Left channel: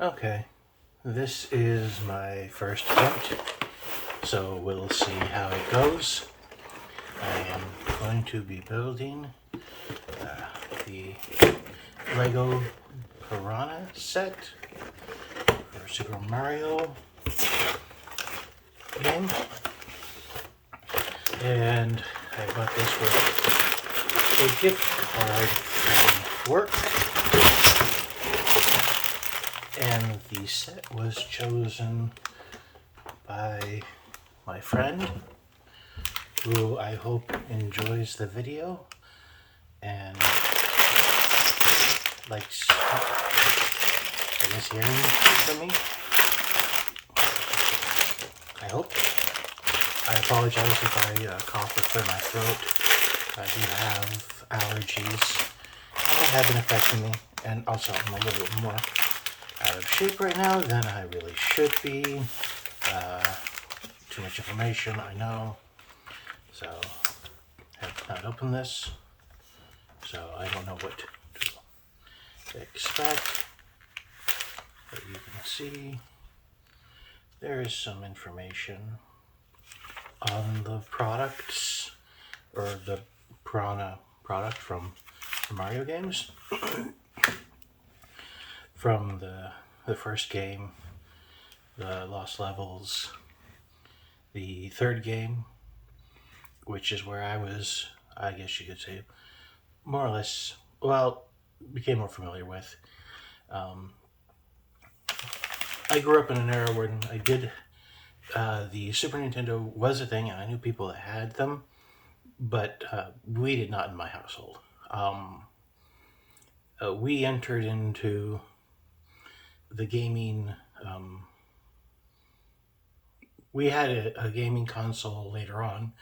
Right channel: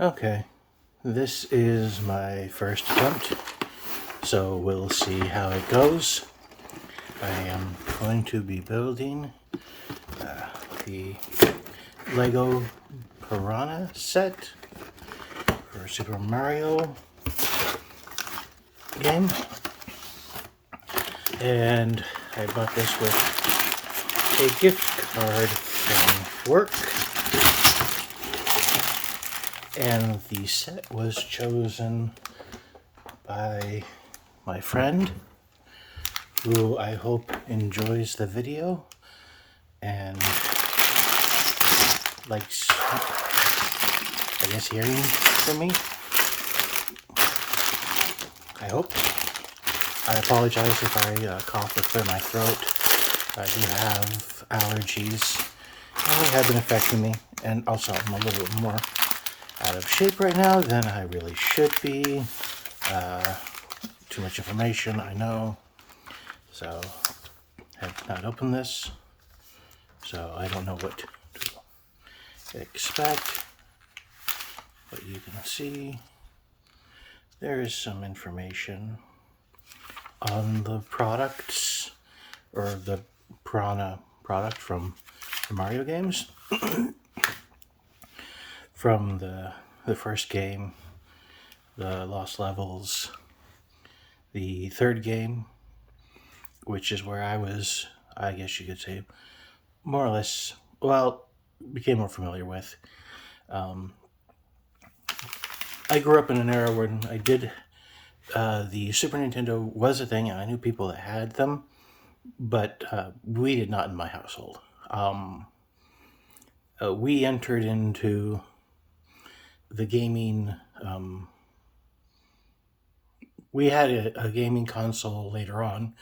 Okay, this is my first attempt, so we'll see how it goes. I am going to be building the Lego Piranha set for Super Mario game, and I bought this with a gift card from work. And the set was chosen by my friend, who I hope enjoys the video and likes, I guess, hearing from me. I hope. I apologize if I cough or clear my throat. I do have allergies, and they have been affecting me, and also I'm a little bit more out of shape right now than I really should be. Too much information, I know. So I have not opened this, so I don't know what to expect. But you can see there is some information on the products, or the Piranha product from Mario games. From the first game, the Lost Levels, the third game, which is where I was, I guess you could say, more or less, well, became more familiar with. I grew up in an era when I did, the Super Nintendo was a thing, and I knew people that had them, but we did not in my household. We entered into the gaming, we had a gaming console later on.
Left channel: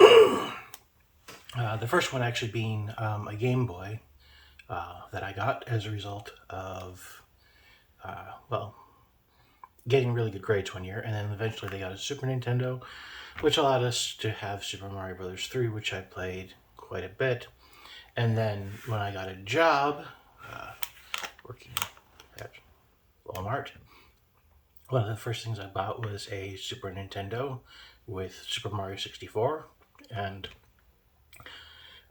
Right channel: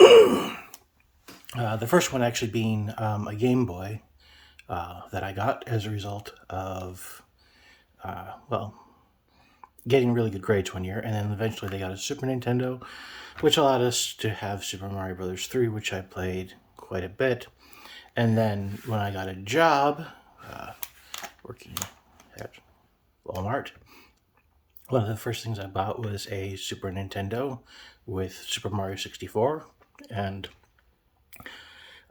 The first one actually being a Game Boy that I got as a result of, well, getting really good grades one year, and then eventually they got a Super Nintendo, which allowed us to have Super Mario Brothers 3, which I played quite a bit. And then when I got a job working at Walmart, one of the first things I bought was a Super Nintendo with Super Mario 64, and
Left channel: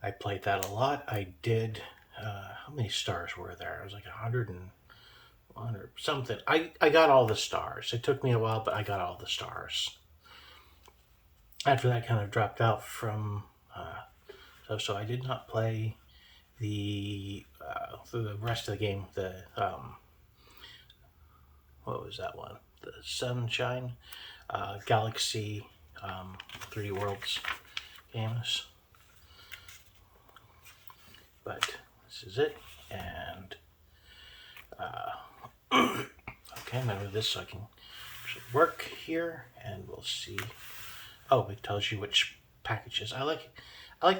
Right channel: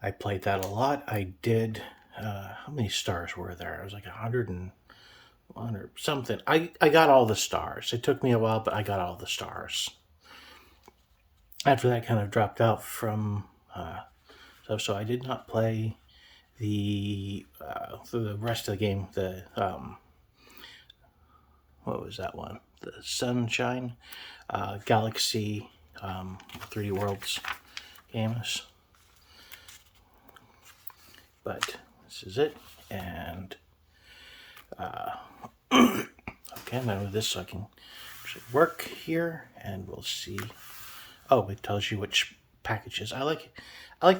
I played that a lot. I did, how many stars were there? It was like 101 or something. I got all the stars. It took me a while, but I got all the stars. After that, kind of dropped out from stuff, so I did not play for the rest of the game, what was that one? The Sunshine Galaxy 3D Worlds games. But this is it, and okay, I'm gonna move this so I can actually work here, and we'll see. Oh, it tells you which packages. I like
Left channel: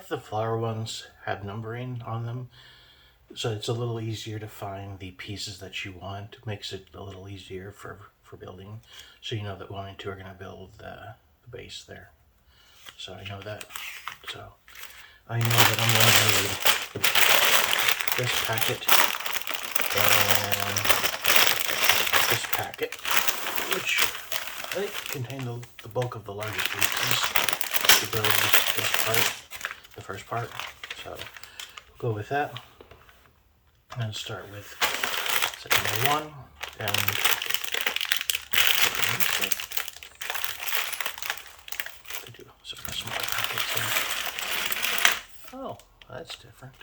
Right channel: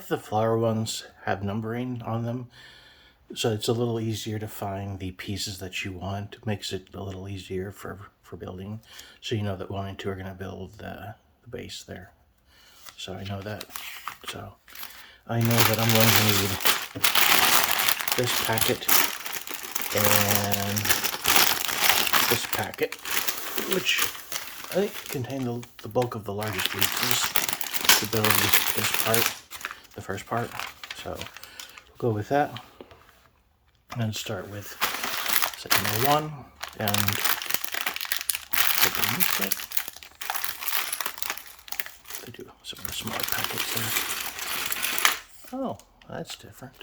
the flower ones have numbering on them, so it's a little easier to find the pieces that you want. It makes it a little easier for building, so you know that 1 and 2 are going to build the base there. So I know that. So I know that I'm going to need this packet and this packet, which I think contain the bulk of the largest pieces to build this part, the first part. So go with that and start with set number 1 and do some of the small packets here. Oh, that's different.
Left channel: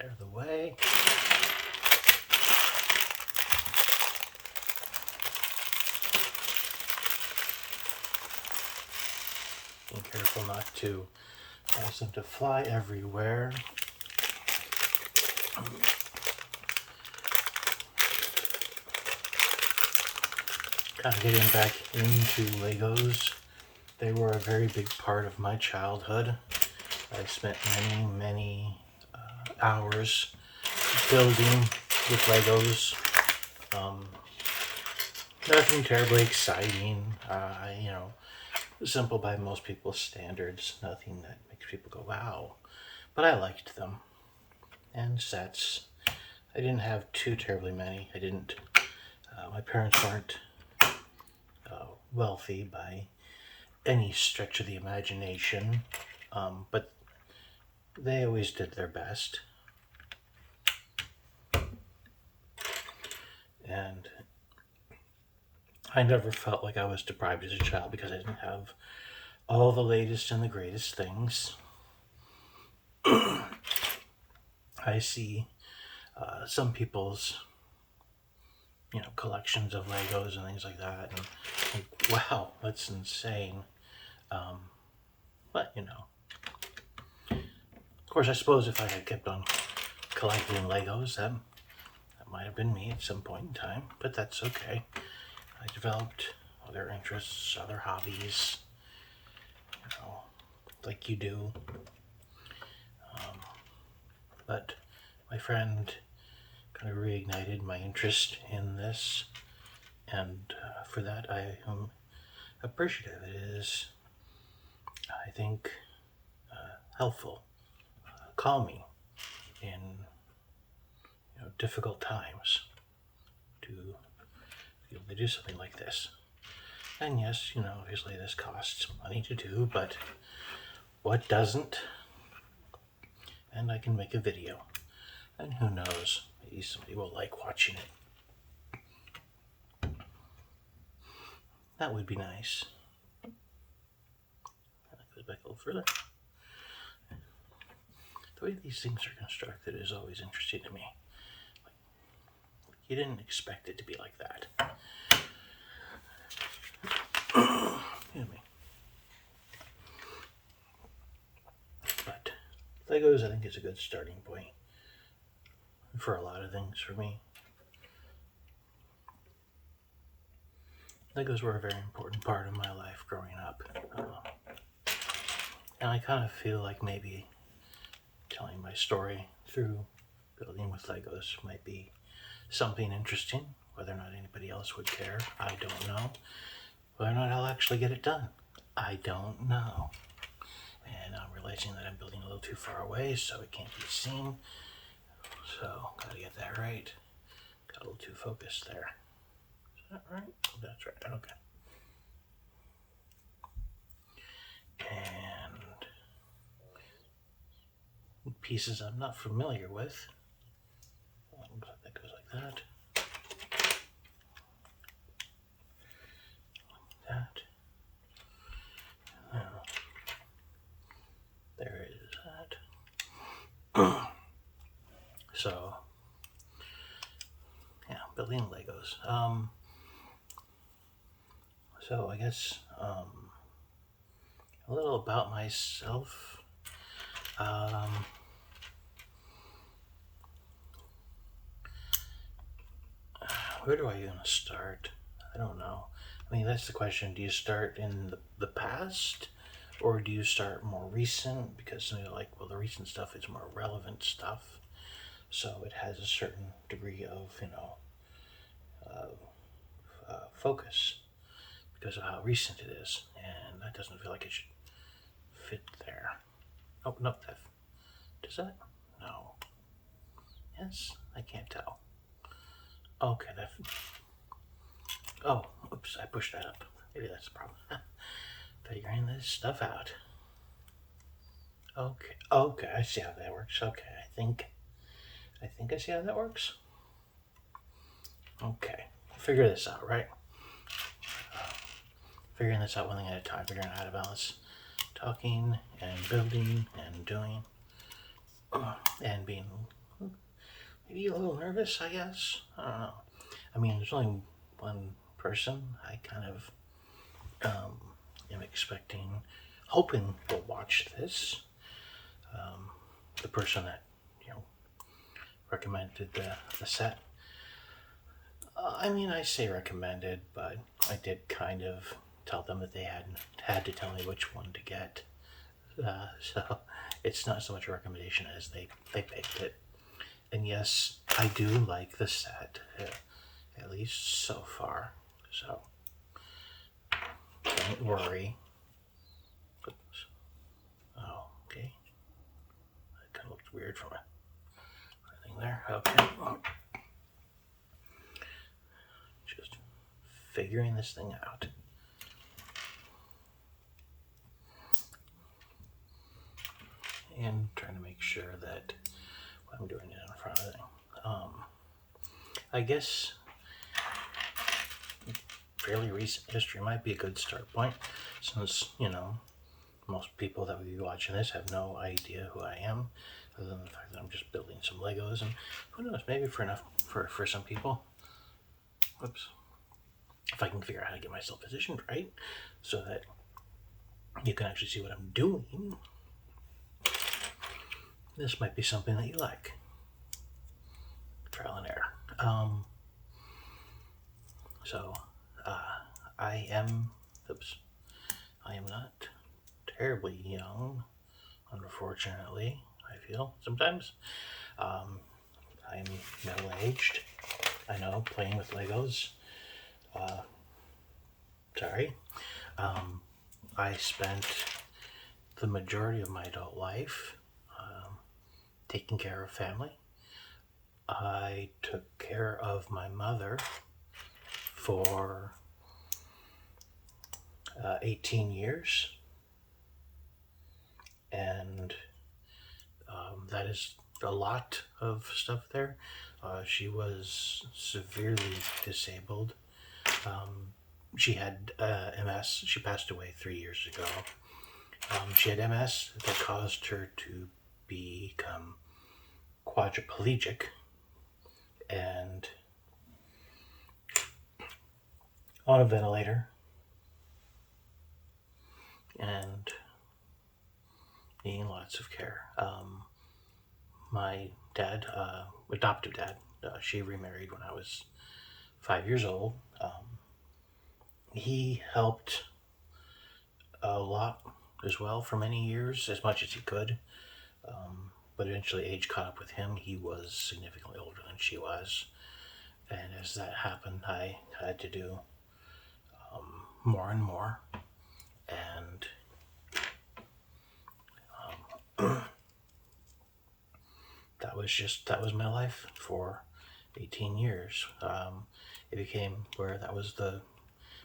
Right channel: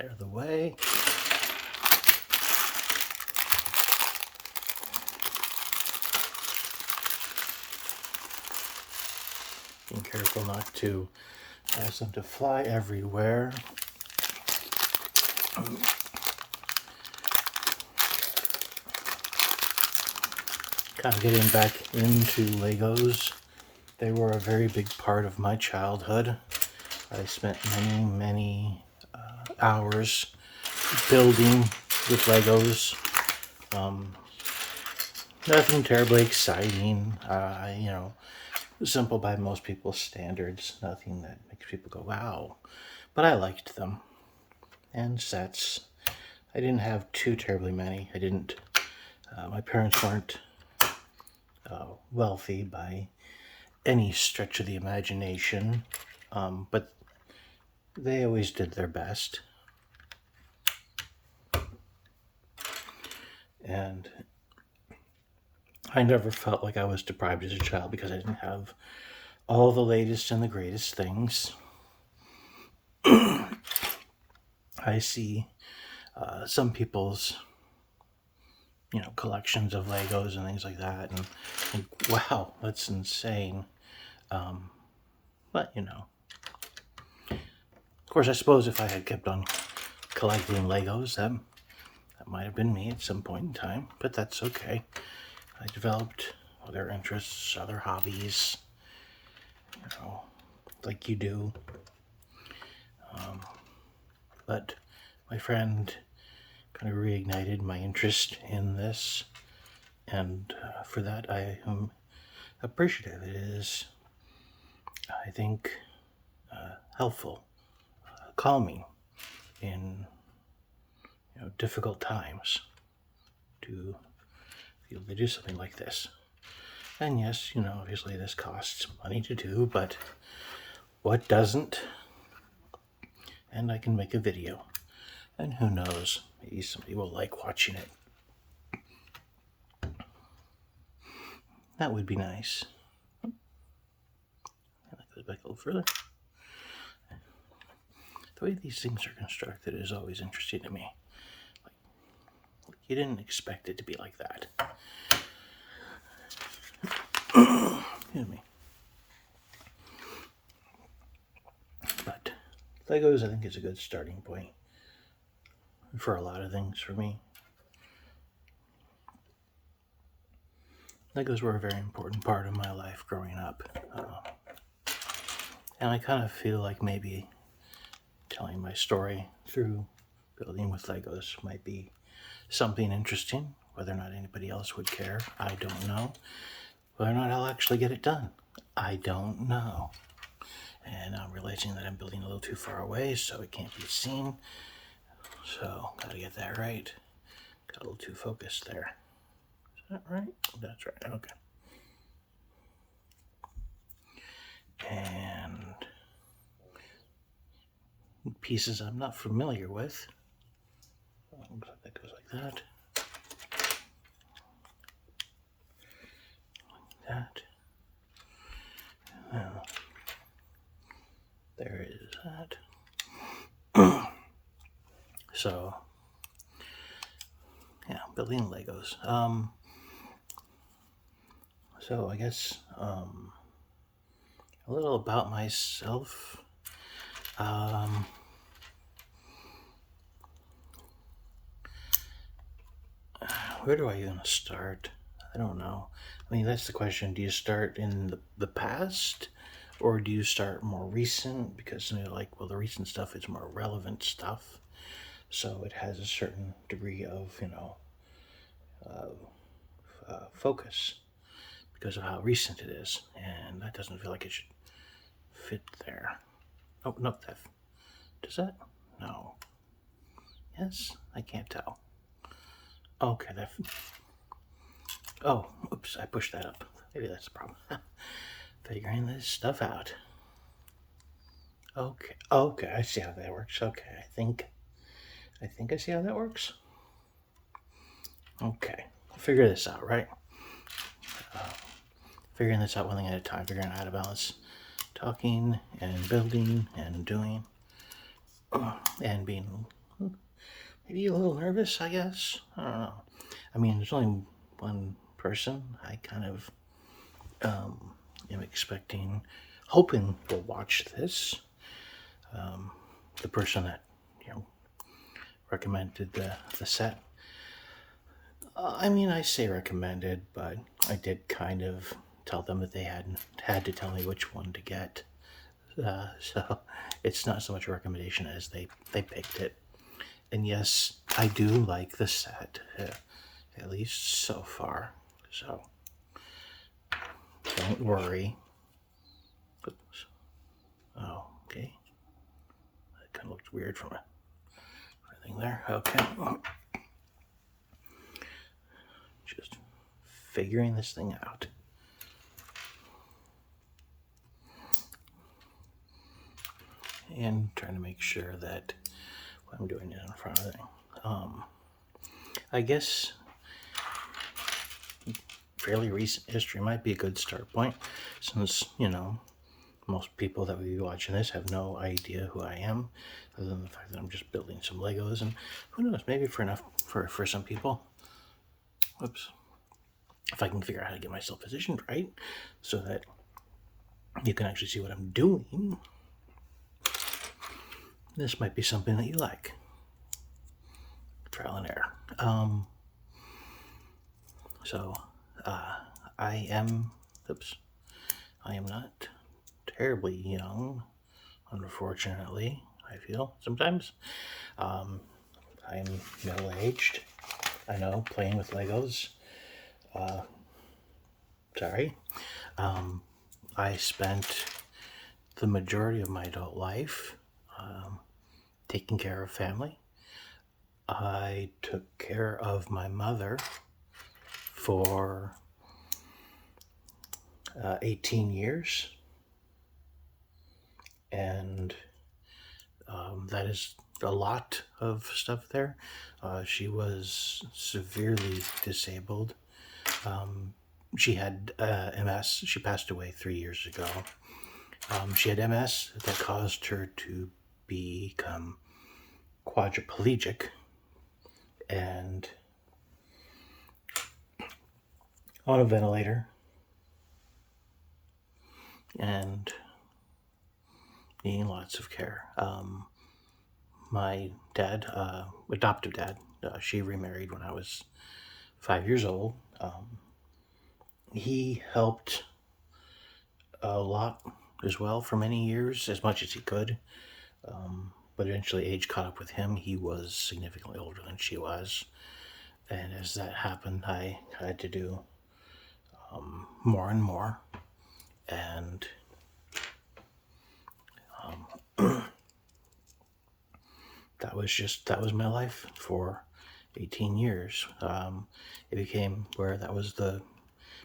Out of the way. Being careful not to cause them to fly everywhere. Kind of getting back into Legos. They were a very big part of my childhood. I spent many hours building with Legos. Nothing terribly exciting, simple by most people's standards. Nothing that makes people go, wow. But I liked them. and sets. I didn't have too terribly many. I didn't. My parents weren't wealthy by any stretch of the imagination, but they always did their best. And I never felt like I was deprived as a child because I didn't have all the latest and the greatest things. I see some people's, collections of Legos and things like that, and think, wow, that's insane. But of course, I suppose if I had kept on collecting Legos, that might have been me at some point in time. But that's okay. I developed other interests, other hobbies, like you do. But my friend kind of reignited my interest in this, and for that I am appreciative. It is, I think, helpful, calming in difficult times to be able to do something like this. And yes, obviously this costs money to do, but what doesn't? And I can make a video, and who knows, maybe somebody will like watching it. That would be nice. Go back a little further. The way these things are constructed is always interesting to me. Like you didn't expect it to be like that. Excuse me. But Legos, I think, is a good starting point for a lot of things for me. Legos were a very important part of my life growing up. And I kind of feel like maybe telling my story through building with Legos might be something interesting. Whether or not anybody else would care, I don't know. Whether or not I'll actually get it done, I don't know. And I'm realizing that I'm building a little too far away, so it can't be seen. So, gotta get that right. Got a little too focused there. Is that right? That's right, okay. And pieces I'm not familiar with. That goes like that. Like that. There is that. So, yeah, building Legos. So I guess a little about myself. Where do I even start? I don't know. I mean, that's the question. Do you start in the past, or do you start more recent? Because the recent stuff is more relevant stuff, so it has a certain degree of focus because of how recent it is, and that doesn't feel like it should fit there. Oh no, does that? No. Yes, I can't tell. Okay, oh, oops, I pushed that up. Maybe that's the problem. Figuring this stuff out. Okay, I see how that works. Okay, I think I see how that works. Okay, I'll figure this out, right? Figuring this out one thing at a time, figuring out how to balance talking and building and doing and being maybe a little nervous, I guess. I don't know. I mean, there's only one person. I kind of am expecting, hoping will watch this. The person that recommended the set. I mean, I say recommended, but I did kind of tell them that they had to tell me which one to get. So it's not so much a recommendation as they picked it. And yes, I do like the set, at least so far. So don't worry. Oops. Oh, okay. That kind of looked weird from here. Okay. Just figuring this thing out. And trying to make sure that what I'm doing is in front of the thing. I guess fairly recent history might be a good start point, since, most people that will be watching this have no idea who I am, other than the fact that I'm just building some Legos, and who knows, maybe for some people, if I can figure out how to get myself positioned right, so that you can actually see what I'm doing, this might be something that you like. Trial and error. I am not terribly young, unfortunately, I feel sometimes. I'm middle-aged. I know, playing with Legos. I spent the majority of my adult life taking care of family. I took care of my mother for 18 years, and that is a lot of stuff there. She was severely disabled. She had MS. She passed away 3 years ago. She had MS that caused her to become quadriplegic and on a ventilator and needing lots of care. My dad, adoptive dad, she remarried when I was 5 years old. He helped a lot as well for many years, as much as he could. But eventually age caught up with him. He was significantly older than she was. And as that happened, I had to do more and more. And that was my life for 18 years. It became where that was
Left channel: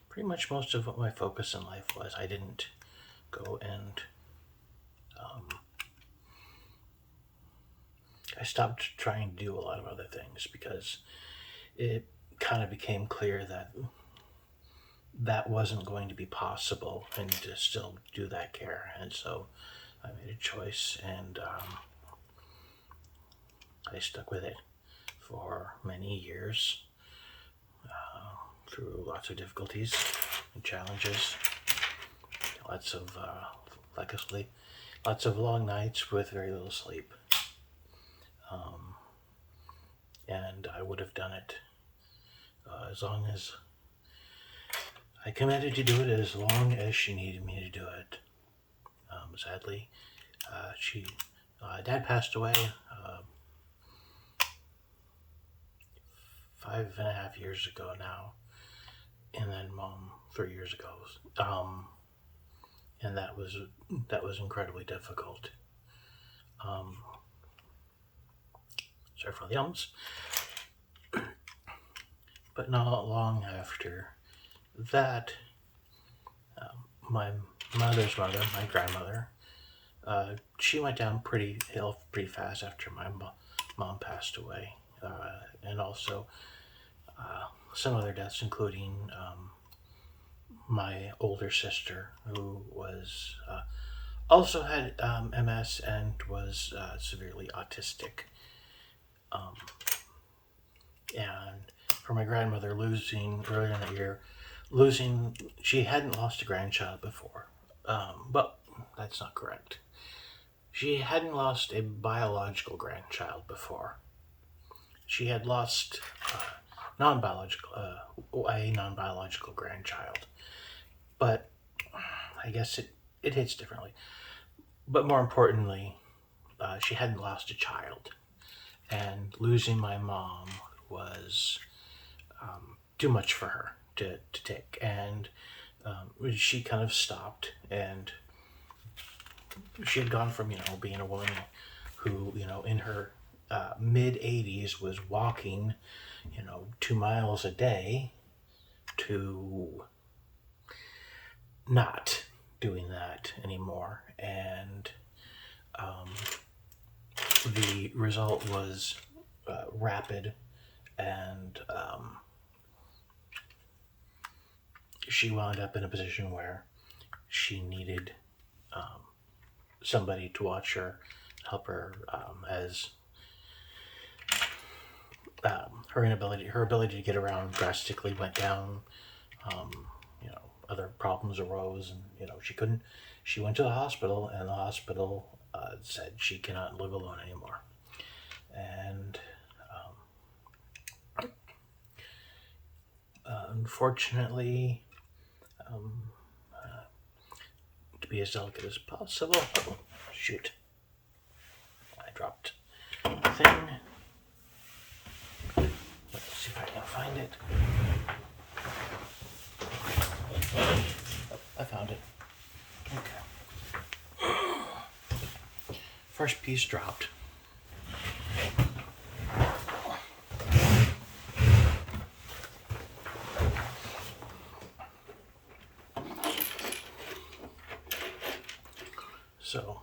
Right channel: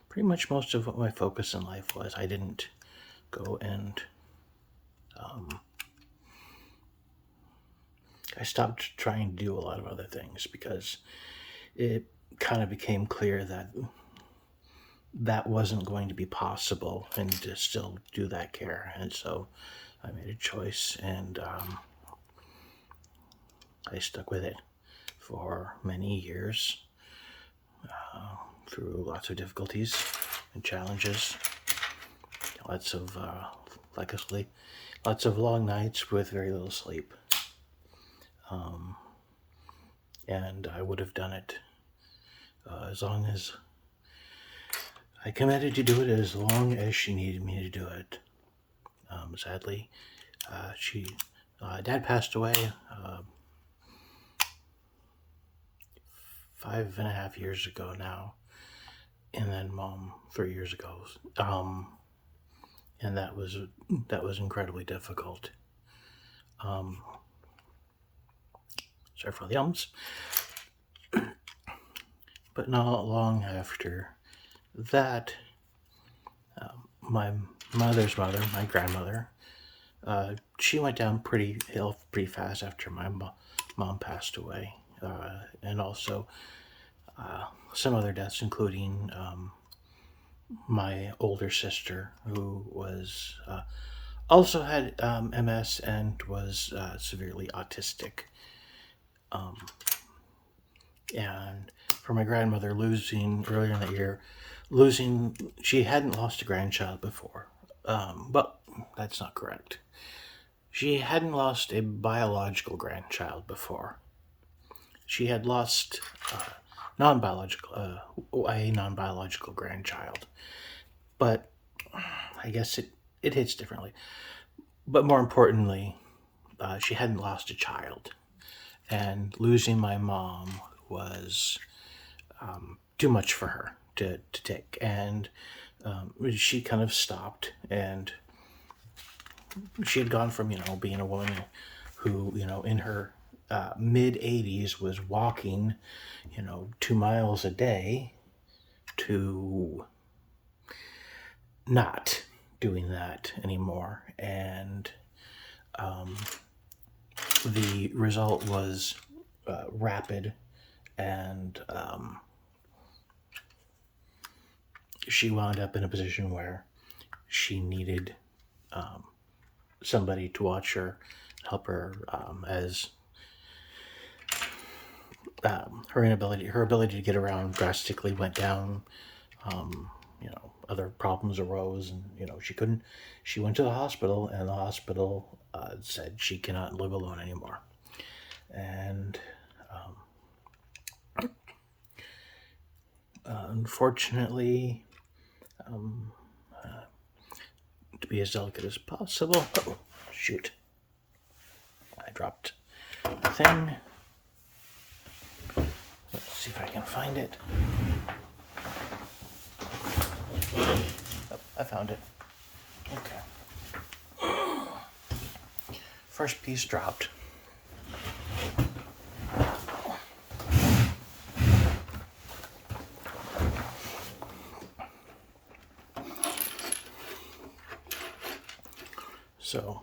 pretty much most of what my focus in life was. I didn't go and I stopped trying to do a lot of other things because it kind of became clear that wasn't going to be possible, and to still do that care. And so I made a choice, and I stuck with it for many years, through lots of difficulties and challenges, lots of long nights with very little sleep. And I would have done it as long as I committed to do it, as long as she needed me to do it. Sadly, Dad passed away 5.5 years ago now, and then Mom 3 years ago. And that was incredibly difficult. Sorry for the ums. But not long after that, my mother's mother, my grandmother, she went down pretty fast after my mom passed away, and also some other deaths, including my older sister, who was also had MS and was severely autistic. And for my grandmother, losing earlier in the year, she hadn't lost a grandchild before. But that's not correct. She hadn't lost a biological grandchild before. She had lost a non-biological grandchild. But I guess it hits differently. But more importantly, she hadn't lost a child. And losing my mom was too much for her to take. And she kind of stopped, and she had gone from, being a woman who, in her mid 80s was walking, 2 miles a day to not doing that anymore. And the result was rapid, and she wound up in a position where she needed somebody to watch her, help her, as her ability to get around drastically went down. Other problems arose, and she couldn't. She went to the hospital, and the hospital said she cannot live alone anymore. And unfortunately, to be as delicate as possible. Oh, shoot! I dropped the thing. Let's see if I can find it. Oh, I found it. Okay. First piece dropped. So,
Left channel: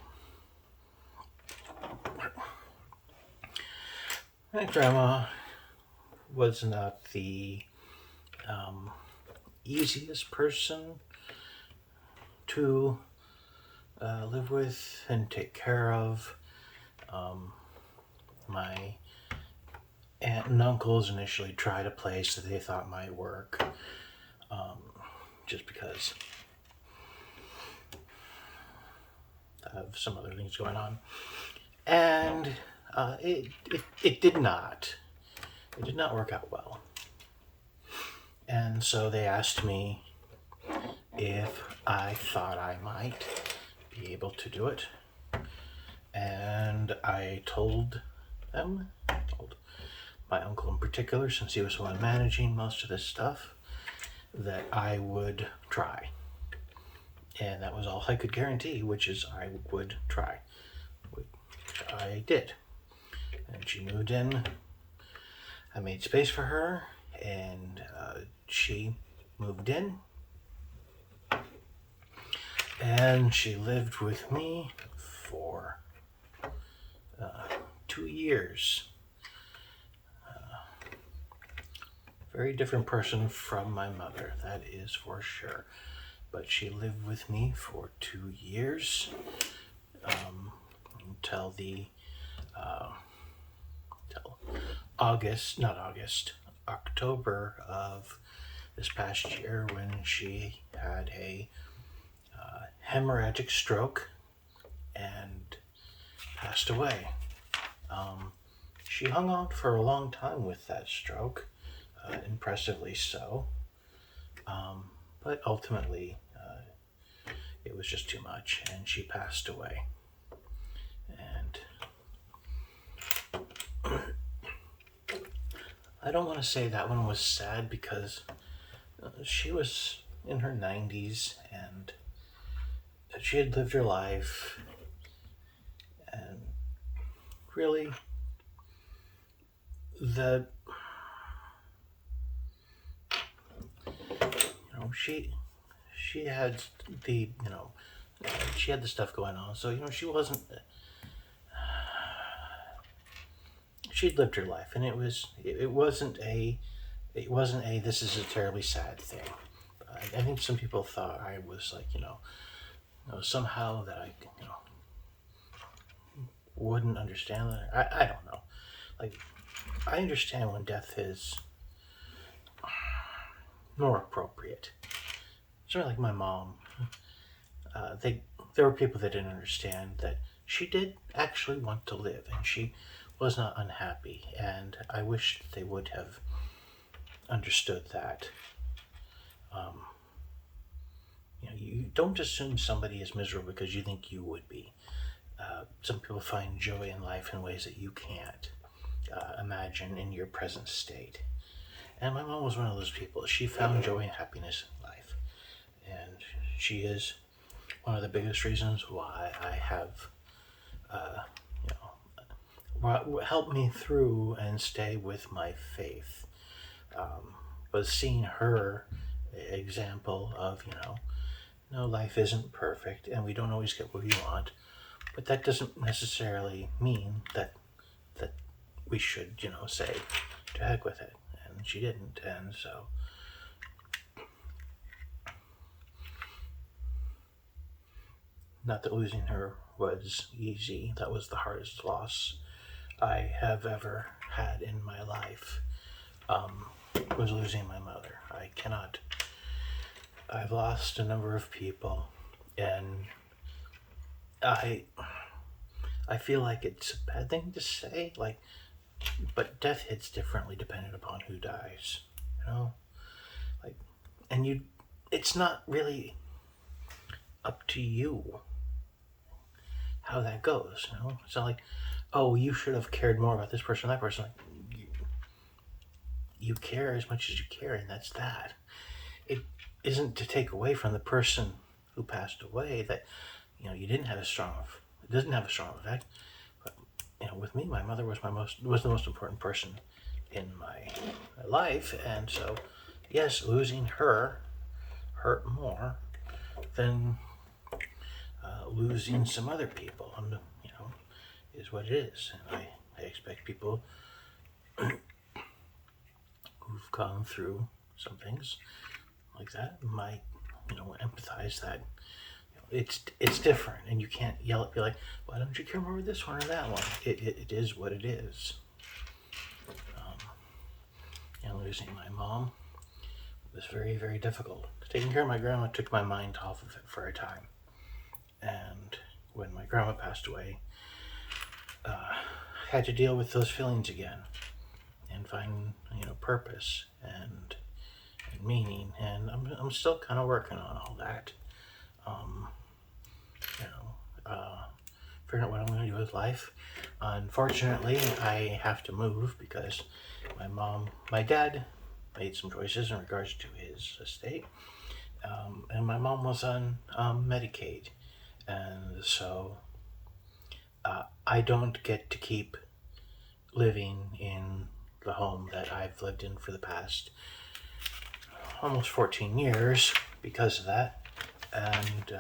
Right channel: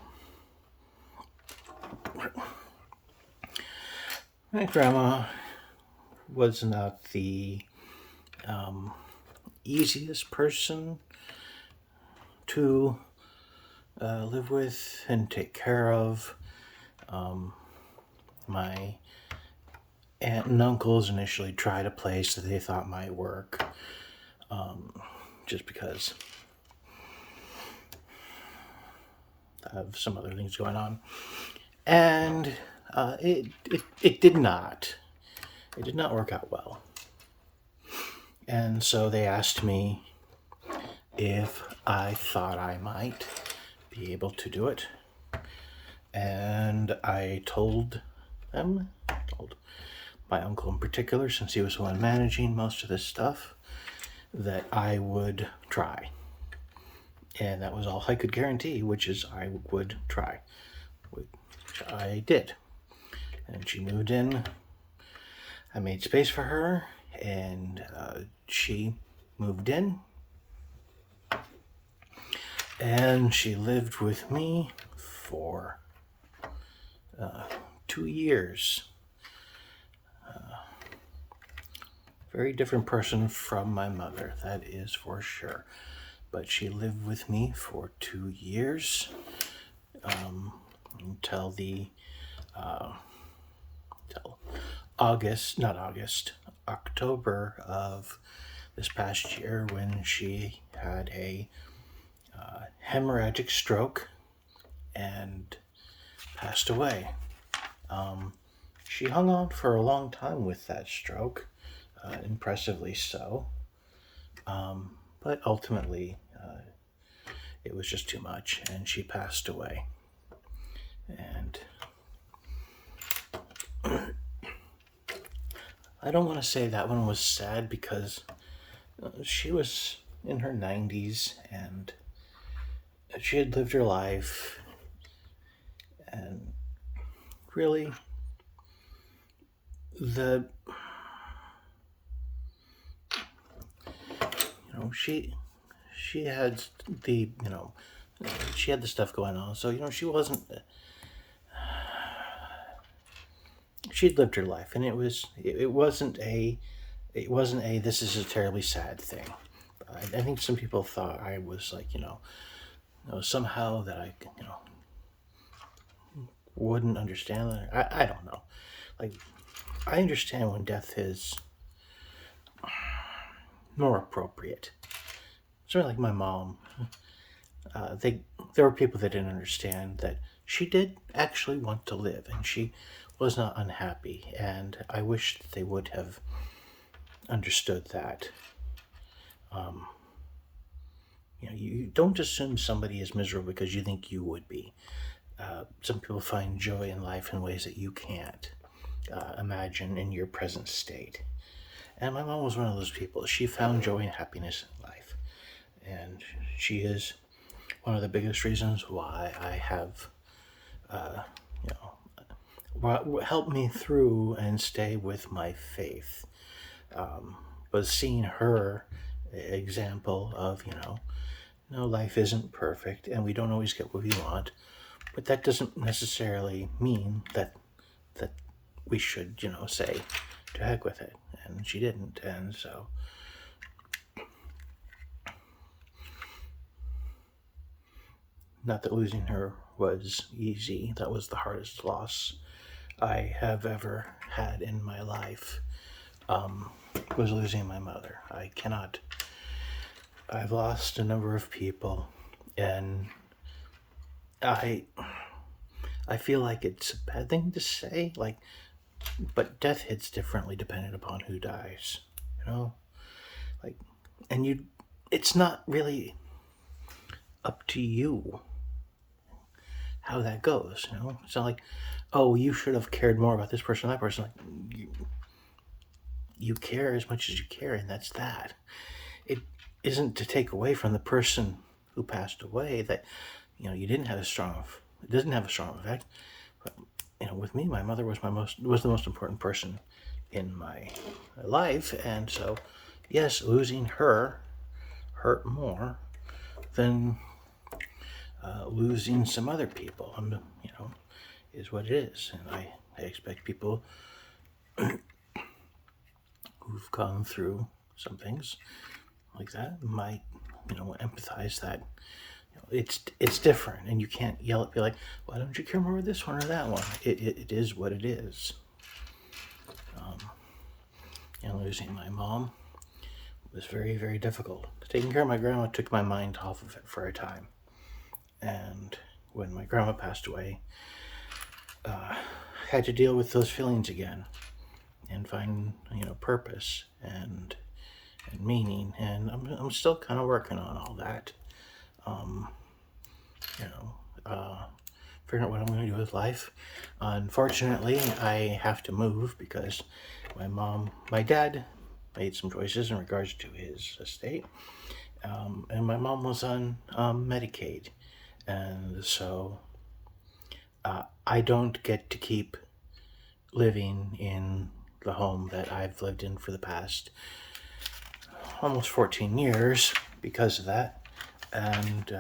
my grandma was not the easiest person to live with and take care of. My aunt and uncles initially tried a place that they thought might work, just because of some other things going on, and it did not. It did not work out well. And so they asked me if I thought I might be able to do it. And I told my uncle in particular, since he was the one managing most of this stuff, that I would try. And that was all I could guarantee, which is I would try. Which I did. And she moved in. I made space for her, and she moved in. And she lived with me for 2 years. Very different person from my mother, that is for sure. But she lived with me for 2 years, until October of this past year, when she had a hemorrhagic stroke and passed away. She hung on for a long time with that stroke, impressively so, but ultimately it was just too much, and she passed away. And I don't want to say that one was sad, because she was in her 90s, and she had lived her life, and really she had she had the stuff going on, so she'd lived her life, and it wasn't a this is a terribly sad thing. I think some people thought I was like, somehow that I wouldn't understand that. I don't know. Like, I understand when death is more appropriate. Sort of like my mom. There were people that didn't understand that she did actually want to live, and she was not unhappy, and I wish that they would have understood that. You don't assume somebody is miserable because you think you would be. Some people find joy in life in ways that you can't imagine in your present state. And my mom was one of those people. She found joy and happiness in life. And she is one of the biggest reasons why I have, helped me through and stay with my faith was seeing her example of, no, life isn't perfect and we don't always get what we want, but that doesn't necessarily mean that we should, say to heck with it. And she didn't. And so not that losing her was easy. That was the hardest loss I have ever had in my life, was losing my mother. I've lost a number of people, and I feel like it's a bad thing to say, but death hits differently depending upon who dies, like, and it's not really up to you how that goes, It's not like, oh, you should have cared more about this person or that person. Like, you care as much as you care, and that's that. It isn't to take away from the person who passed away that, you didn't have it doesn't have a strong effect. But, with me, my mother was the most important person in my life, and so, yes, losing her hurt more than losing some other people, is what it is. And I expect people who've gone through some things like that might, empathize that it's different, and you can't yell at me like, why don't you care more about this one or that one? It is what it is. And losing my mom was very, very difficult. Taking care of my grandma took my mind off of it for a time. And when my grandma passed away, I had to deal with those feelings again and find, purpose and meaning. And I'm still kind of working on all that. Figuring out what I'm going to do with life. Unfortunately, I have to move because my dad made some choices in regards to his estate. And my mom was on Medicaid. And so I don't get to keep living in the home that I've lived in for the past almost 14 years because of that. And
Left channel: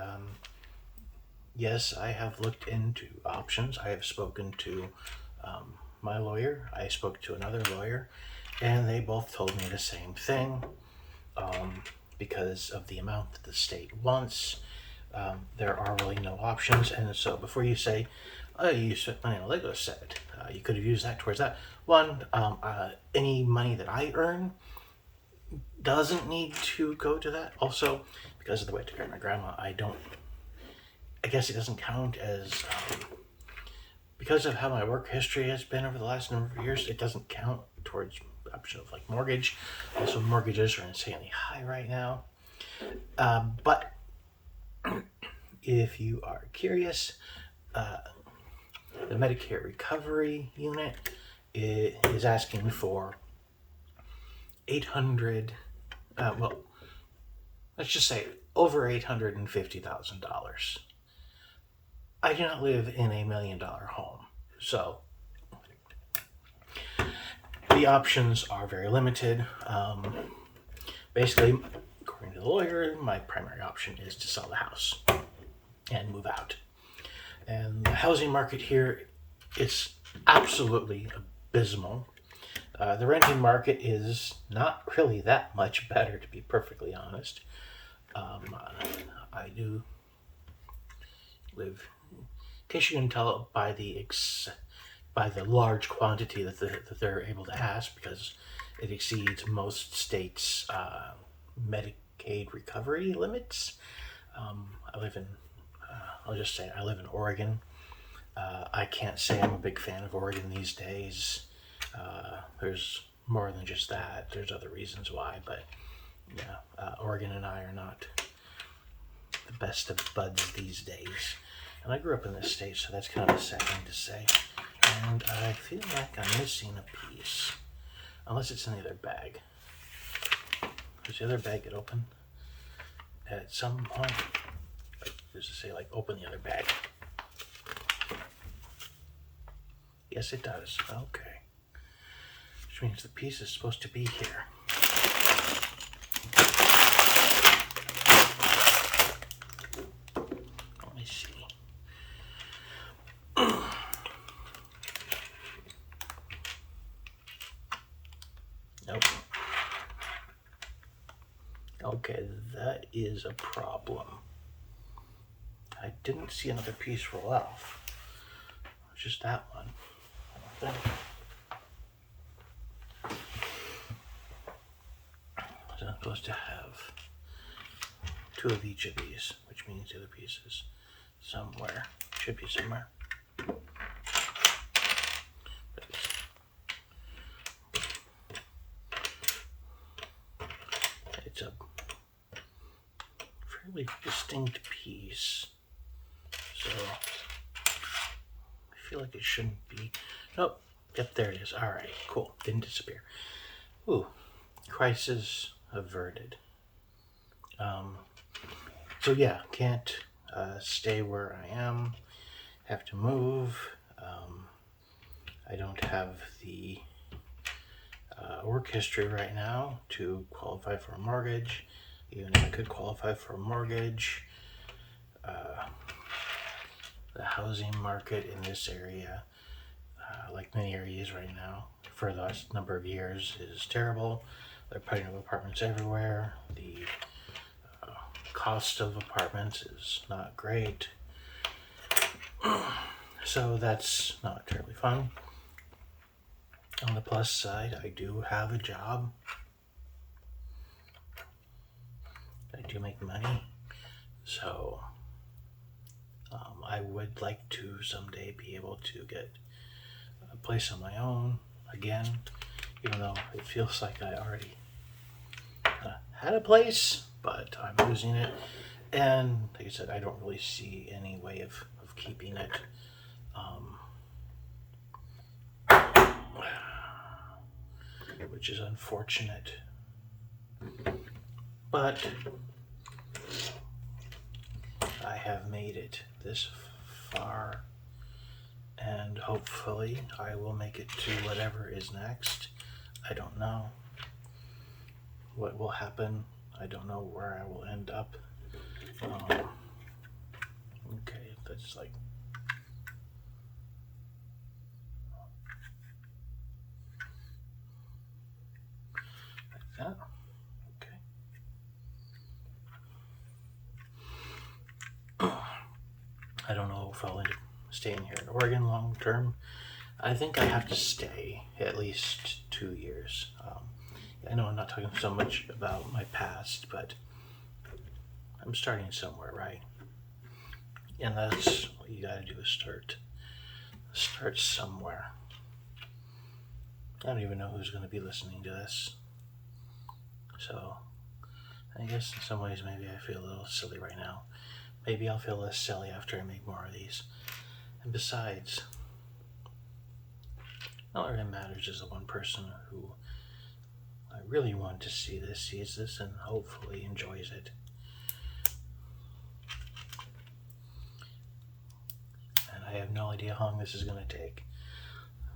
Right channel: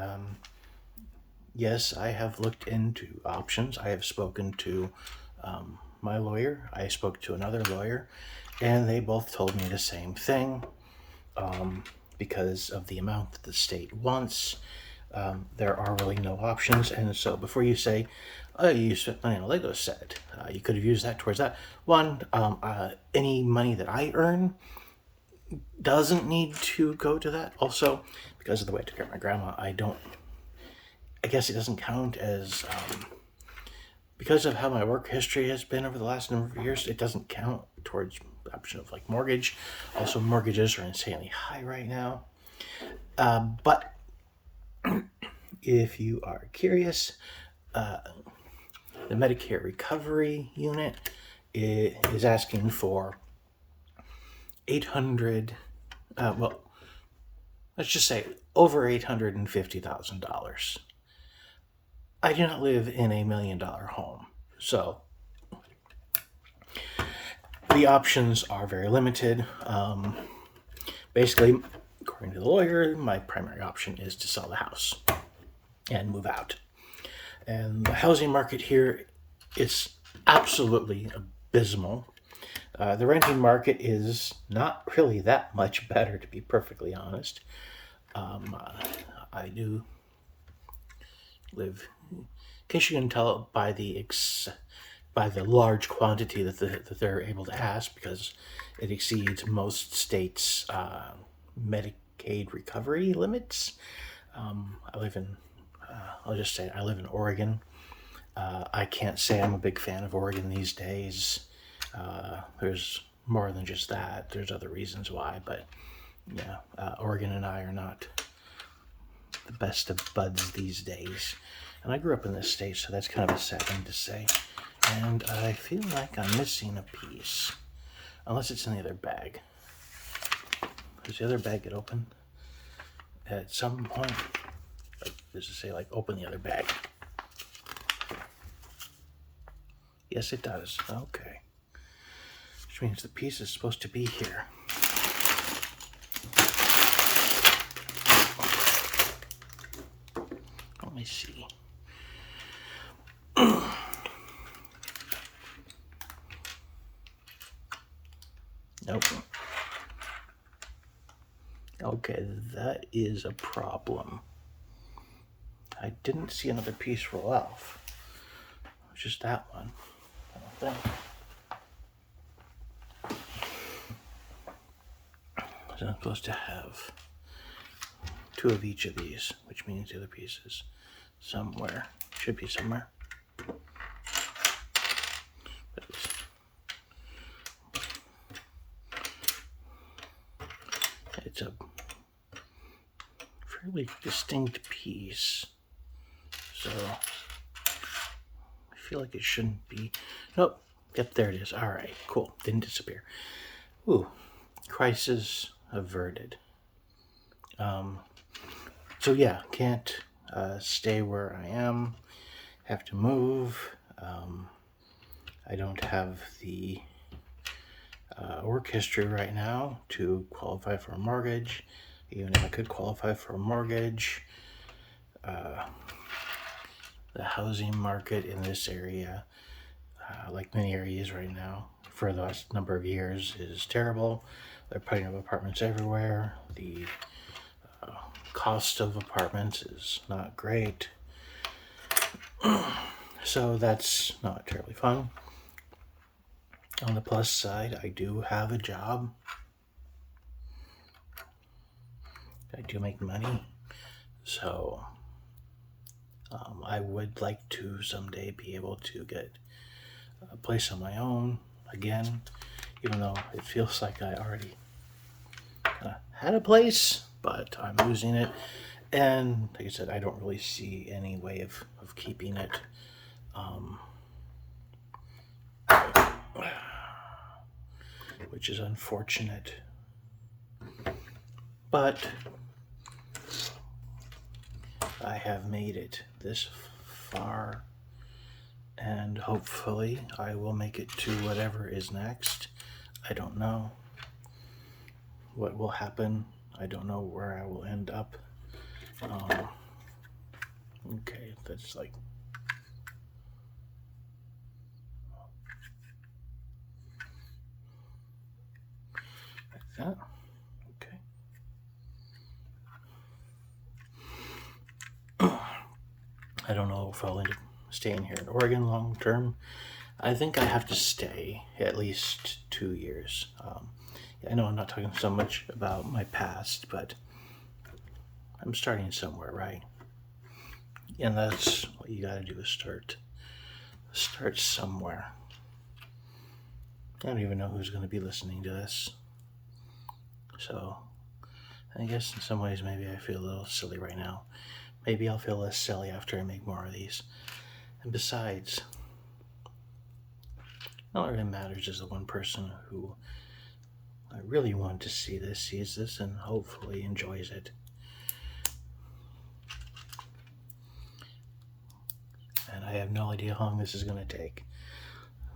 yes, I have looked into options. I have spoken to my lawyer. I spoke to another lawyer, and they both told me the same thing. Because of the amount that the state wants, there are really no options. And so before you say, oh, you spent money on a Lego set, you could have used that towards that. One, any money that I earn doesn't need to go to that. Also, because of the way I took care of my grandma, I guess it doesn't count as, because of how my work history has been over the last number of years, it doesn't count towards the option of mortgage. Also, mortgages are insanely high right now. But if you are curious, the Medicare Recovery Unit is asking for let's just say over $850,000. I do not live in $1 million home, so the options are very limited. Basically, according to the lawyer, my primary option is to sell the house and move out. And the housing market here is absolutely abysmal. The renting market is not really that much better, to be perfectly honest. I do live, in case you can tell by the large quantity that they're able to ask, because it exceeds most states' Medicaid recovery limits. I live in Oregon. I can't say I'm a big fan of Oregon these days. There's more than just that. There's other reasons why, but yeah, Oregon and I are not the best of buds these days. And I grew up in this state, so that's kind of a sad thing to say. And I feel like I'm missing a piece, unless it's in the other bag. Does the other bag get open at some point? Does it say open the other bag? Yes, it does. Okay. Which means the piece is supposed to be here. Let me see. Nope. Okay, that is a problem. I didn't see another piece roll off. Just that one. I don't think. So I'm supposed to have 2 of each of these, which means the other piece is somewhere. Should be somewhere. It's a fairly distinct piece. So I feel like it shouldn't be. Nope. Yep, there it is. All right, cool. Didn't disappear. Ooh, crisis averted. So yeah, can't stay where I am. Have to move. I don't have the work history right now to qualify for a mortgage. Even if I could qualify for a mortgage, the housing market in this area, like many areas right now, for the last number of years is terrible. They're putting up apartments everywhere. The cost of apartments is not great. So that's not terribly fun. On the plus side, I do have a job. I do make money. So I would like to someday be able to get a place on my own again, even though it feels like I already had a place, but I'm losing it. And like I said, I don't really see any way of keeping it. Which is unfortunate. But I have made it this far, and hopefully I will make it to whatever is next. I don't know what will happen. I don't know where I will end up. Okay, that's like that. Okay. I don't know if I'll end up staying here in Oregon long term. I think I have to stay at least 2 years. I know I'm not talking so much about my past, but I'm starting somewhere, right? And that's what you gotta do, is start somewhere. I don't even know who's going to be listening to this. So I guess in some ways maybe I feel a little silly right now. Maybe I'll feel less silly after I make more of these. And besides, all that really matters is the one person who I really want to see this sees this and hopefully enjoys it. And I have no idea how long this is going to take.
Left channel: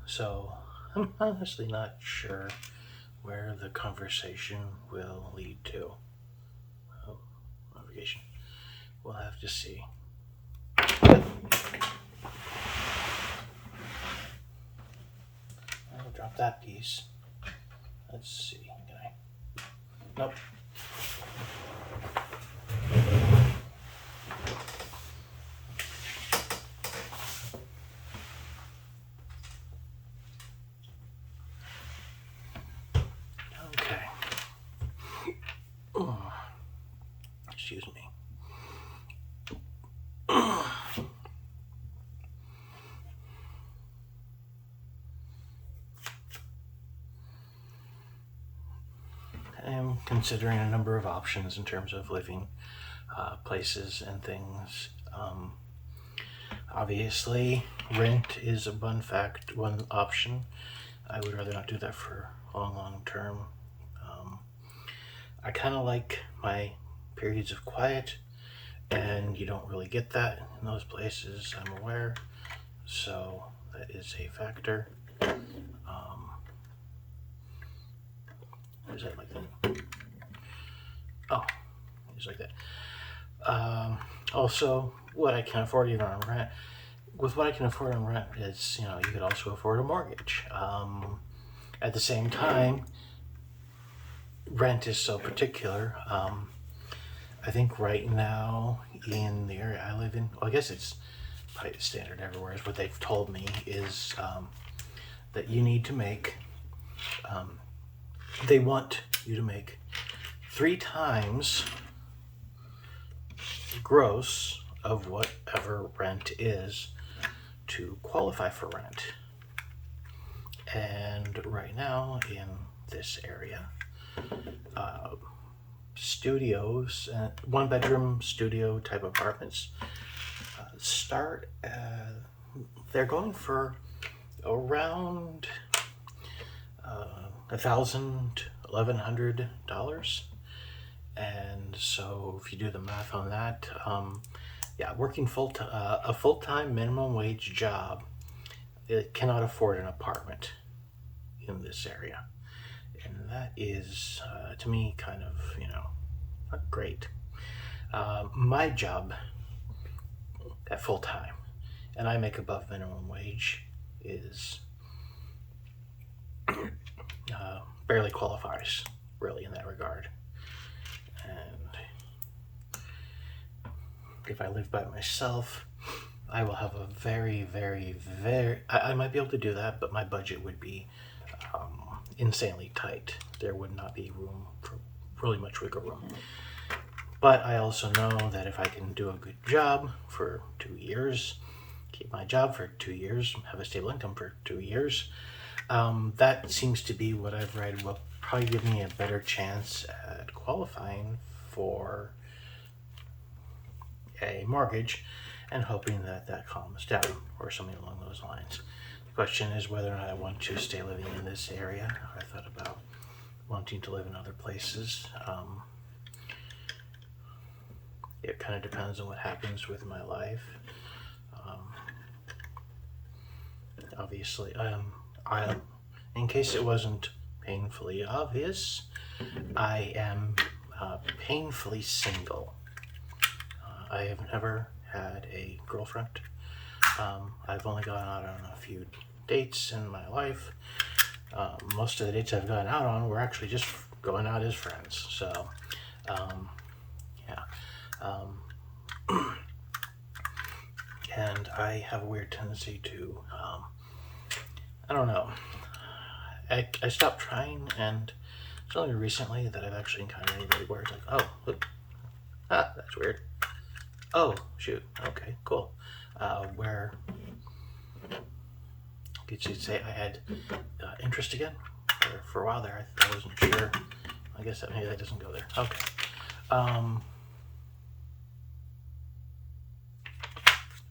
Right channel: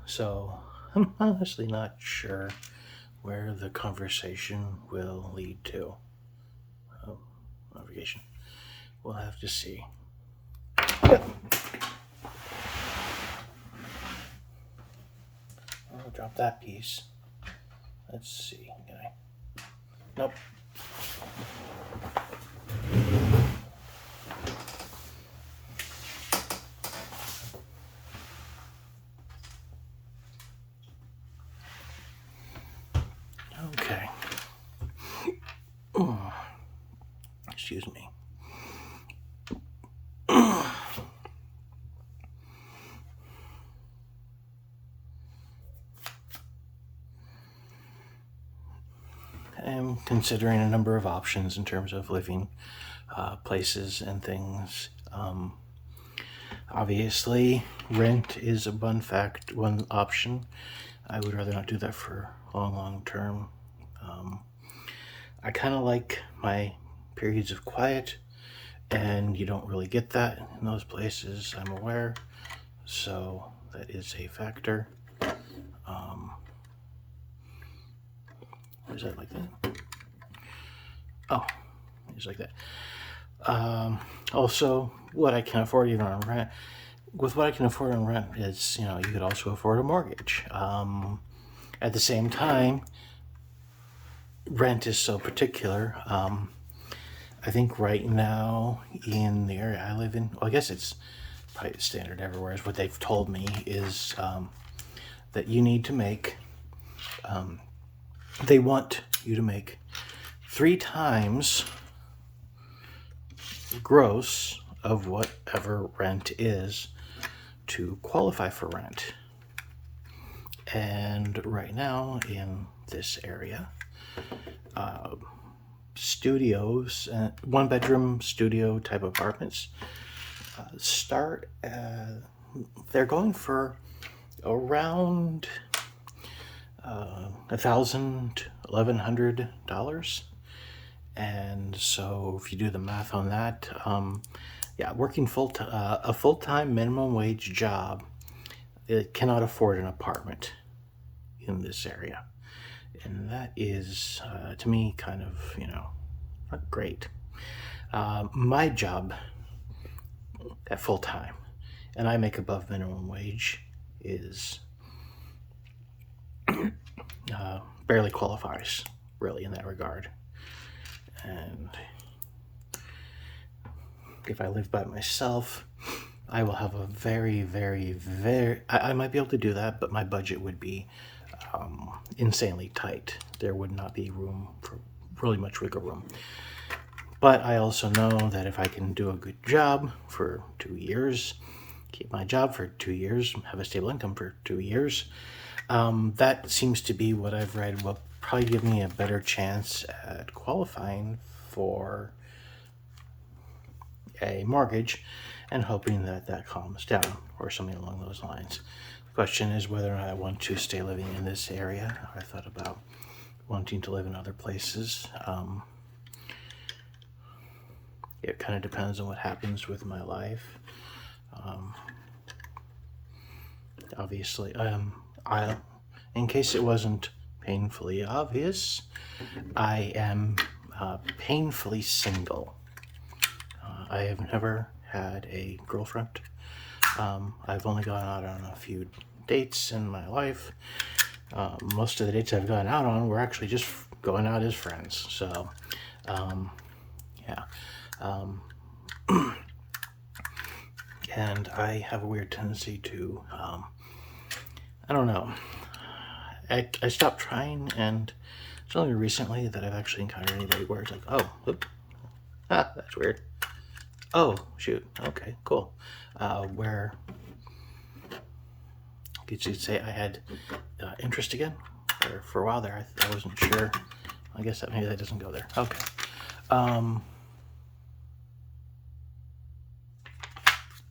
So I'm honestly not sure where the conversation will lead to. Navigation. We'll have to see. I'll drop that piece. Let's see. Can I? Nope. Okay. Excuse me. I'm considering a number of options in terms of living places and things. Obviously, rent is one option. I would rather not do that for long term. I kind of like my periods of quiet, and you don't really get that in those places, I'm aware. So that is a factor. Is that like that? Oh, it's like that. Also, what I can afford even on rent. With what I can afford on rent, is you could also afford a mortgage. At the same time, rent is so particular. I think right now in the area I live in, well, I guess it's probably standard everywhere. Is what they've told me is that you need to make. They want you to make 3 times gross of whatever rent is to qualify for rent. And right now in this area, studios, 1-bedroom studio type apartments start, they're going for around $1,100. And so if you do the math on that, working a full-time minimum wage job, it cannot afford an apartment in this area. And that is, to me, kind of, not great. My job at full-time, and I make above minimum wage, is barely qualifies, really, in that regard. And if I live by myself, I will have a very, very, very... I might be able to do that, but my budget would be insanely tight. There would not be room for really much wiggle room. But I also know that if I can do a good job for 2 years, keep my job for 2 years, have a stable income for 2 years, that seems to be what I've read will probably give me a better chance at qualifying for a mortgage, and hoping that that calms down or something along those lines. The question is whether or not I want to stay living in this area. I thought about wanting to live in other places. It kind of depends on what happens with my life. Obviously, in case it wasn't painfully obvious, I am painfully single. I have never had a girlfriend. I've only gone out on a few dates in my life. Most of the dates I've gone out on were actually just going out as friends. So, and I have a weird tendency to, I don't know. I stopped trying, and it's only recently that I've actually encountered anybody where it's like, oh, that's weird. Oh, shoot. Okay, cool. Where you could say I had interest again. For a while there, I wasn't sure. I guess that maybe that doesn't go there. Okay.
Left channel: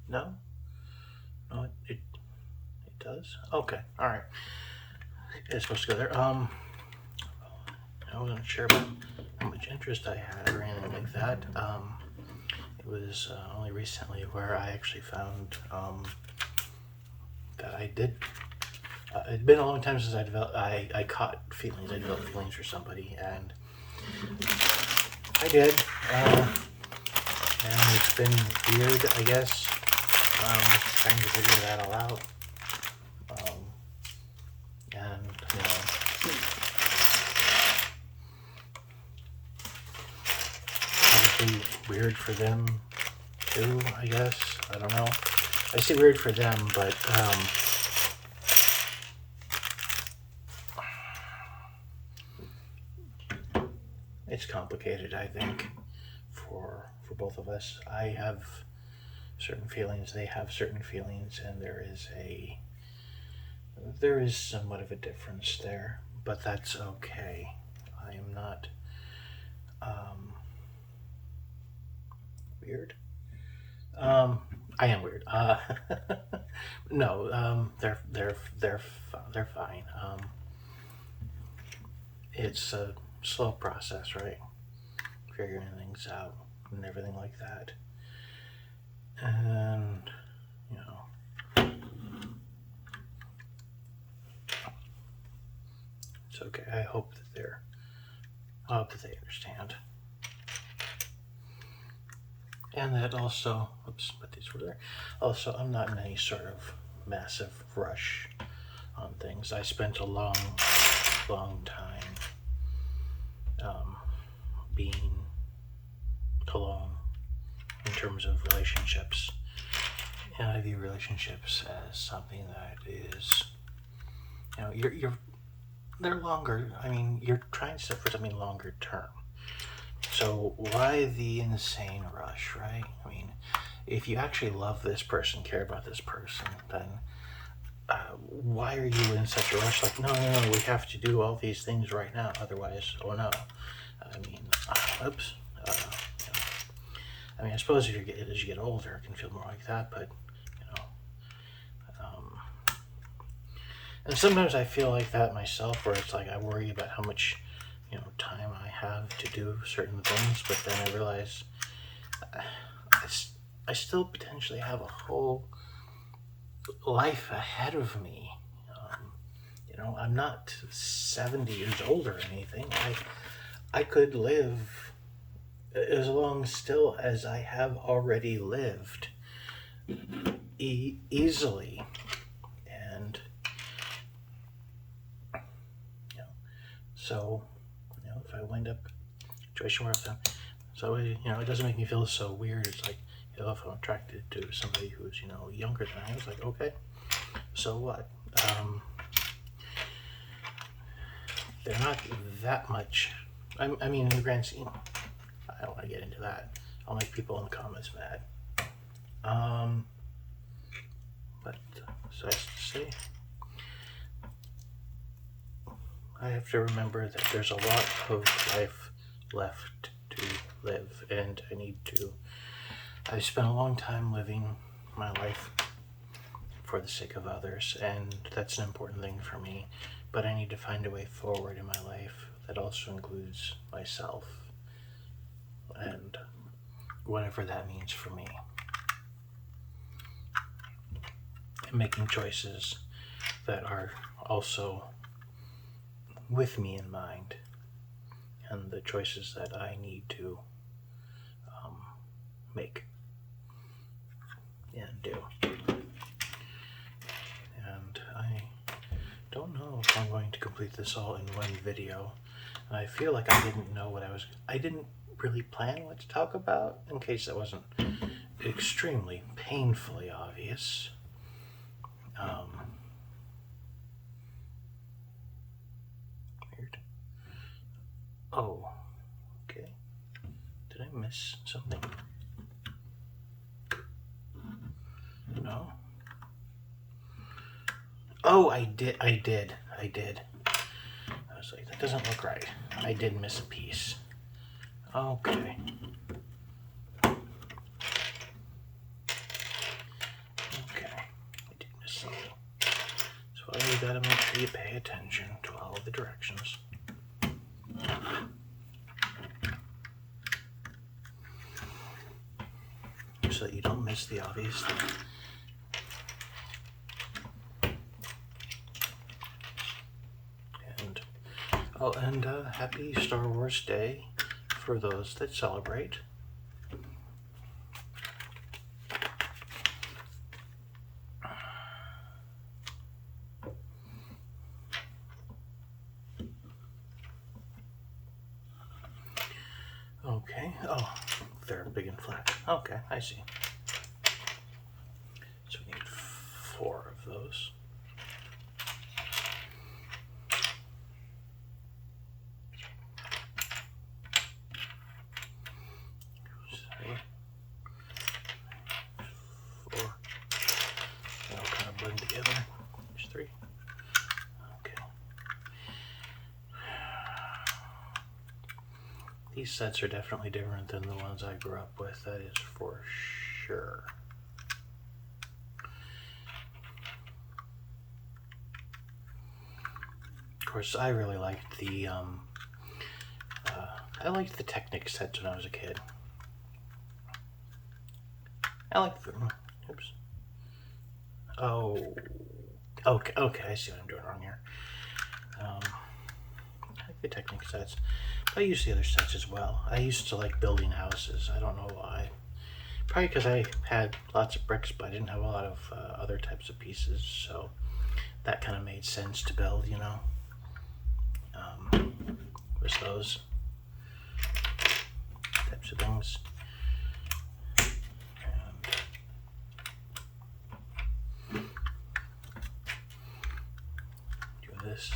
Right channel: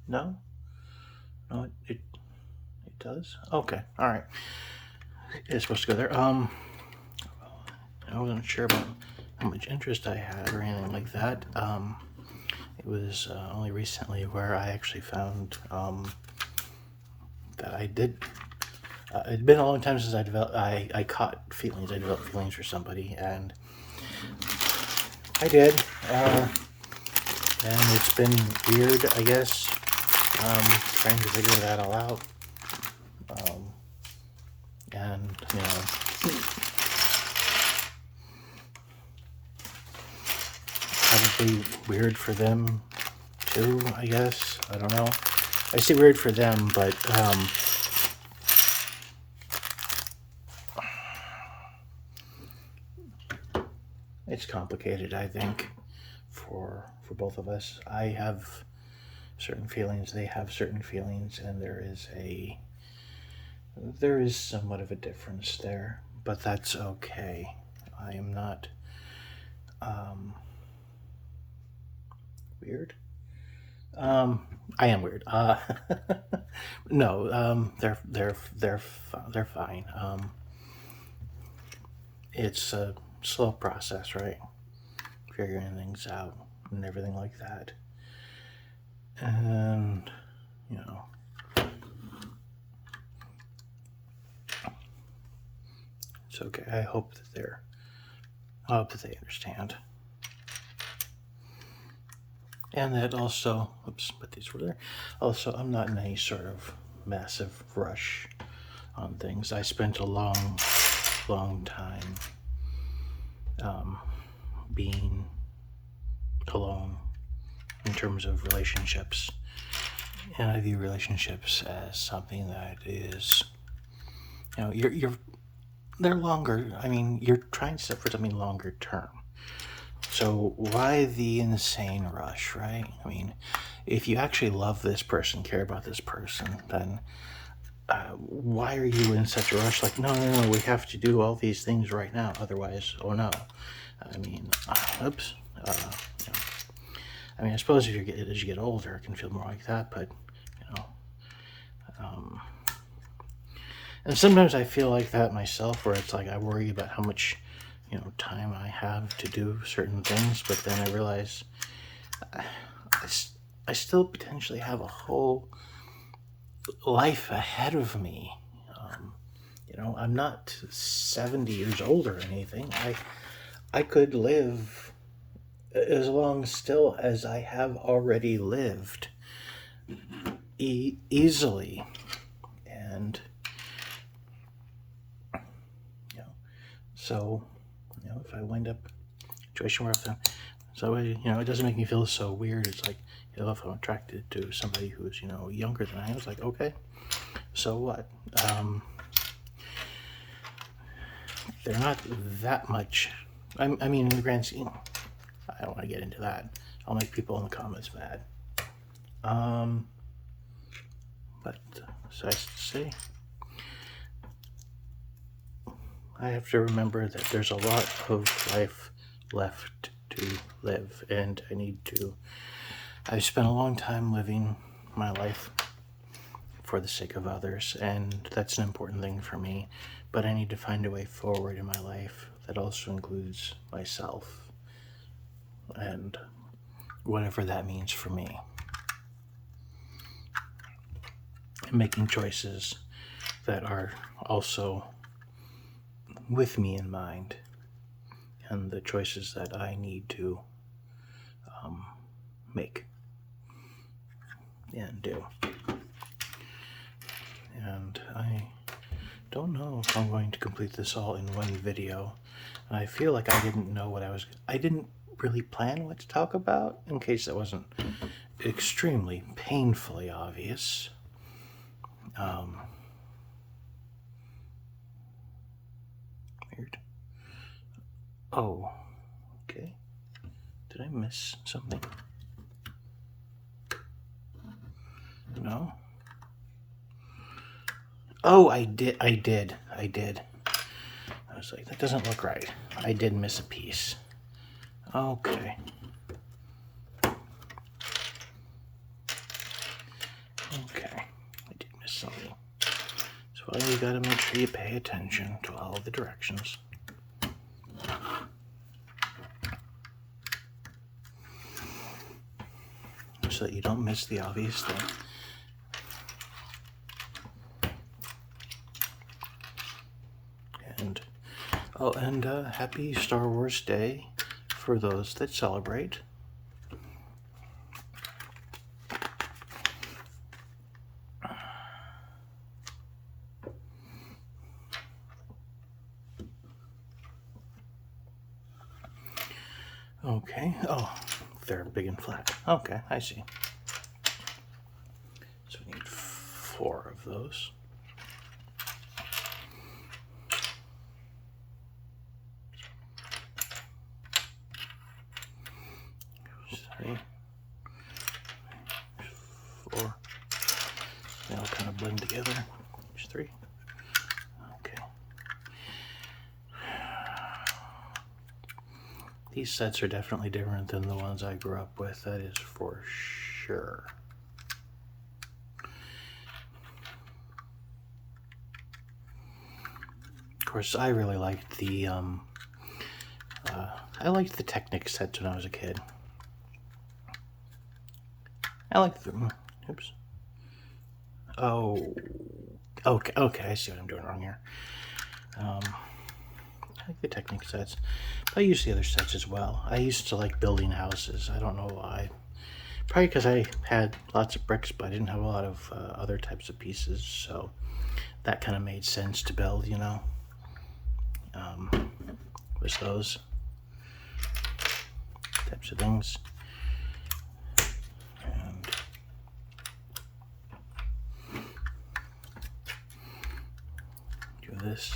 No, it does. Okay, all right. It's supposed to go there. I wasn't sure about how much interest I had or anything like that. It was only recently where I actually found that I did. It'd been a long time since I developed feelings for somebody, and I did. And it's been weird, I guess, trying to figure that all out. And probably weird for them too, I guess. I don't know. I say weird for them, but it's complicated, I think, for both of us. I have certain feelings, they have certain feelings, and there is somewhat of a difference there, but that's okay. I am not weird. I am weird. No, they're fine. It's a slow process, right? Figuring things out and everything like that. And It's okay. I hope that they understand. And that also, oops, put these over there. Also, I'm not in any sort of massive rush on things. I spent a long time being alone in terms of relationships. And I view relationships as something that is, they're longer. I mean, you're trying to set for something longer term. So why the insane rush, right? I mean, if you actually love this person, care about this person, then why are you in such a rush? Like, no, we have to do all these things right now. Otherwise, oh no. I mean, oops. I mean, I suppose as you get older, it can feel more like that, but, and sometimes I feel like that myself, where it's like I worry about how much, time I have to do certain things, but then I realize I still potentially have a whole life ahead of me. I'm not 70 years old or anything. I could live as long still as I have already lived easily. And so if I wind up in a situation where it doesn't make me feel so weird. It's like, if I'm attracted to somebody who's younger than I am, it's like, okay, so what? They're not that much. I mean, in the grand scheme, I don't want to get into that. I'll make people in the comments mad. But suffice to say, I have to remember that there's a lot of life left to live, and I've spent a long time living my life for the sake of others, and that's an important thing for me, but I need to find a way forward in my life that also includes myself, and whatever that means for me. And making choices that are also with me in mind, and the choices that I need to make and do. And I don't know if I'm going to complete this all in one video. I feel like I didn't really plan what to talk about, in case that wasn't extremely painfully obvious. Weird. Oh, okay. Did I miss something? No? Oh, I did. I was like, that doesn't look right. I did miss a piece. Okay. I did miss something. So you gotta make sure you pay attention to all the directions. So that you don't miss the obvious thing. And happy Star Wars Day for those that celebrate. Okay. Oh, they're big and flat. Okay, I see. So we need 4 of those. These sets are definitely different than the ones I grew up with, that is for sure. Of course, I really liked the Technic sets when I was a kid. I like the, oops. Oh, okay, I see what I'm doing wrong here. get Technic sets. But I use the other sets as well. I used to like building houses. I don't know why. Probably because I had lots of bricks, but I didn't have a lot of other types of pieces, so that kind of made sense to build, you know. Was those types of things. And do this.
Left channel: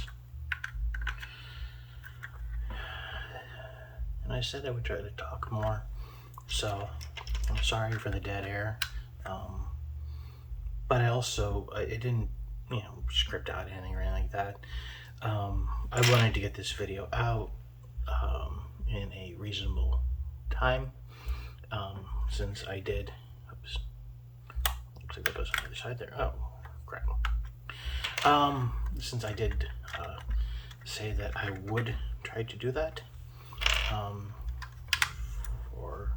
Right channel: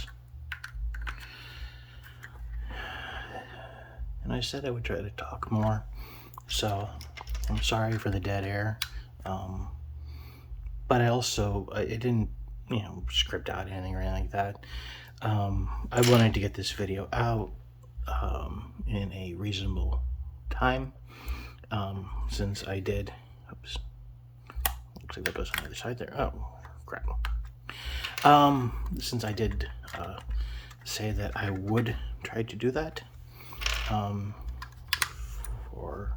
And I said I would try to talk more, so I'm sorry for the dead air. But I didn't, you know, script out anything or anything like that. I wanted to get this video out in a reasonable time, since I did, oops, looks like that goes on the other side there. Oh, crap. Since I did say that I would try to do that, for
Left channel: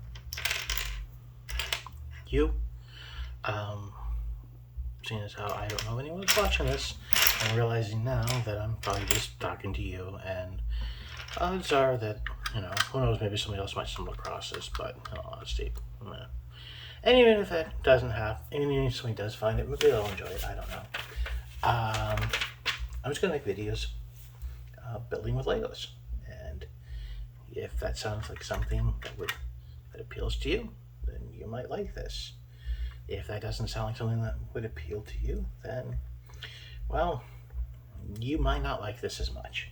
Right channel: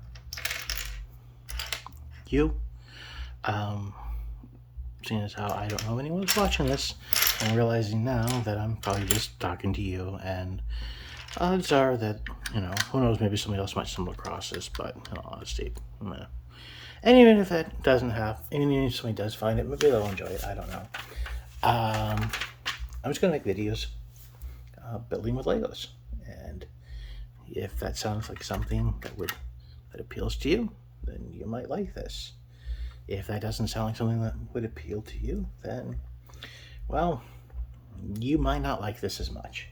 you, seeing as how I don't know anyone's watching this, and realizing now that I'm probably just talking to you, and odds are that, you know, who knows, maybe somebody else might stumble across this, but in all honesty, and even if that doesn't happen, even if somebody does find it, maybe they'll enjoy it, I don't know. I'm just gonna make videos building with Legos, and if that sounds like something that appeals to you, then you might like this. If that doesn't sound like something that would appeal to you, then, well, you might not like this as much.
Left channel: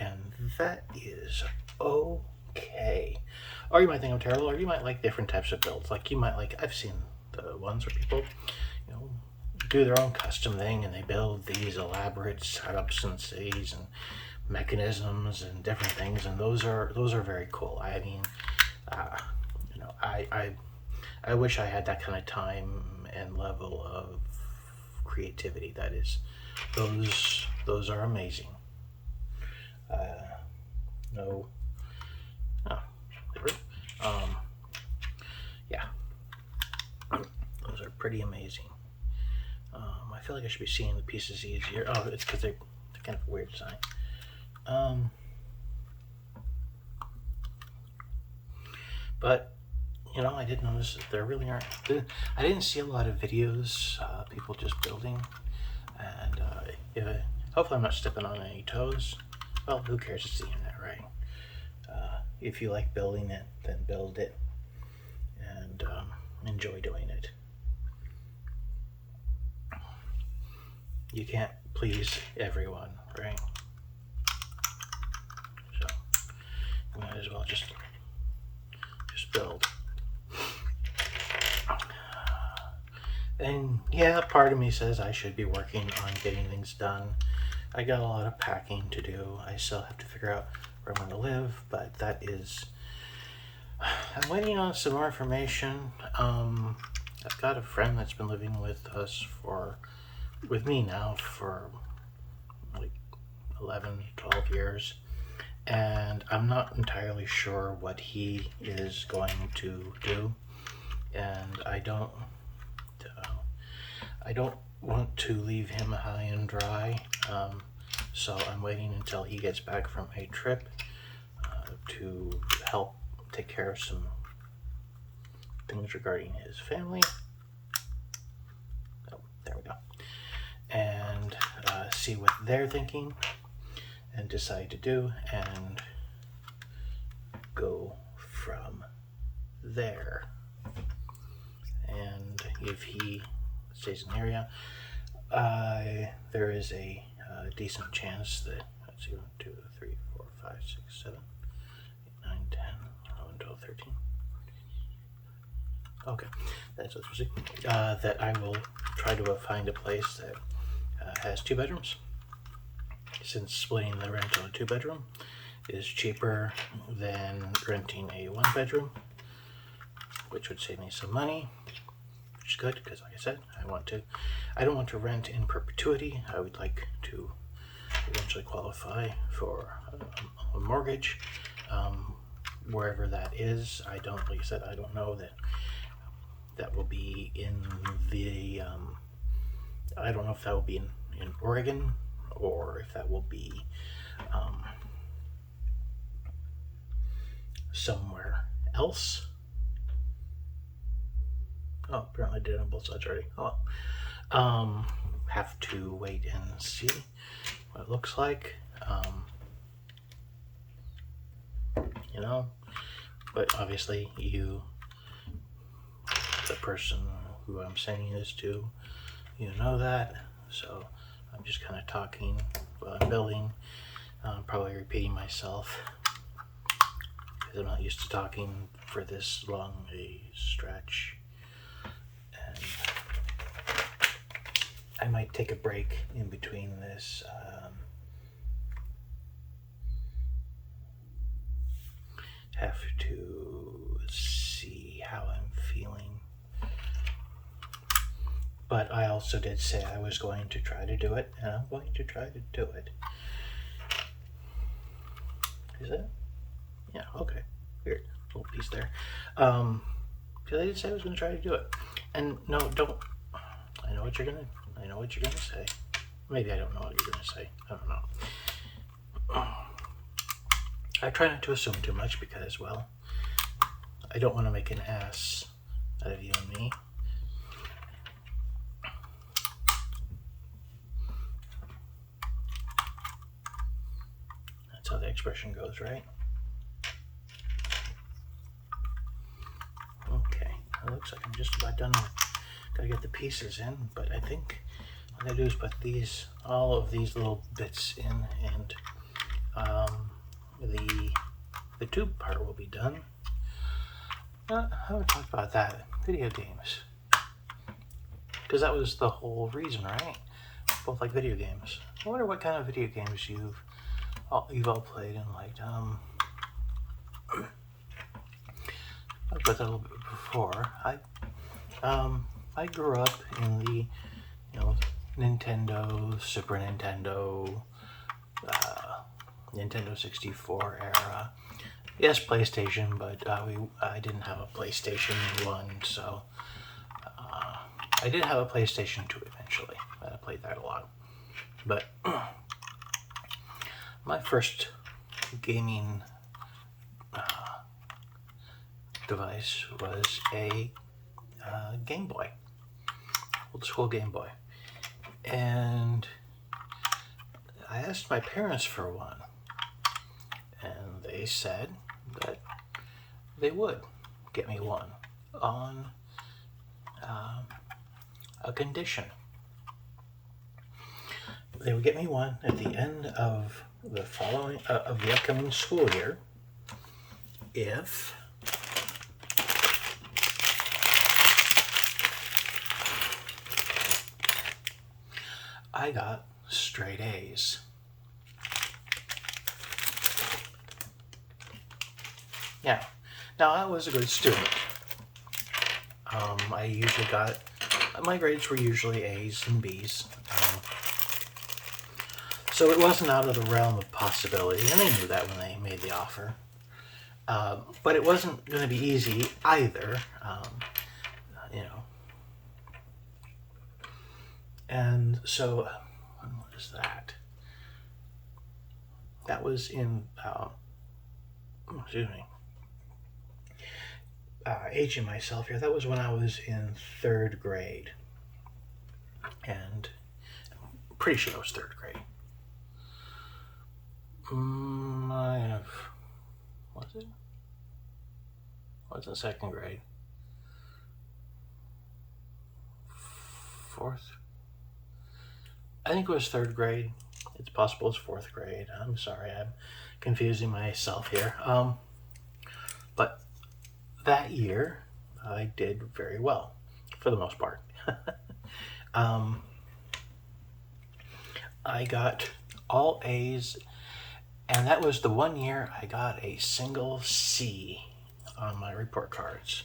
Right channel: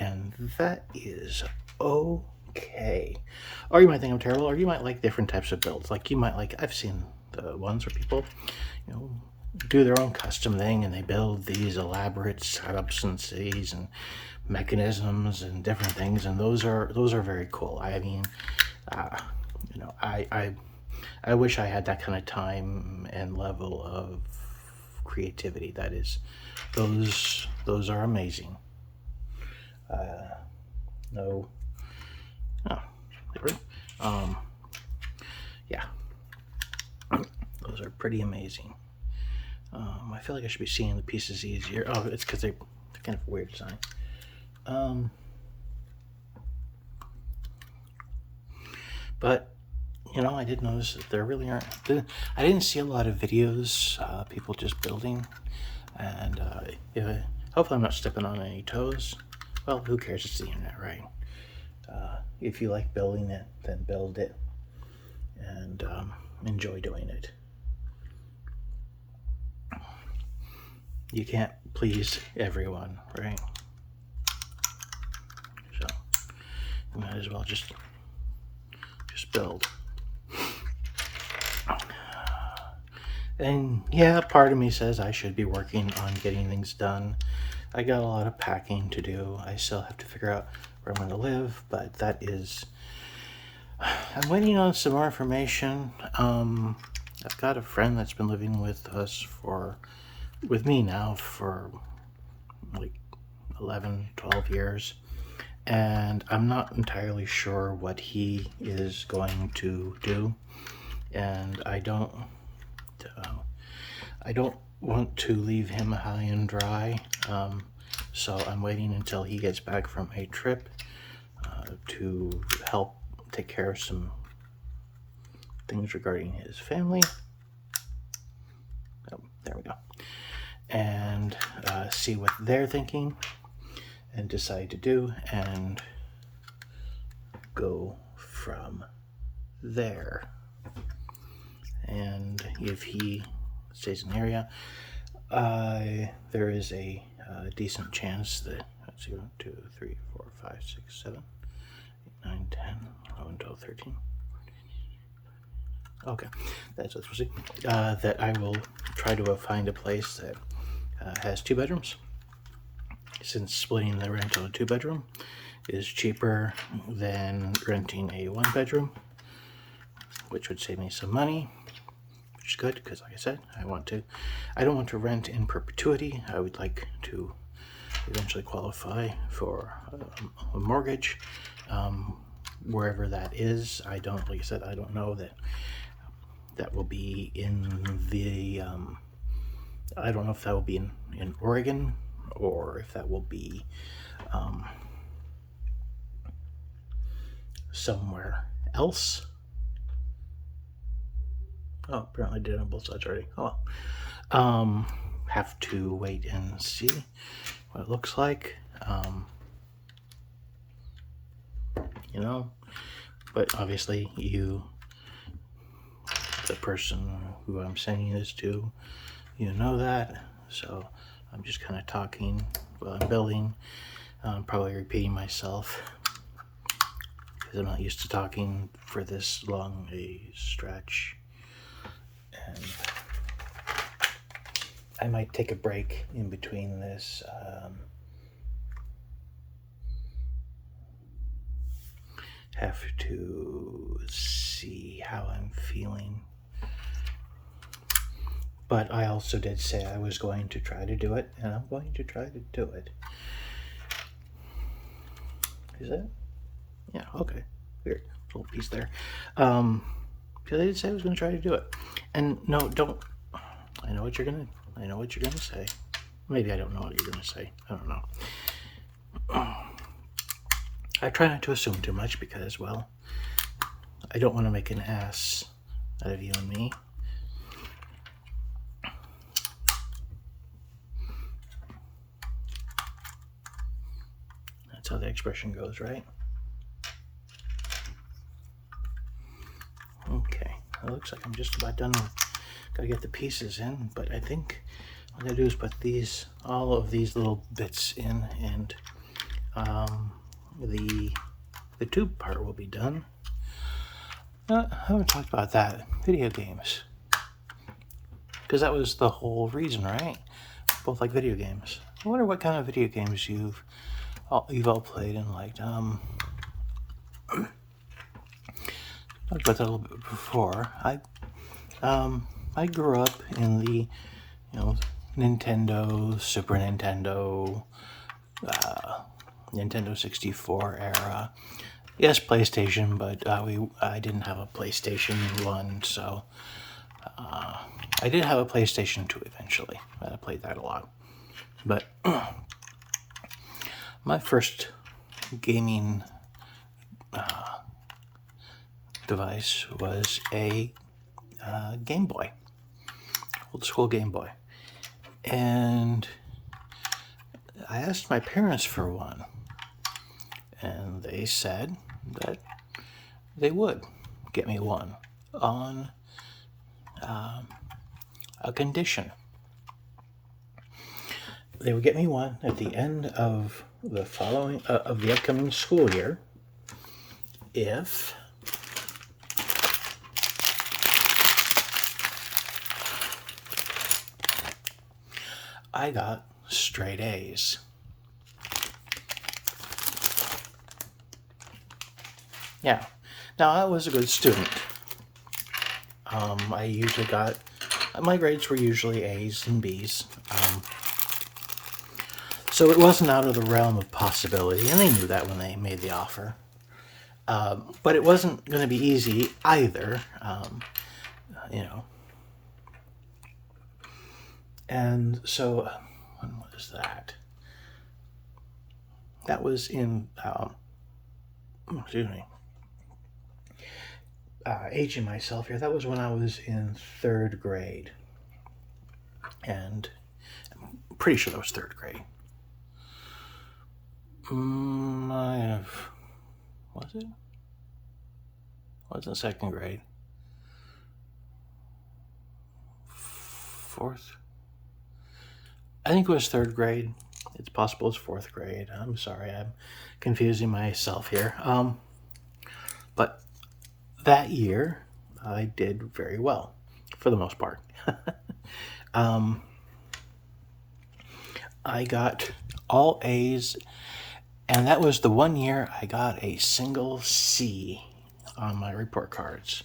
And that is okay. Or you might think I'm terrible, or you might like different types of builds. Like, you might like, I've seen the ones where people, you know, do their own custom thing, and they build these elaborate setups and cities and mechanisms and different things, and those are very cool. I mean, you know, I wish I had that kind of time and level of creativity. That is, those are amazing. Yeah, those are pretty amazing. I feel like I should be seeing the pieces easier. Oh, it's because they're kind of a weird design. But you know, I did notice that there really aren't. I didn't see a lot of videos, people just building, and hopefully I'm not stepping on any toes. Well, who cares? It's the internet, right? If you like building it, then build it, and enjoy doing it. You can't please everyone, right? So you might as well just build. And yeah, part of me says I should be working on getting things done. I got a lot of packing to do. I still have to figure out where I'm going to live, but that is, I'm waiting on some more information. I've got a friend that's been living with me now for like 11, 12 years. And I'm not entirely sure what he is going to do. And I don't want to leave him high and dry. So I'm waiting until he gets back from a trip to help take care of some things regarding his family. Oh, there we go. And see what they're thinking and decide to do, and go from there. And if he stays in the area, there is a decent chance that, let's see, 1, 2, 3, 4, 5, 6, 7, 8, 9, 10, 11, 12, 13. Okay, that's what we'll see. That I will try to find a place that has 2 bedrooms, since splitting the rent to a 2-bedroom is cheaper than renting a 1-bedroom, which would save me some money, which is good, because like I said, I don't want to rent in perpetuity. I would like to eventually qualify for a mortgage, wherever that is. Like I said, I don't know that will be in the, I don't know if that will be in Oregon, or if that will be somewhere else. Oh, apparently I did it on both sides already. Oh, have to wait and see what it looks like. You know, but obviously you, the person who I'm sending this to, you know that. So I'm just kind of talking while I'm building. I'm probably repeating myself because I'm not used to talking for this long a stretch. And I might take a break in between this. Have to see how I'm feeling. But I also did say I was going to try to do it, and I'm going to try to do it. Is that? Yeah, okay. Weird. Little piece there. Because I did say I was going to try to do it. And no, don't. I know what you're going to say. Maybe I don't know what you're going to say. I don't know. I try not to assume too much because, well, I don't want to make an ass out of you and me. That's how the expression goes, right? Okay, it looks like I'm just about done with, gotta get the pieces in, but I think what I gotta do is put all of these little bits in, and the tube part will be done. I haven't talked about that. Video games. Because that was the whole reason, right? Both like video games. I wonder what kind of video games you've all played and liked. I talked about that a little bit before. I grew up in the, Nintendo, Super Nintendo, Nintendo 64 era. Yes, PlayStation, but I didn't have a PlayStation 1, so I did have a PlayStation 2 eventually. I played that a lot. But my first gaming device was a Game Boy, old school Game Boy. And I asked my parents for one, and they said that they would get me one on a condition. They would get me one at the end of the upcoming school year if I got straight A's. Yeah. Now, I was a good student. I usually my grades were usually A's and B's. So it wasn't out of the realm of possibility, and they knew that when they made the offer. But it wasn't going to be easy either, And so, when was that? That was in, aging myself here. That was when I was in 3rd grade. And I'm pretty sure that was 3rd grade. Was it? Was it 2nd grade? 4th? I think it was 3rd grade. It's possible it's 4th grade. I'm sorry, I'm confusing myself here. But that year, I did very well, for the most part. I got all A's, and that was the one year I got a single C on my report cards.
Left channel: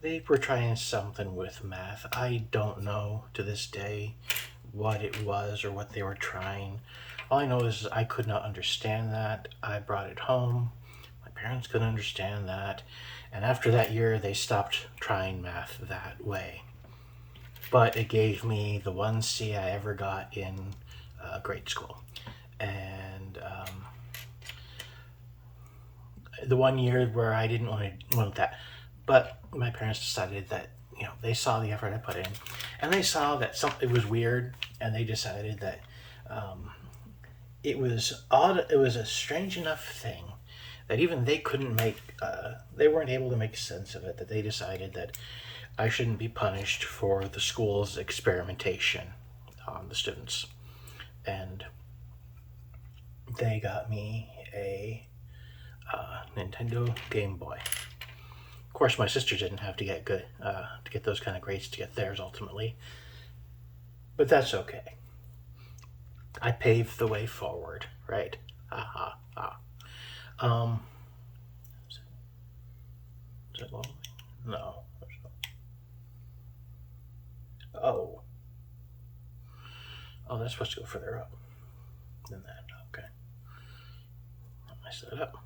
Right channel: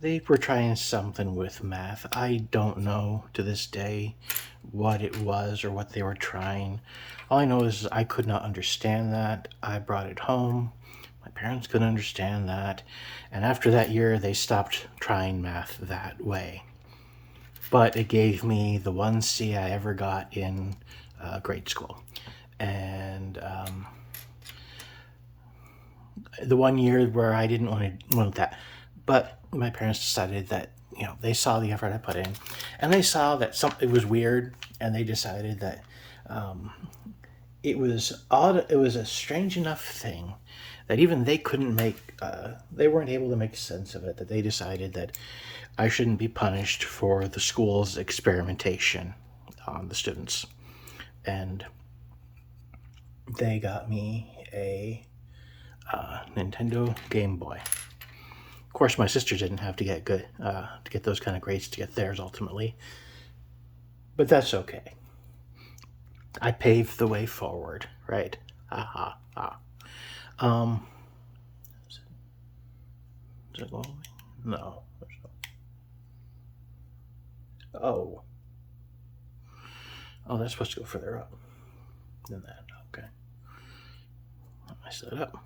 They were trying something with math. I don't know to this day what it was or what they were trying. All I know is I could not understand that. I brought it home. My parents couldn't understand that. And after that year, they stopped trying math that way. But it gave me the one C I ever got in grade school. And the one year where I didn't want that, but my parents decided that they saw the effort I put in, and they saw that something was weird, and they decided that it was odd. It was a strange enough thing that even they couldn't make. They weren't able to make sense of it. That they decided that I shouldn't be punished for the school's experimentation on the students, and they got me a Nintendo Game Boy. Of course, my sister didn't have to get good to get those kind of grades to get theirs ultimately, but that's okay. I paved the way forward, right? Ha ha ha. Is that going away? No. Oh. Oh, that's supposed to go further up than that. Okay. I set it up.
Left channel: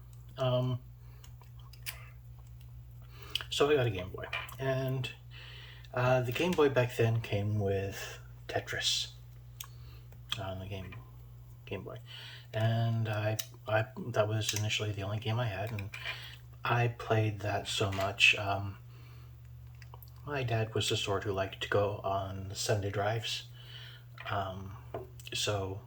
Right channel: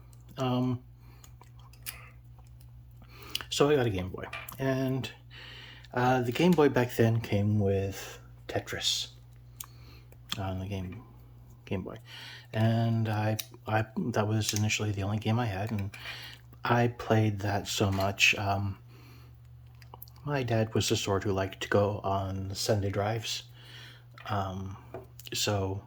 So I got a Game Boy, and the Game Boy back then came with Tetris on the Game Boy, and I that was initially the only game I had, and I played that so much. My dad was the sort who liked to go on Sunday drives, so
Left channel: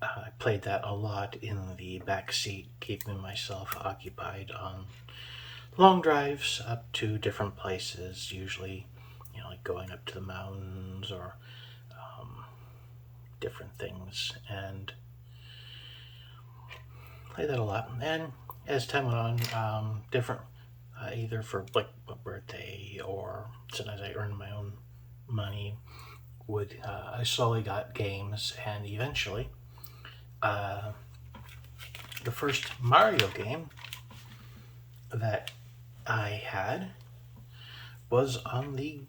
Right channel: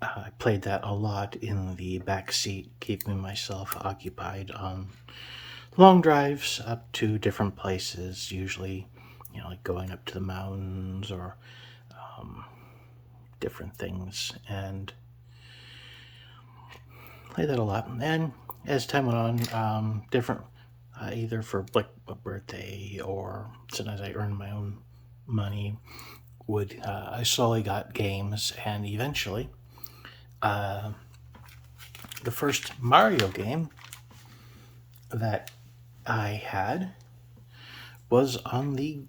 I played that a lot in the back seat, keeping myself occupied on long drives up to different places, usually, like going up to the mountains or different things, and played that a lot. And as time went on, different, either for like a birthday or sometimes I earned my own money, I slowly got games, and eventually, the first Mario game that I had was on the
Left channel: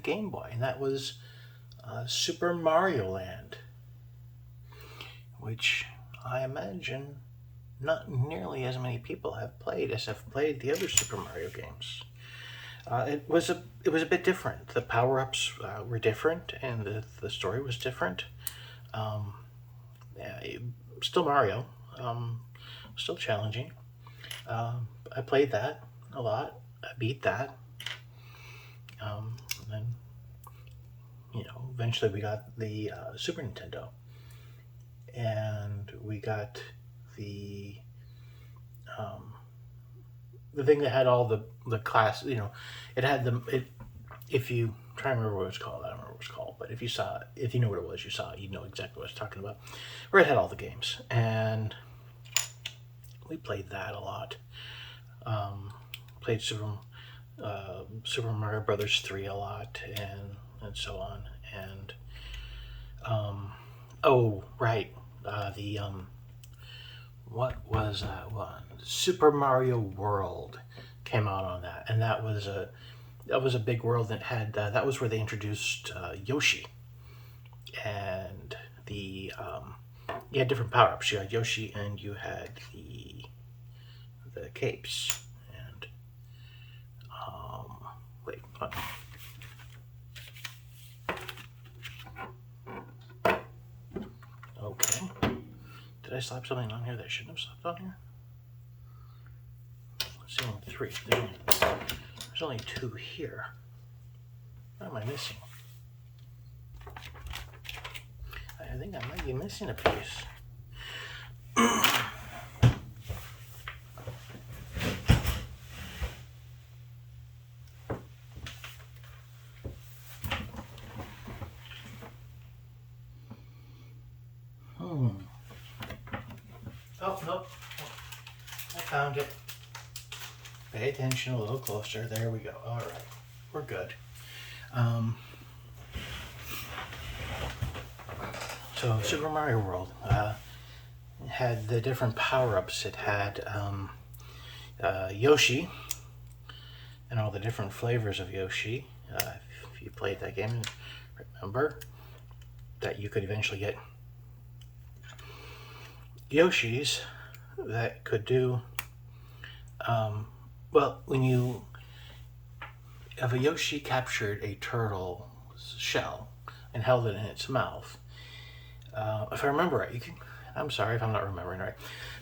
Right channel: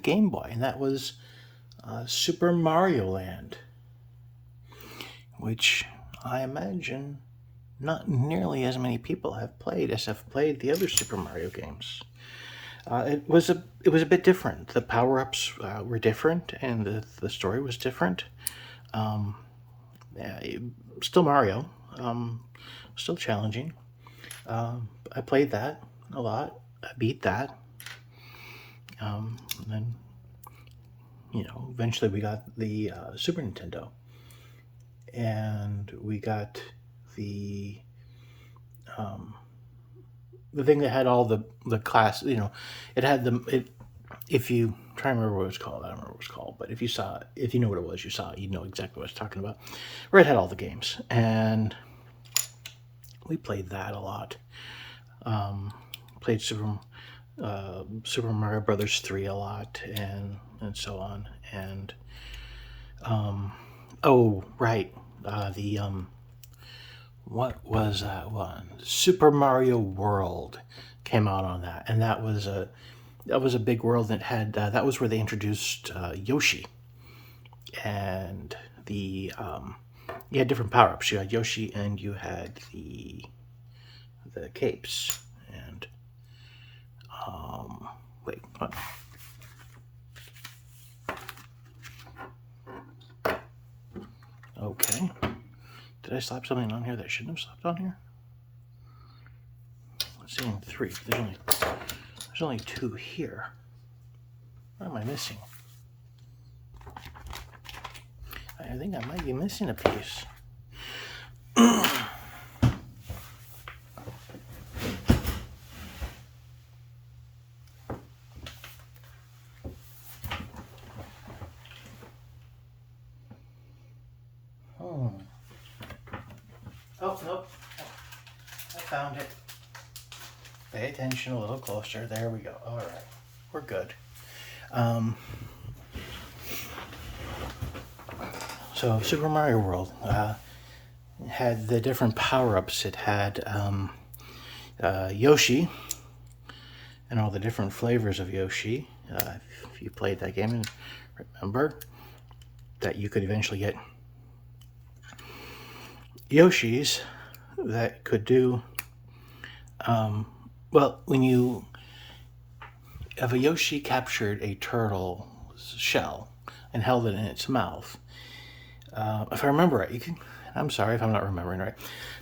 Game Boy, and that was Super Mario Land, which I imagine not nearly as many people have played as have played the other Super Mario games. It was a bit different. The power-ups were different, and the story was different. Still Mario, still challenging. I played that a lot. I beat that. And then, eventually we got the Super Nintendo, and we got the thing that had all the class. It had if you try to remember what it was called, I don't remember what it was called, but if you know what it was, you saw it, you know exactly what I was talking about. Where it had all the games, and we played that a lot. Played Super Mario Brothers 3 a lot, and so on. And oh right, what was that one? Super Mario World came out on that, and that was a big world that had that was where they introduced Yoshi, and you had different power ups. You had Yoshi, and you had the capes, and wait, what? Okay, did I slap something on here that I shouldn't have slapped on here? Let's see, 3. There's only 2 here. What am I missing? I think I might be missing a piece. Oh, nope. I found it. Pay attention a little closer. There we go. All right. We're good. So Super Mario World had the different power-ups. It had Yoshi and all the different flavors of Yoshi. If you played that game, and remember that you could eventually get Yoshis that could do if a Yoshi captured a turtle shell and held it in its mouth, if I remember right, I'm sorry if I'm not remembering right,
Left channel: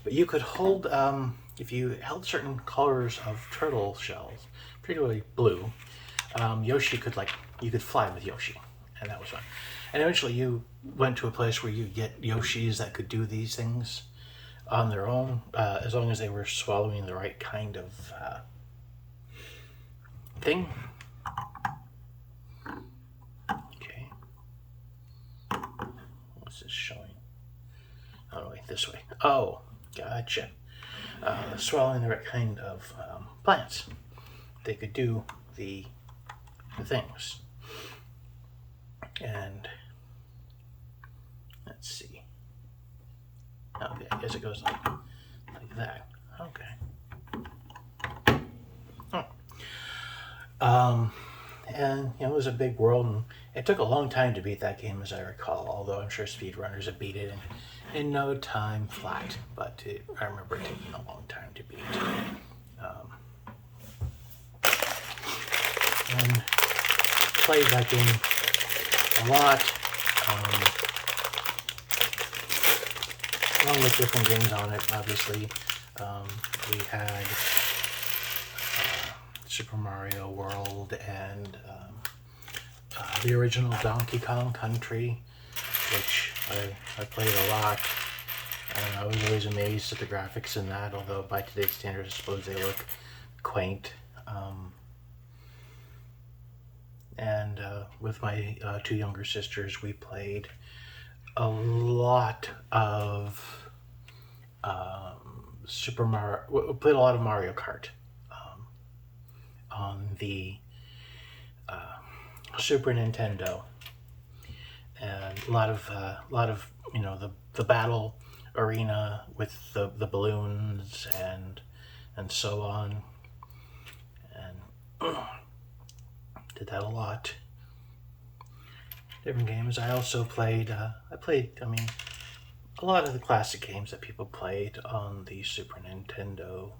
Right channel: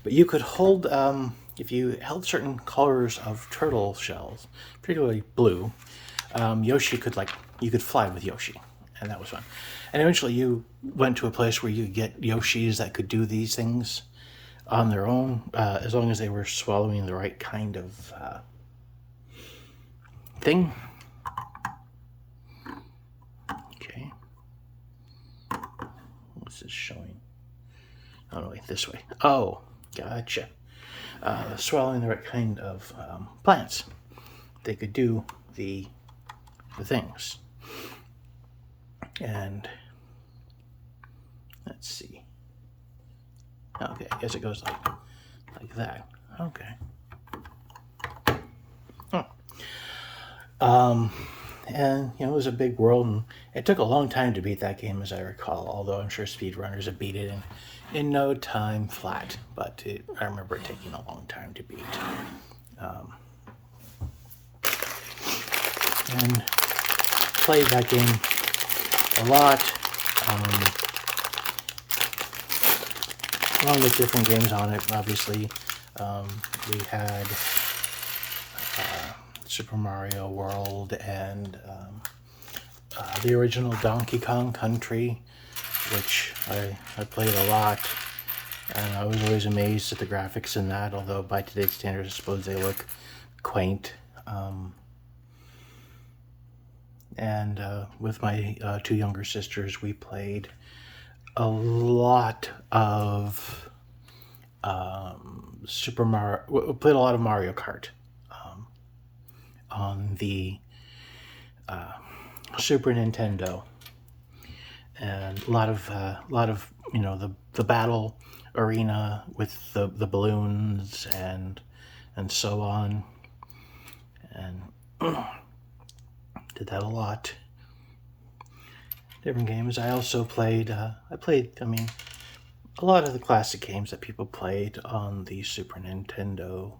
but you could hold, if you held certain colors of turtle shells, particularly blue, Yoshi could, like, you could fly with Yoshi, and that was fun. And eventually you went to a place where you could get Yoshis that could do these things on their own, as long as they were swallowing the right kind of thing. Okay. What's this showing? Oh, no, wait, this way. Oh, gotcha. Swallowing the right kind of plants. They could do the things. And let's see. Okay, I guess it goes like that. Okay. Oh. And it was a big world, and it took a long time to beat that game, as I recall. Although I'm sure speedrunners have beat it in no time flat. But I remember it taking a long time to beat. And played that game a lot, along with different games on it. Obviously, we had Super Mario World and the original Donkey Kong Country, which I played a lot. I was always amazed at the graphics in that, although by today's standards I suppose they look quaint. And with my two younger sisters, we played a lot of Super Mario. We played a lot of Mario Kart on the Super Nintendo, and a lot of the battle arena with the balloons and so on, and did that a lot. Different games. I also played. I mean, a lot of the classic games that people played on the Super Nintendo.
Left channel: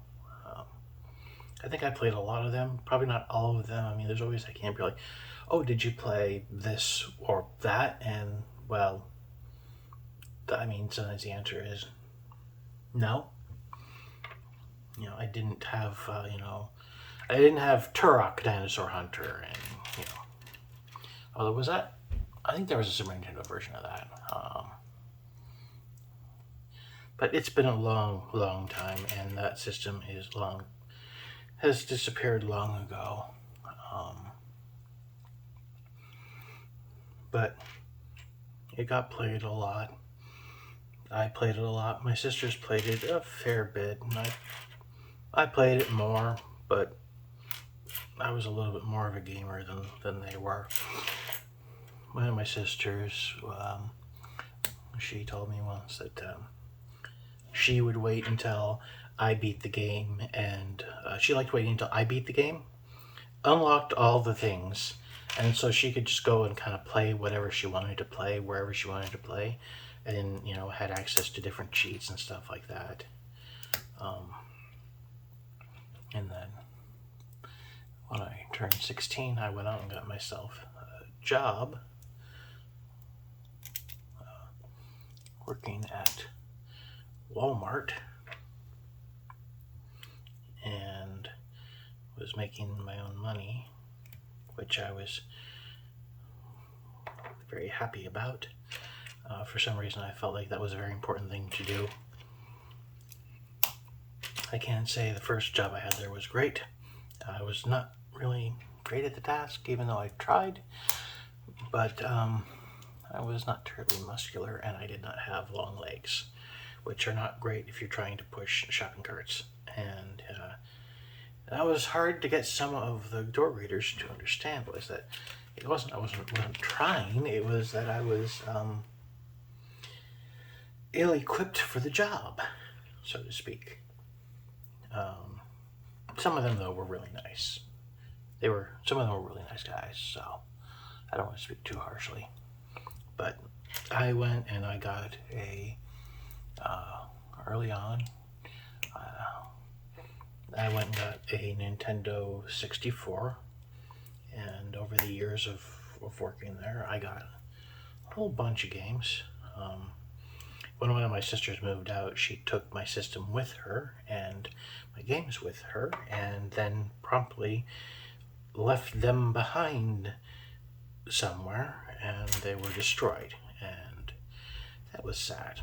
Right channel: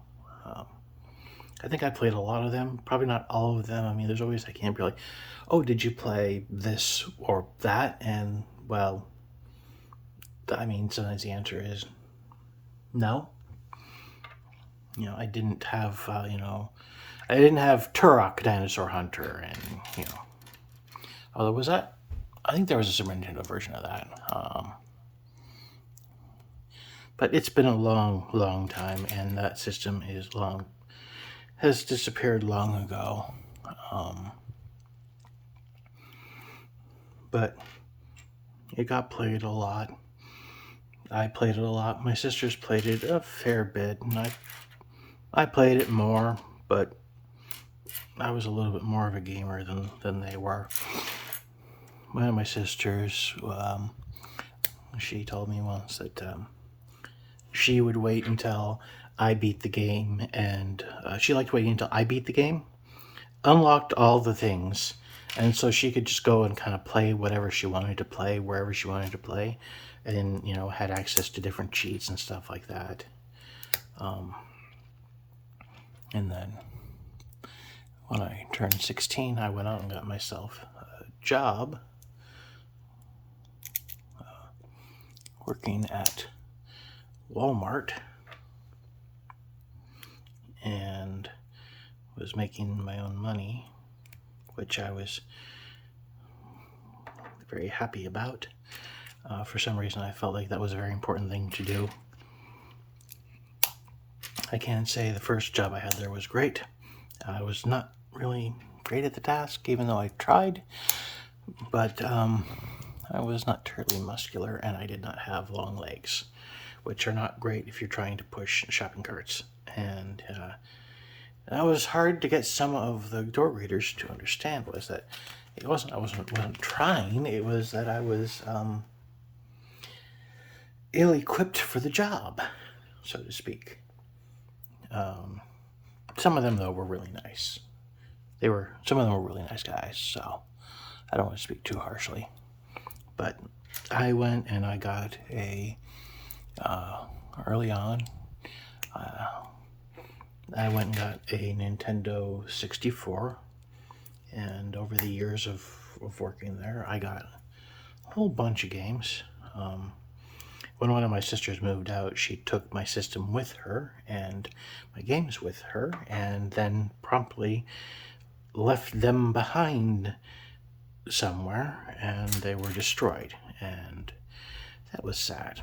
I think I played a lot of them. Probably not all of them. I mean, there's always that game where you're like, oh, did you play this or that? And well, I mean, sometimes the answer is no. I didn't have. I didn't have Turok Dinosaur Hunter, and although was that? I think there was a Super Nintendo version of that. But it's been a long, long time, and that system has disappeared long ago. But it got played a lot. I played it a lot. My sisters played it a fair bit, and I played it more, but I was a little bit more of a gamer than they were. One of my sisters, she told me once that she would wait until I beat the game, and she liked waiting until I beat the game, unlocked all the things, and so she could just go and kind of play whatever she wanted to play, wherever she wanted to play, and had access to different cheats and stuff like that. And then when I turned 16, I went out and got myself a job working at Walmart, and was making my own money, which I was very happy about. For some reason, I felt like that was a very important thing to do. I can't say the first job I had there was great. I was not really great at the task, even though I tried, but I was not terribly muscular, and I did not have long legs, which are not great if you're trying to push shopping carts. And that was hard to get some of the door readers to understand, was that I wasn't trying, it was that I was ill-equipped for the job, so to speak. Some of them, though, were really nice. Some of them were really nice guys, so I don't want to speak too harshly. But I went and I got early on, I went and got a Nintendo 64, and over the years of working there, I got a whole bunch of games. when one of my sisters moved out, she took my system with her and my games with her, and then promptly left them behind somewhere, and they were destroyed, and that was sad.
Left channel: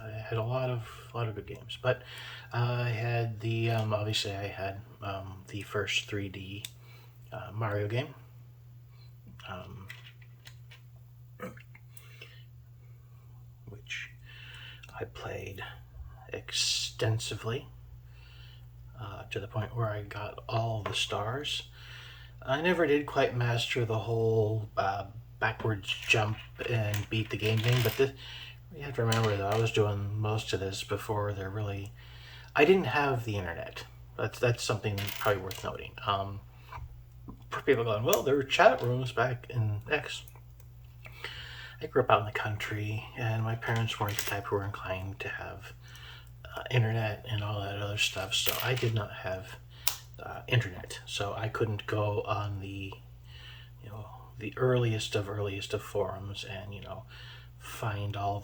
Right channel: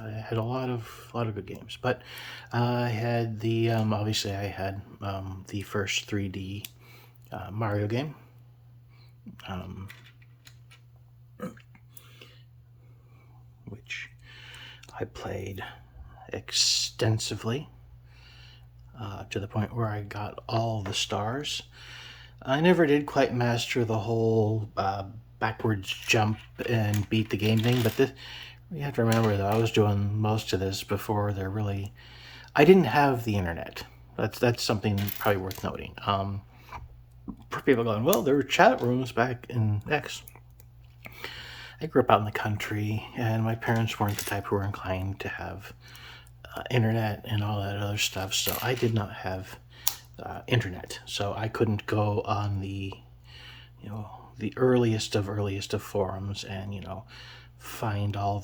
I had a lot of good games, but I had the obviously I had the first 3D Mario game. Which I played extensively to the point where I got all the stars. I never did quite master the whole backwards jump and beat the game thing, but you have to remember that I was doing most of this before they're really... I didn't have the internet. That's something probably worth noting. For people going, well, there were chat rooms back in X. I grew up out in the country, and my parents weren't the type who were inclined to have internet and all that other stuff, so I did not have internet. So I couldn't go on the earliest of forums and find all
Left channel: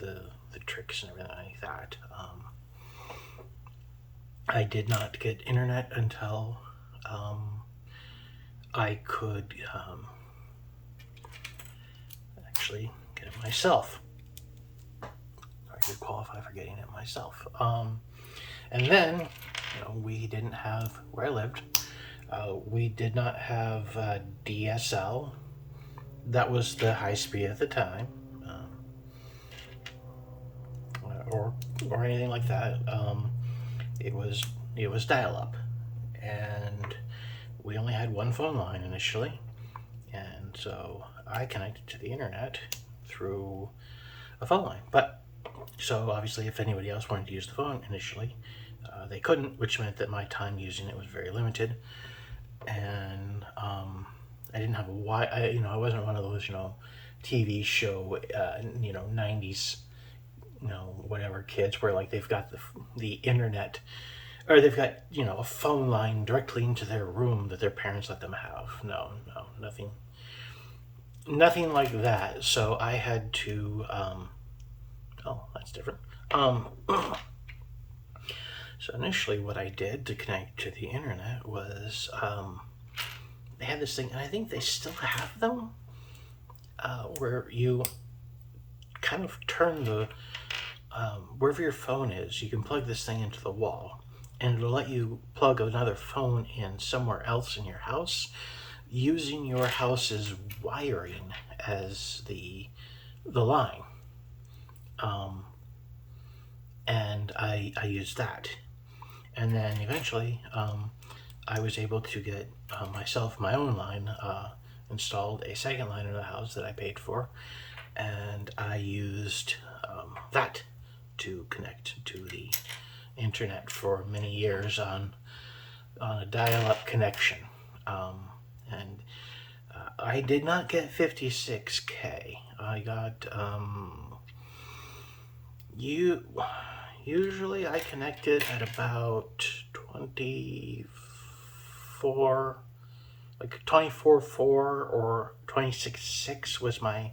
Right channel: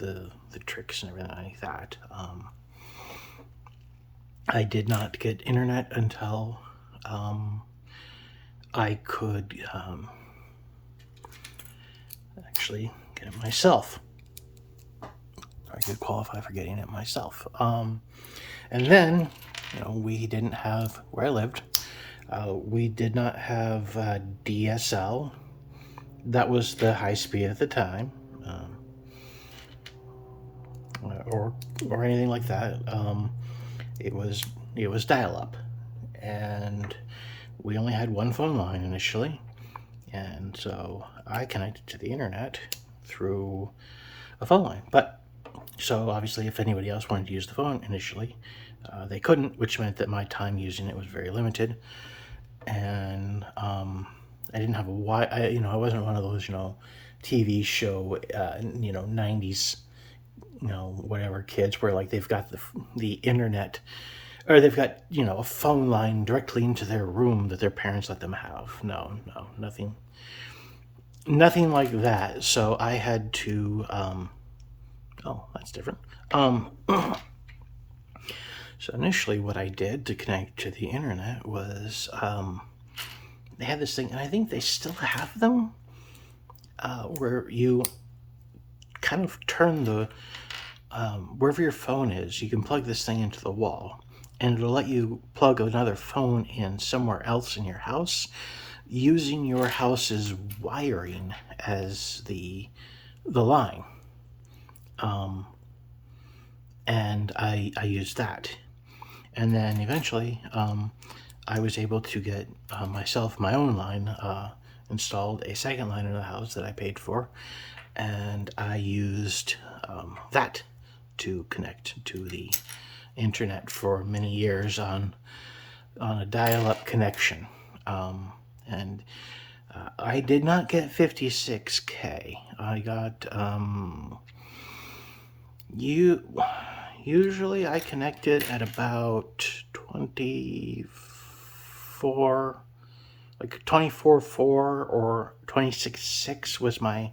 the tricks and everything like that. I did not get internet until I could actually get it myself. I could qualify for getting it myself. And then, we didn't have, where I lived, we did not have DSL. That was the high speed at the time, or anything like that. It was dial-up, and we only had one phone line initially, and so I connected to the internet through a phone line. But so obviously, if anybody else wanted to use the phone initially, they couldn't, which meant that my time using it was very limited. And I didn't have I wasn't one of those TV show 90s whatever kids where like they've got the internet, or they've got a phone line directly into their room that their parents let them have. No, nothing like that. So I had to oh, that's different. So initially what I did to connect to the internet was they had this thing, and I think they still have them, where you kind of turn the wherever your phone is, you can plug this thing into the wall, and it'll let you plug another phone in somewhere else in your house using your house's wiring as the line. And I used that, and then eventually I was able to get myself my own line installed, a second line in the house that I paid for, and I used that to connect to the internet for many years on a dial-up connection. And I did not get 56K. I got usually I connected at about 24, like 24.4 or 26.6 was my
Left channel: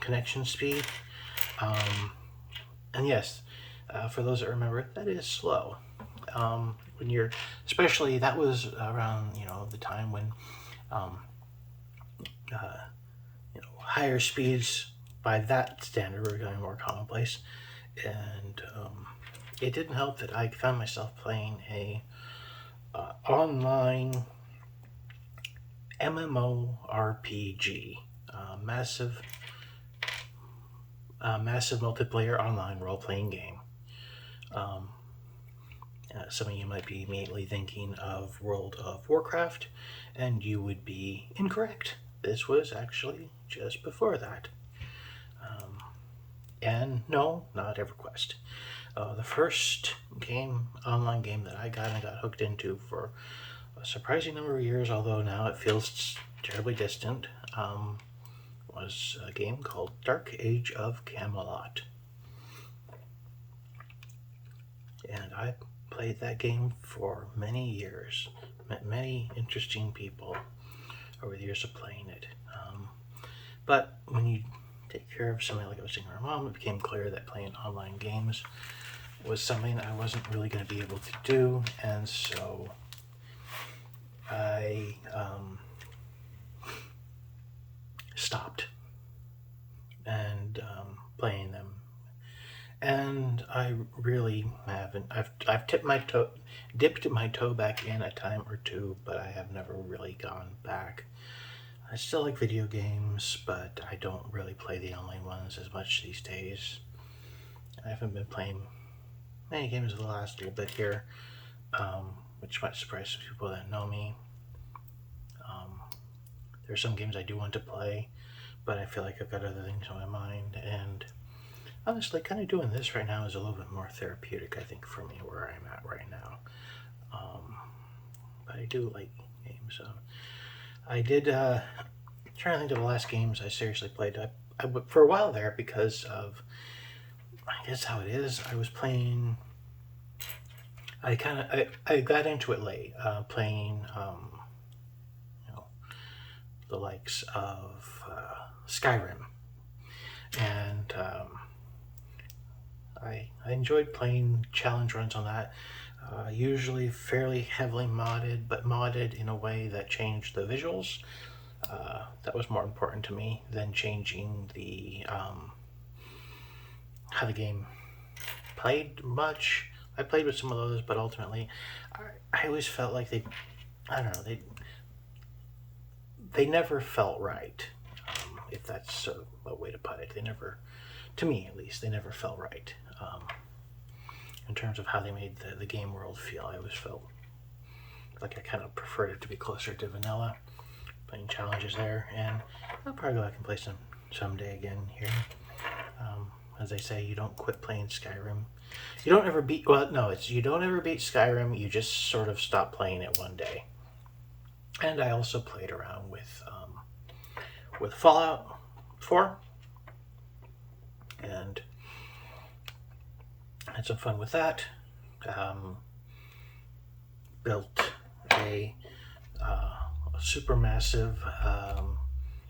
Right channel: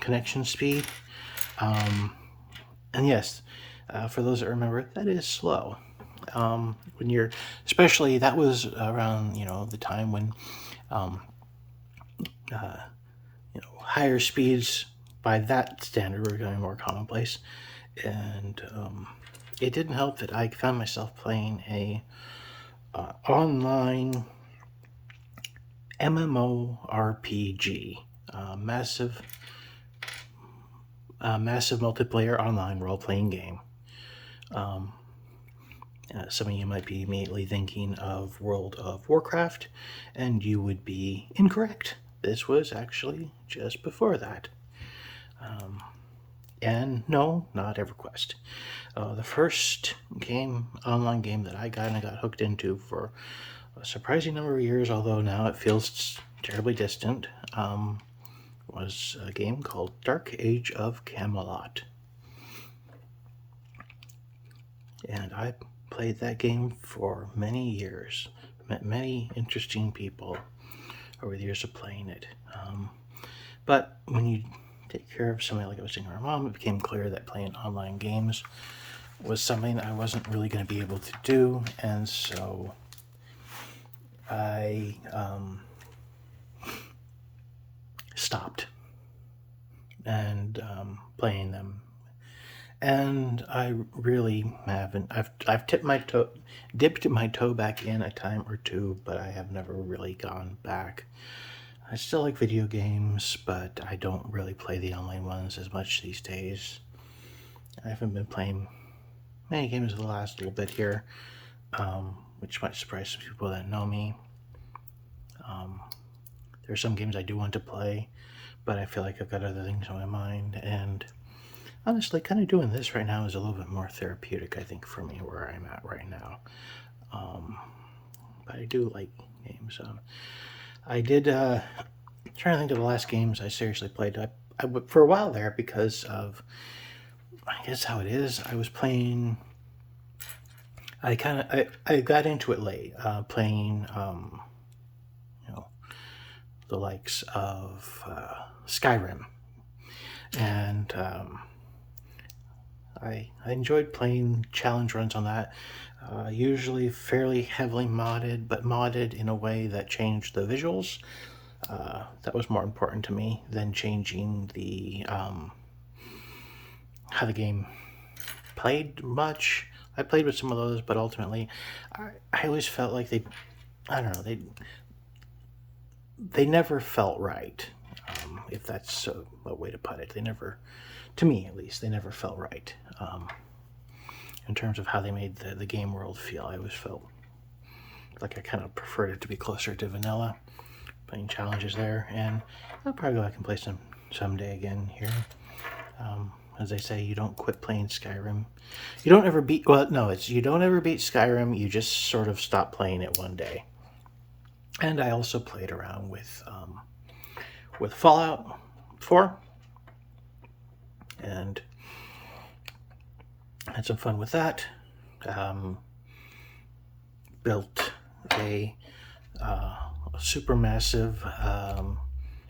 connection speed. And yes, for those that remember, that is slow. When you're, especially that was around the time when higher speeds by that standard were becoming more commonplace, and it didn't help that I found myself playing a online MMORPG, massive multiplayer online role-playing game. Some of you might be immediately thinking of World of Warcraft, and you would be incorrect. This was actually just before that. And no, not EverQuest. The first online game that I got hooked into for a surprising number of years, although now it feels terribly distant, was a game called Dark Age of Camelot. And I played that game for many years, met many interesting people over the years of playing it. But when you take care of somebody like I was taking my mom, it became clear that playing online games was something I wasn't really going to be able to do, and so I stopped and playing them. And I really haven't. I've dipped my toe back in a time or two, but I have never really gone back. I still like video games, but I don't really play the online ones as much these days. I haven't been playing many games the last little bit here, which might surprise some people that know me. There are some games I do want to play, but I feel like I've got other things on my mind, and honestly, kind of doing this right now is a little bit more therapeutic, I think, for me, where I'm at right now. But I do like games. I did, trying to think of the last games I seriously played. For a while there, because of, I guess how it is, I was playing, I got into it late, playing, the likes of Skyrim. And I enjoyed playing challenge runs on that. Usually fairly heavily modded, but modded in a way that changed the visuals. That was more important to me than changing the how the game played much. I played with some of those, but ultimately, I always felt like I don't know, they never felt right. If that's a way to put it, they never, to me at least, they never felt right. In terms of how they made the game world feel, I always felt like I kind of preferred it to be closer to vanilla, playing challenges there, and I'll probably go back and play some someday again here. As they say, you don't quit playing Skyrim. You don't ever beat, well, no, it's you don't ever beat Skyrim, you just sort of stop playing it one day. And I also played around with Fallout 4, and had some fun with that. Built a supermassive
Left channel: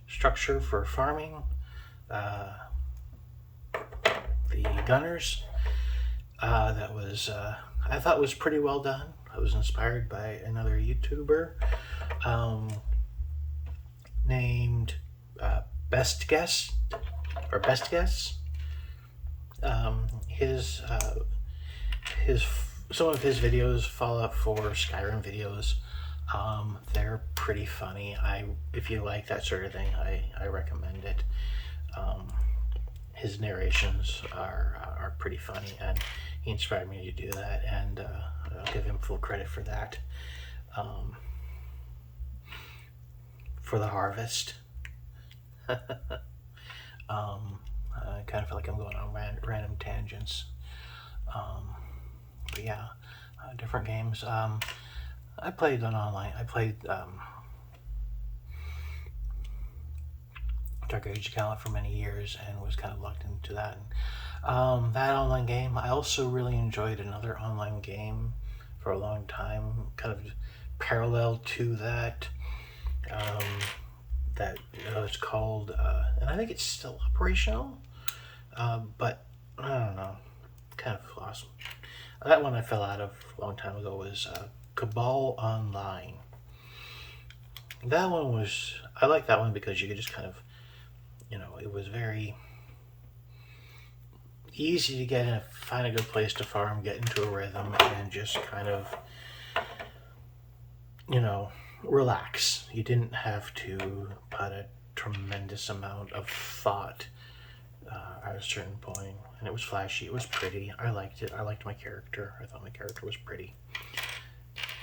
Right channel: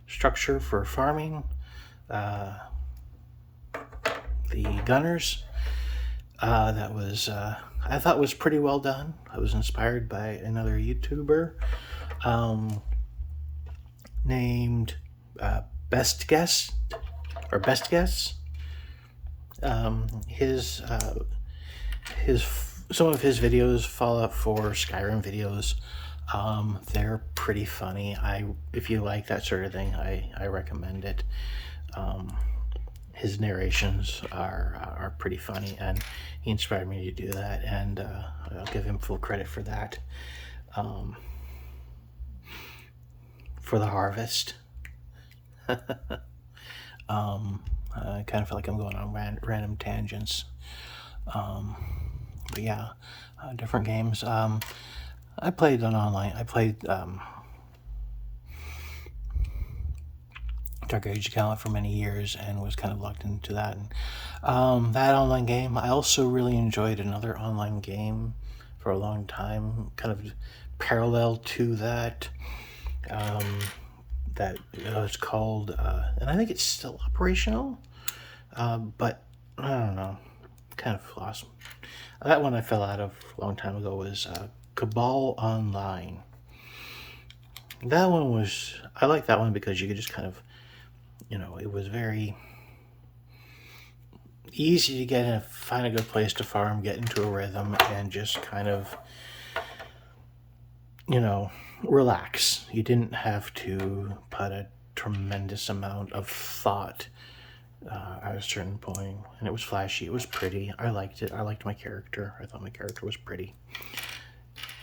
structure for farming. The gunners. That was I thought was pretty well done. I was inspired by another YouTuber named Best Guess. His some of his videos, Fallout 4, Skyrim videos, they're pretty funny. If you like that sort of thing, I recommend it. His narrations are pretty funny, and he inspired me to do that, and I'll give him full credit for that. For the harvest. I kind of feel like I'm going on random tangents. But yeah, different games. I played on online. I played Dark Age Gallant for many years and was kind of locked into that. And, that online game, I also really enjoyed another online game for a long time, kind of parallel to that. That it's called, and I think it's still operational, but I don't know, kind of lost. That one I fell out of a long time ago was Cabal Online. That one was, I like that one because you could just kind of, it was very easy to get in, find a good place to farm, get into a rhythm, and just kind of, relax. You didn't have to put a tremendous amount of thought at a certain point, and it was flashy, it was pretty. I liked it. I liked my character. I thought my character was pretty.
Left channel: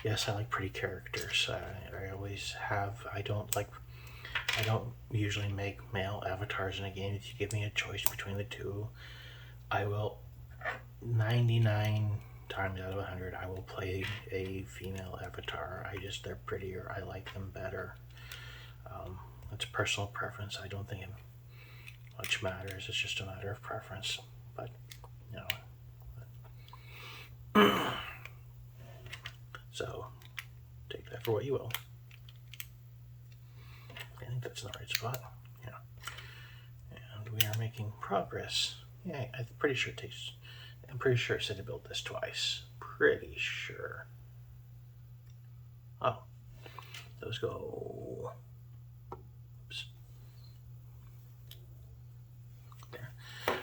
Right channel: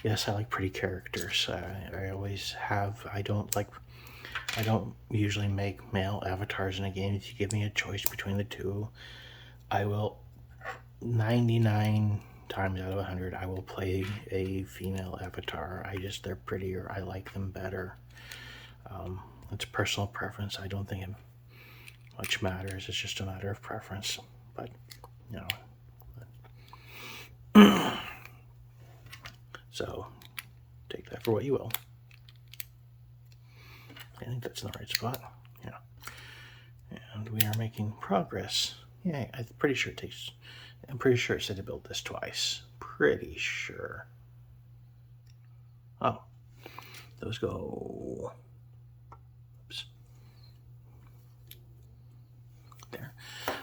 Yes, I like pretty characters. I always have. I don't usually make male avatars in a game. If you give me a choice between the two, I will 99 times out of 100 I will play a female avatar. They're prettier. I like them better. It's personal preference. I don't think it much matters. It's just a matter of preference. But so take that for what you will. I think that's in the right spot. Yeah. making progress. Yay, I'm pretty sure it said to build this twice. Pretty sure. Oh, those go. Oops. There.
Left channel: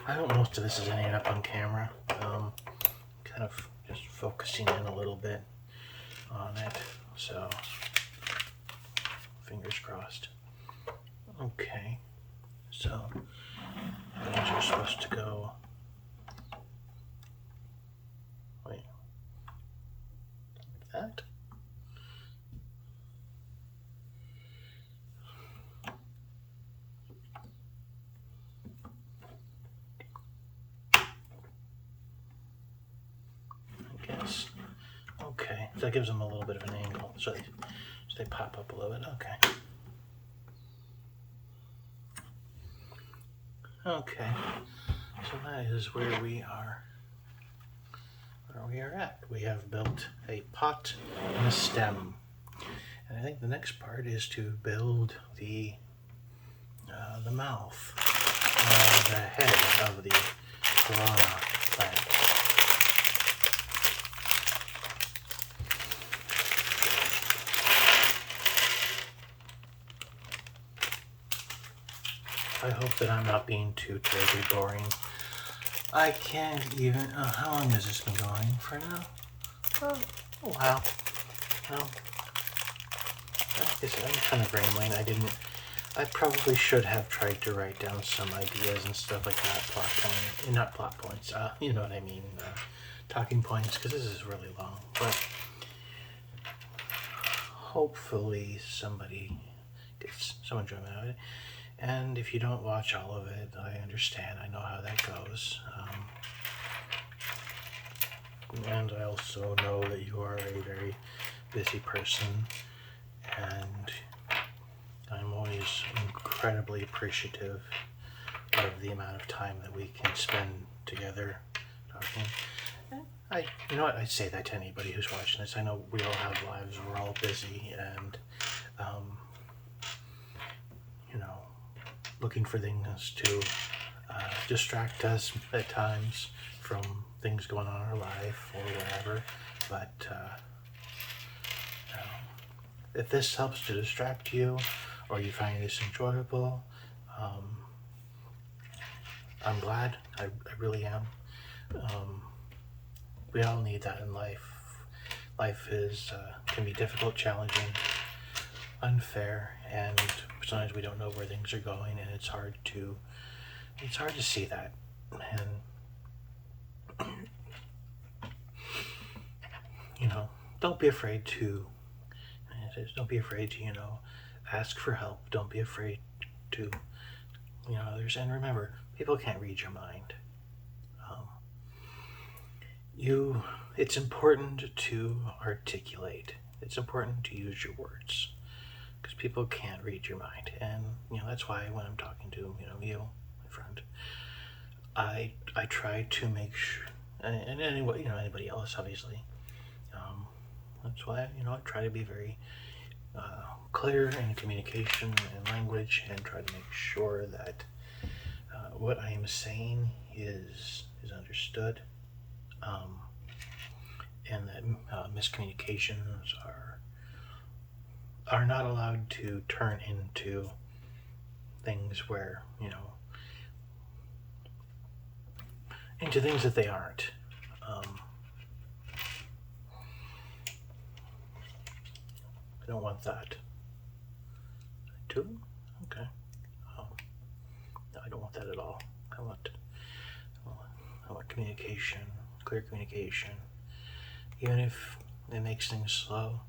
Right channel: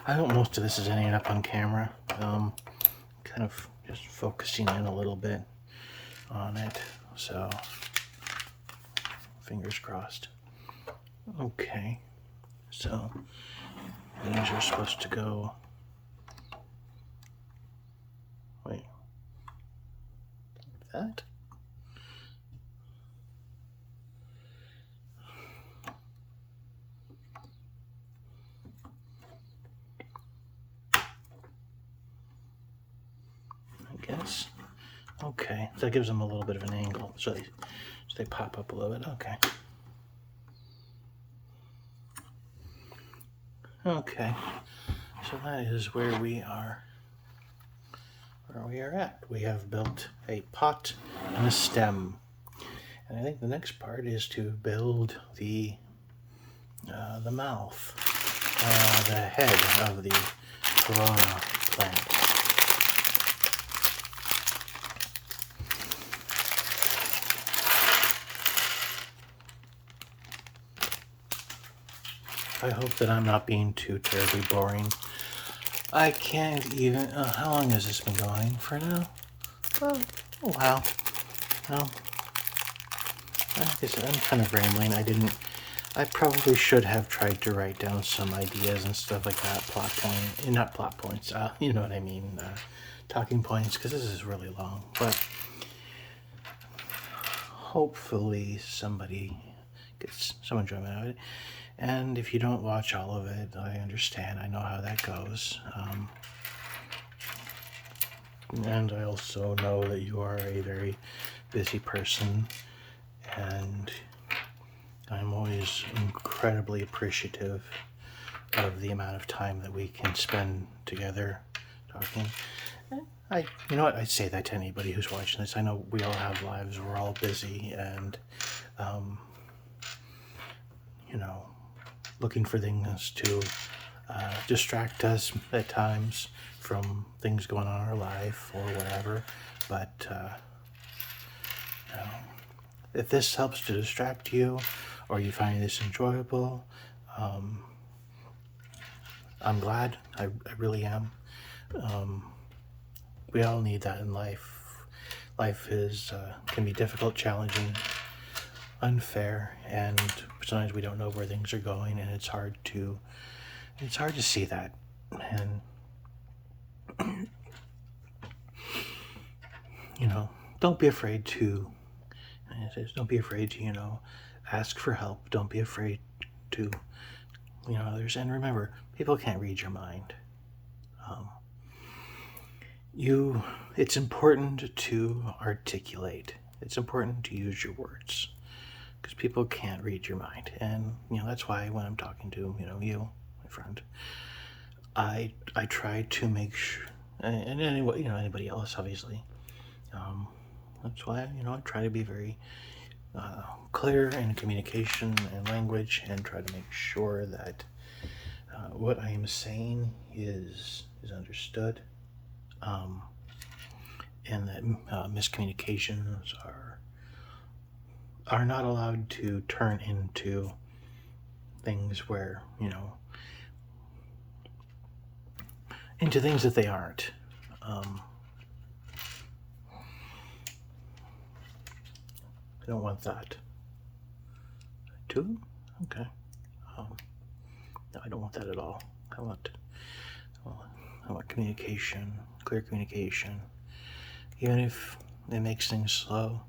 I hope most of this is ending up on camera. Kind of just focusing in a little bit on it. So, fingers crossed. Okay. So, these are supposed to go. Wait. That? I guess. Okay. That gives them a little bit of an angle. So they pop up a little bit. Okay. Okay, so that is where we are at. We have built a pot and a stem. And I think the next part is to build the mouth and the head of the piranha plant. I hope that I'm not being too terribly boring. I can't even. How long has this been going for now? Oh, wow. Well, I guess I'm kind of rambling. I probably should have tried to write down some ideas and stuff like that. Not plot points. You know what I mean. Talking points, because this is really long. But hopefully somebody gets some enjoyment out of it. And if you don't watch all of it, I understand. I know how that goes. And I also know that you are a very busy person, and I'm always incredibly appreciative of the amount of time that we can spend together talking. You know what? I say that to anybody who's watching this. I know we all have lives. We're all busy, and looking for things to distract us at times from things going on in our life or whatever. But if this helps to distract you, or you find this enjoyable, I'm glad. I really am. We all need that in life. Life can be difficult, challenging, unfair, and sometimes we don't know where things are going, and it's hard to see that. And don't be afraid to ask for help. Don't be afraid to others. And remember, people can't read your mind. It's important to articulate. It's important to use your words, because people can't read your mind. And that's why when I'm talking to you, my friend, I try to make sure, and anybody else, obviously. That's why I try to be very clear in communication and language, and try to make sure that what I am saying is understood, and that miscommunications are not allowed to turn into things where into things that they aren't. I don't want that. Too? Okay. No, I don't want that at all. I want communication, clear communication, even if it makes things slow.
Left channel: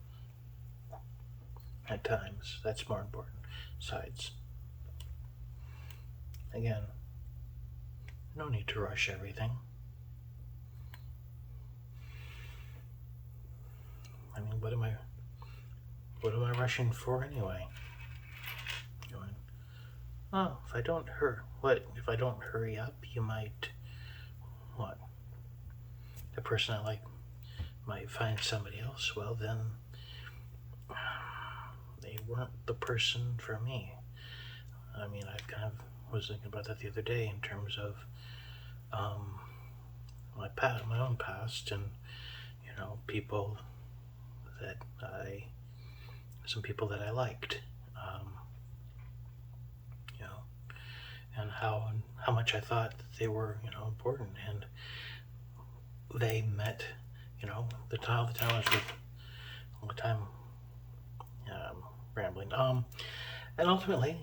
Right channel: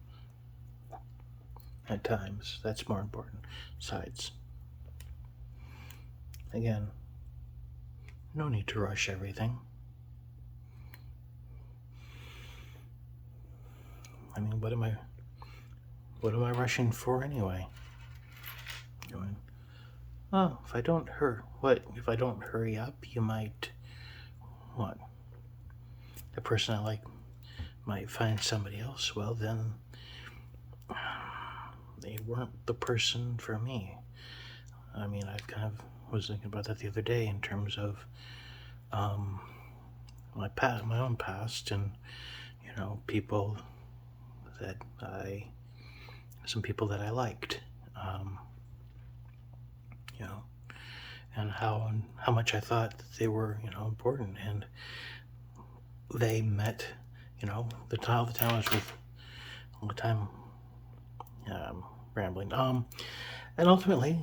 At times, that's more important. Besides, again, no need to rush everything. I mean, what am I rushing for anyway? If I don't hurry up, you might, what? The person I like might find somebody else. Well, then they weren't the person for me. I mean, I've kind of was thinking about that the other day in terms of um, my own past, and people that I, some people that I liked, um, you know, and how much I thought that they were important, and they met, the talents with all the time, rambling, and ultimately,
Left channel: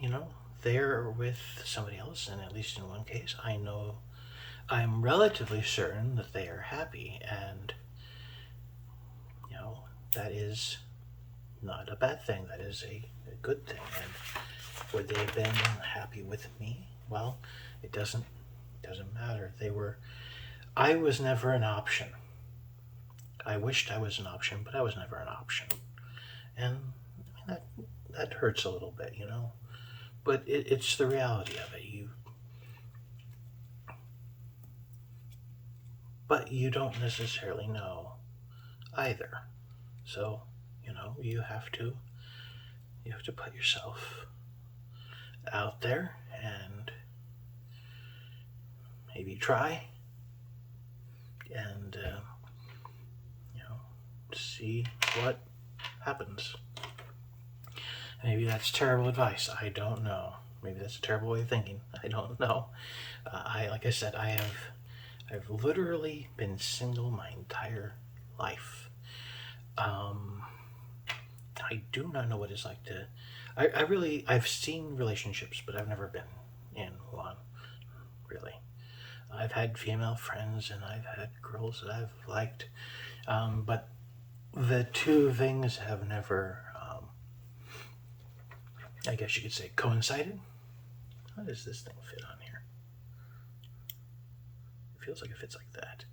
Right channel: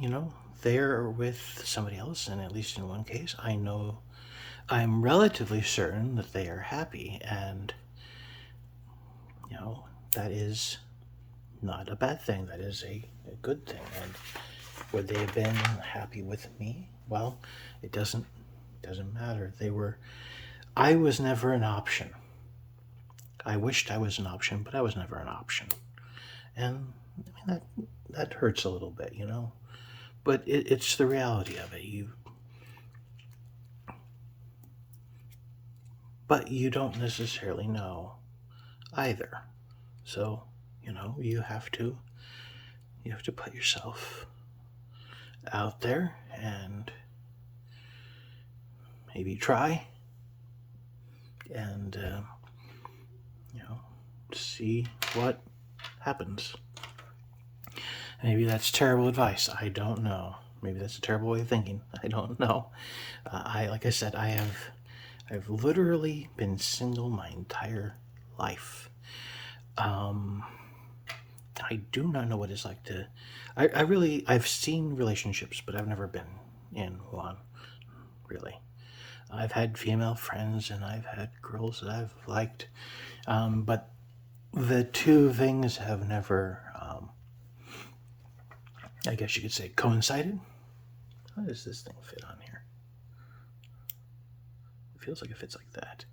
they're with somebody else, and at least in one case, I'm relatively certain that they are happy, and you know that is not a bad thing. That is a good thing. And would they have been happy with me? Well, it doesn't matter. I was never an option. I wished I was an option, but I was never an option. And I mean that hurts a little bit, But it's the reality of it. But you don't necessarily know either. So, you have to put yourself out there and maybe try and see what happens. Maybe that's terrible advice. I don't know. Maybe that's a terrible way of thinking. I don't know. Like I said, I've literally been single my entire life. I do not know what it's like to. I've seen relationships, but I've never been in one. Really, I've had female friends and I've had girls that I've liked, but the two things have never, I guess you could say, coincided. How does this thing fit on here? It feels like it fits like that.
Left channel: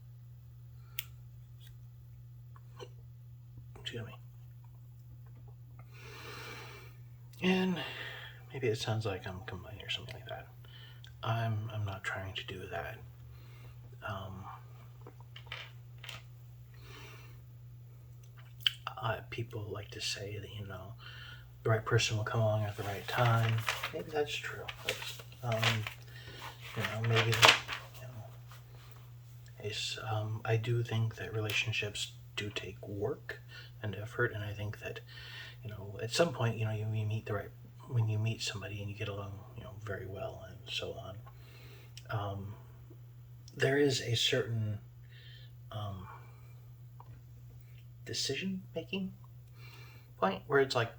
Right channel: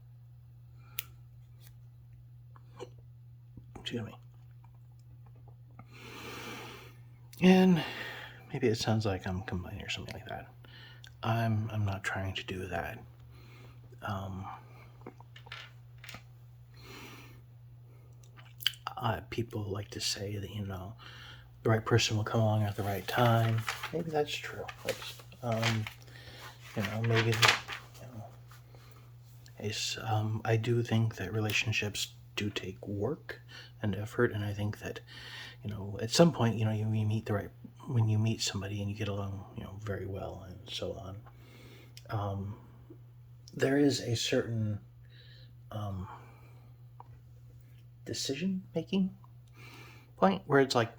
Excuse me. And maybe it sounds like I'm complaining or something like that. I'm not trying to do that. People like to say that the right person will come along at the right time. Maybe that's true. Maybe I do think that relationships do take work and effort, and I think that at some point you meet when you meet somebody and you get along very well and so on. There is a certain decision making point where it's like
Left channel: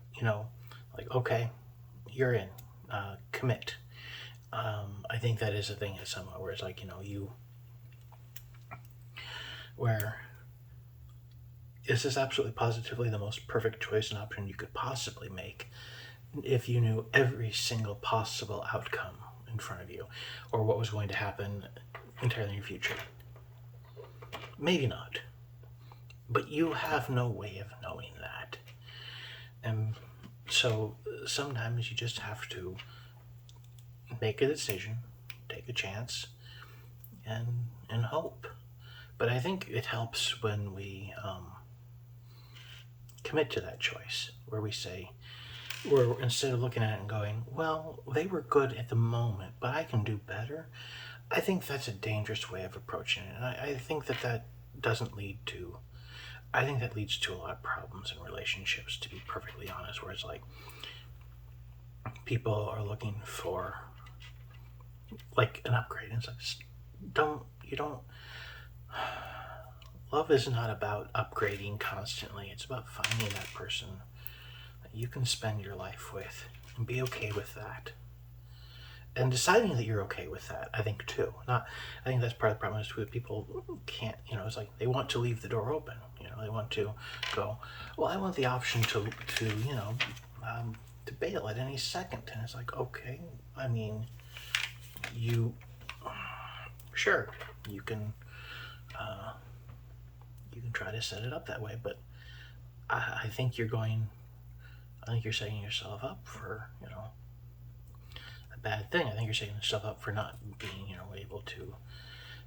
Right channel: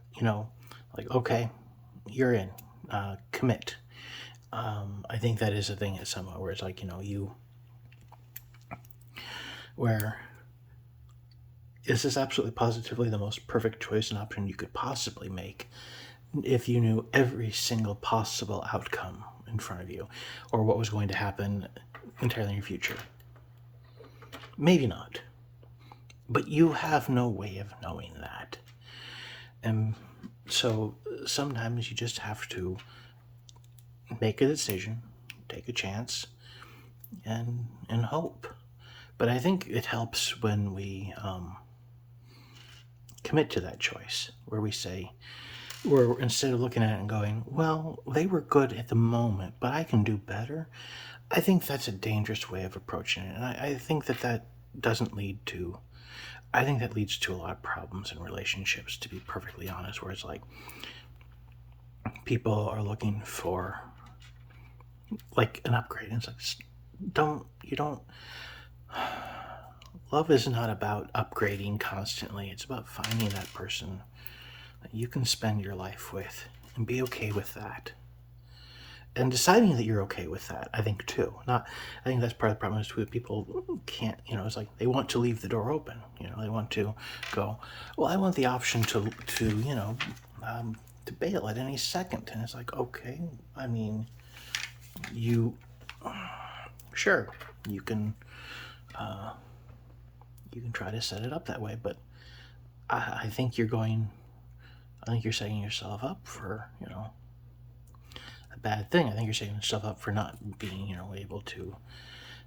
okay, you're in, commit. I think that is a thing at some point where it's like where this is absolutely positively the most perfect choice and option you could possibly make if you knew every single possible outcome in front of you or what was going to happen entirely in your future. Maybe not, but you have no way of knowing that. And so sometimes you just have to make a decision, take a chance, and hope. But I think it helps when we commit to that choice, where we say, where instead of looking at it and going, well, they were good at the moment, but I can do better. I think that's a dangerous way of approaching it. And I think that doesn't lead to, I think that leads to a lot of problems in relationships, to be perfectly honest, where it's like people are looking for like an upgrade. And it's like, love is not about upgrading constantly. It's about finding that person that you can spend your life with and be okay with that. And deciding that you're okay with that, I think too. I think that's part of the problem is too, that people can't, it's like they want to leave the door open. They want to go, well, I want the option to bail at any second. And it's like, okay, I mean, sure, you can try to set it up that way, but I think you're setting yourself up for, a bad thing. I think you're setting yourself up for not being, able to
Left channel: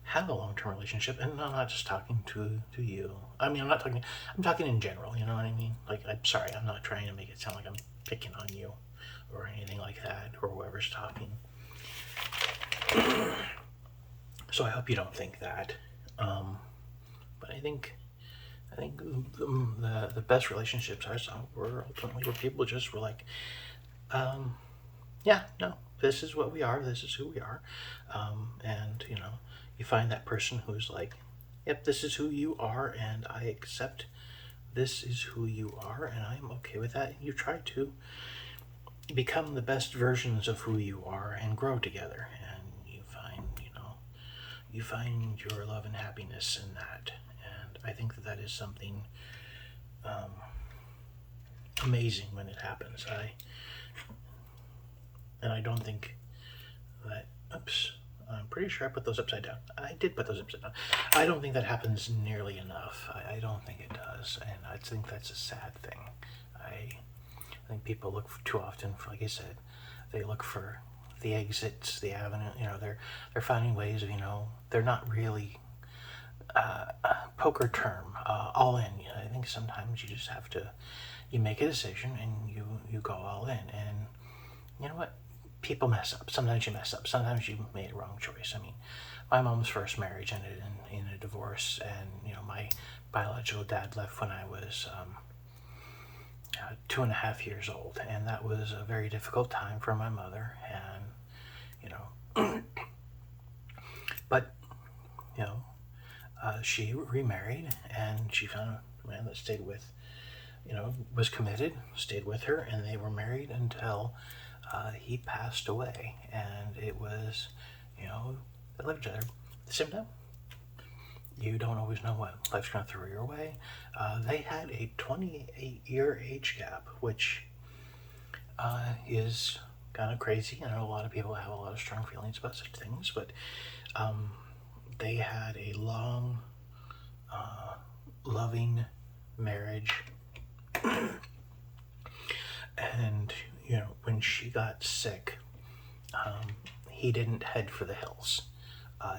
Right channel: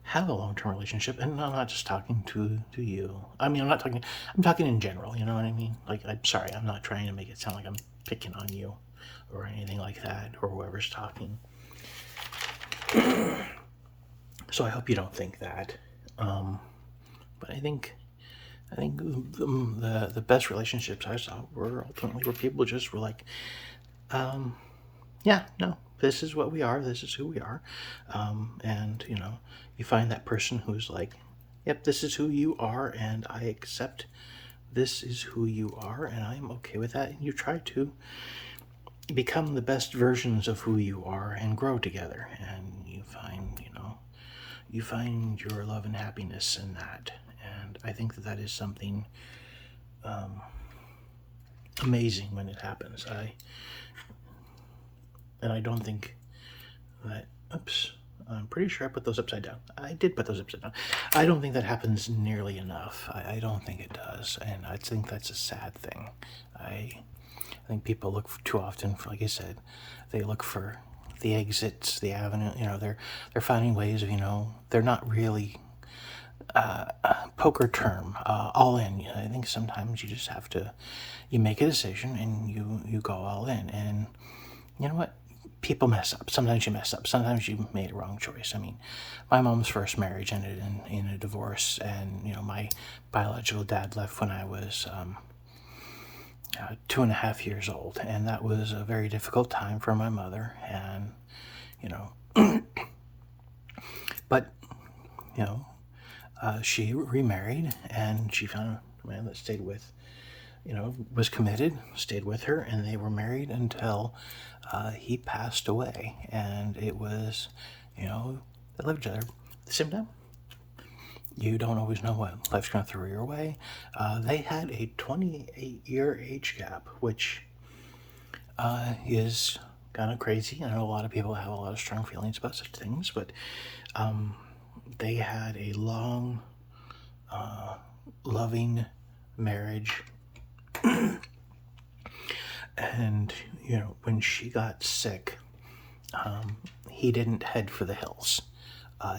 have a long-term relationship. And I'm not just talking to you. I mean, I'm talking in general, you know what I mean? Like, I'm sorry, I'm not trying to make it sound like I'm picking on you or anything like that, or whoever's talking. So I hope you don't think that. But I think the best relationships I saw were ultimately where people just were like, um, yeah, no, this is what we are, this is who we are, and you find that person who's like, yep, this is who you are, and I accept this is who you are, and I'm okay with that. And you try to become the best versions of who you are and grow together, and you find your love and happiness in that. And I think that that is something um, amazing when it happens. I don't think that. Oops. I'm pretty sure I put those upside down. I did put those upside down. I don't think that happens nearly enough. I don't think it does, and I think that's a sad thing. I think people look for, too often for, like I said, they look for the exits, the avenue. They're finding ways of, they're not really poker term all in. I think sometimes you just have to, you make a decision and you go all in. And you know what? People mess up. Sometimes you mess up. Sometimes you made a wrong choice. I mean, my mom's first marriage ended in a divorce, and my biological dad left when I was 2.5 years old, and that was a very difficult time for my mother. And but she remarried, and she found a man that stayed with, was committed, stayed with her, and they were married until he passed away. And it was, they lived together at the same time. You don't always know what life's going to throw your way. They had a 28-year age gap, which is kind of crazy. I know a lot of people have a lot of strong feelings about such things, but they had a long, loving marriage. And when she got sick, he didn't head for the hills.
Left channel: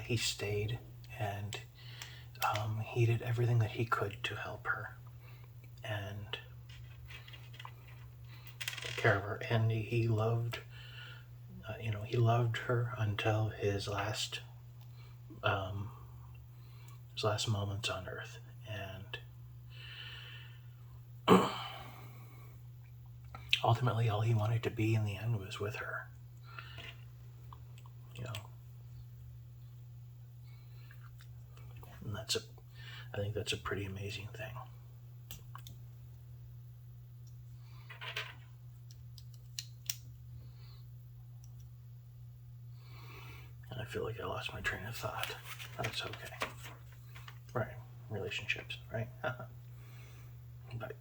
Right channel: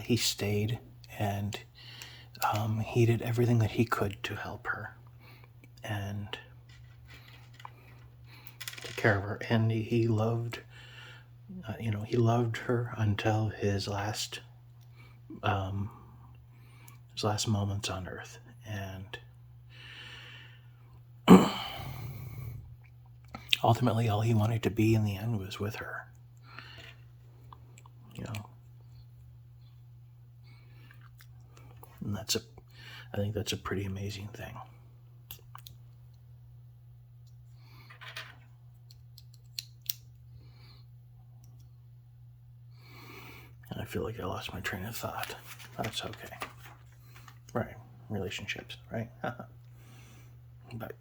He stayed, and he did everything that he could to help her and take care of her. And he loved, he loved her until his last moments on earth. And ultimately, all he wanted to be in the end was with her. And I think that's a pretty amazing thing. And I feel like I lost my train of thought. That's okay. Right. Relationships, right? But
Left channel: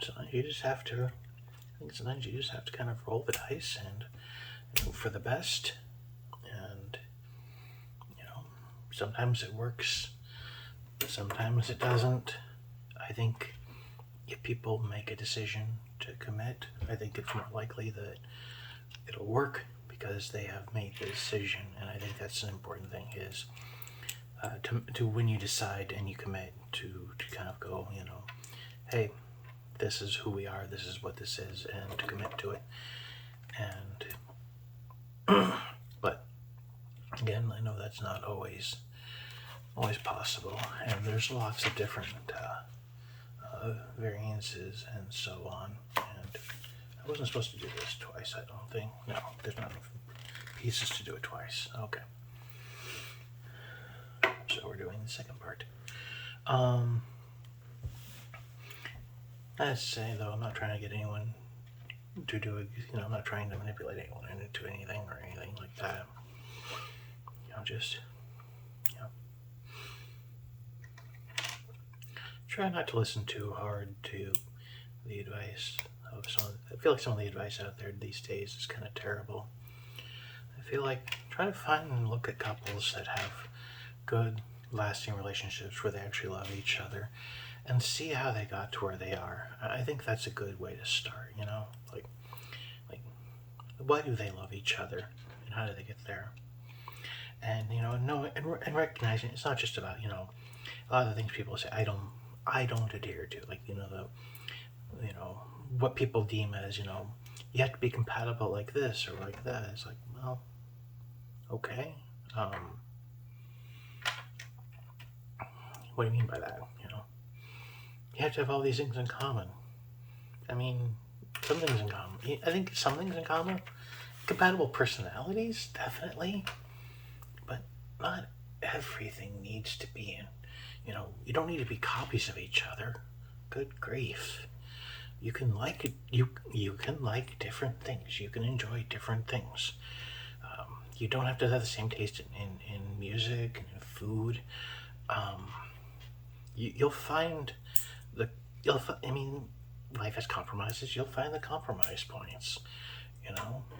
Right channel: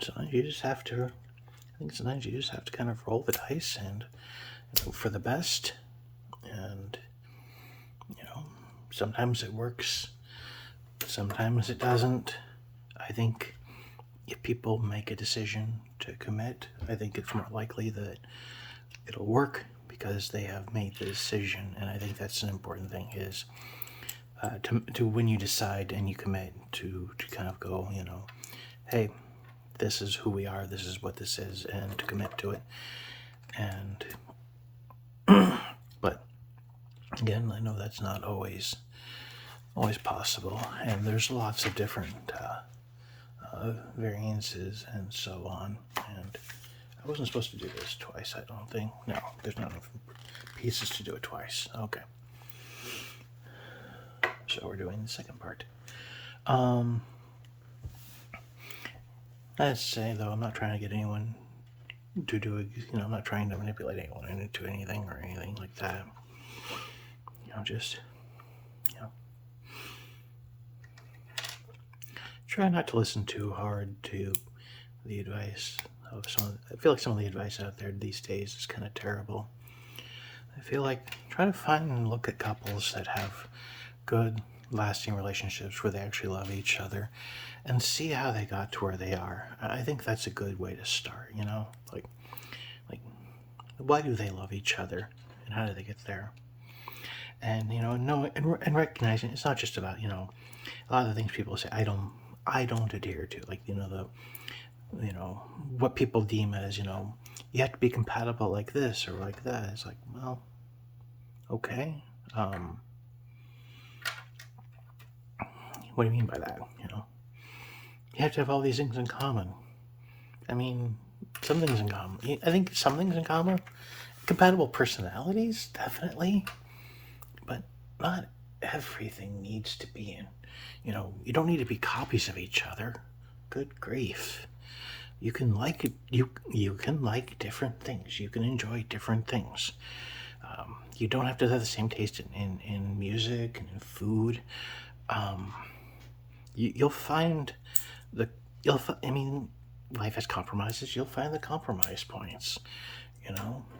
sometimes you just have to. I think sometimes you just have to kind of roll the dice and hope for the best. And sometimes it works, sometimes it doesn't. I think if people make a decision to commit, I think it's more likely that it'll work because they have made the decision. And I think that's an important thing, is to when you decide and you commit, to kind of go, hey, this is who we are, this is what this is, and to commit to it. And but again, I know that's not always possible, and there's lots of different variances and so on. And I wasn't supposed to do this twice, I don't think. No, there's not enough pieces to do it twice. Okay. So we're doing the second part. I'd say, though, I'm not trying to get anyone to do it. I'm not trying to manipulate anyone into anything or anything like that. Just try not to listen too hard to the advice of some. I feel like some of the advice out there these days is kind of terrible. I feel like try to find and look at couples that have good, lasting relationships where they actually love each other, and see how they got to where they are. I think that's a good way to start. Like why do they love each other, and how do they get there? And and recognizing it's not just about a lot of the things people say I don't adhere to, like what people deem as you have to be compatible like this or like that. It's like, well, okay. What do you mean by that? You have to have all these things in common. I mean, some things in common. I think some things in common. Compatible personalities, definitely, but not everything needs to be in. You don't need to be copies of each other. Good grief. You can like you can like different things. You can enjoy different things. You don't have to have the same taste in music and in food. You'll find the I mean, life has compromises. You'll find the compromise points.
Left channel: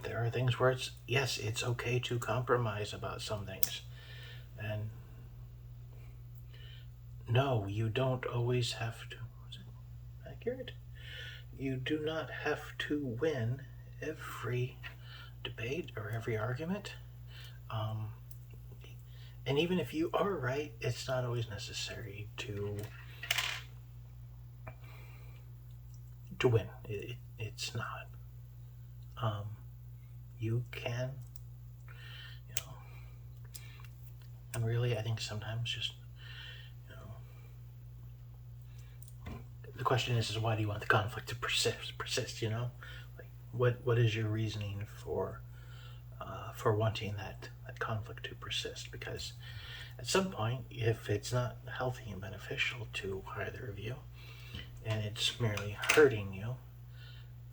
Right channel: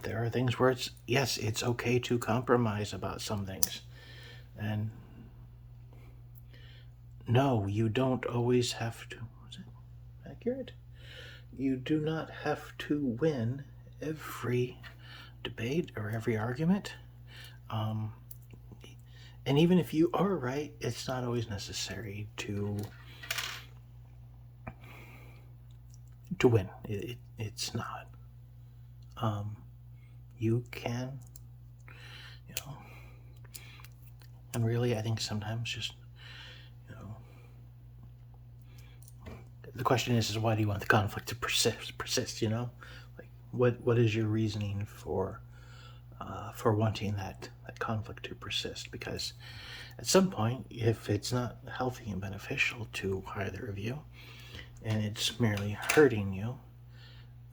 There are things where it's okay to compromise about some things, and no, you don't always have to. Was it accurate? You do not have to win every debate or every argument. Um, and even if you are right, it's not always necessary to win. It's not. You can, and really, I think sometimes just, the question is why do you want the conflict to persist? Like, what is your reasoning for wanting that conflict to persist? Because at some point, if it's not healthy and beneficial to either of you, and it's merely hurting you,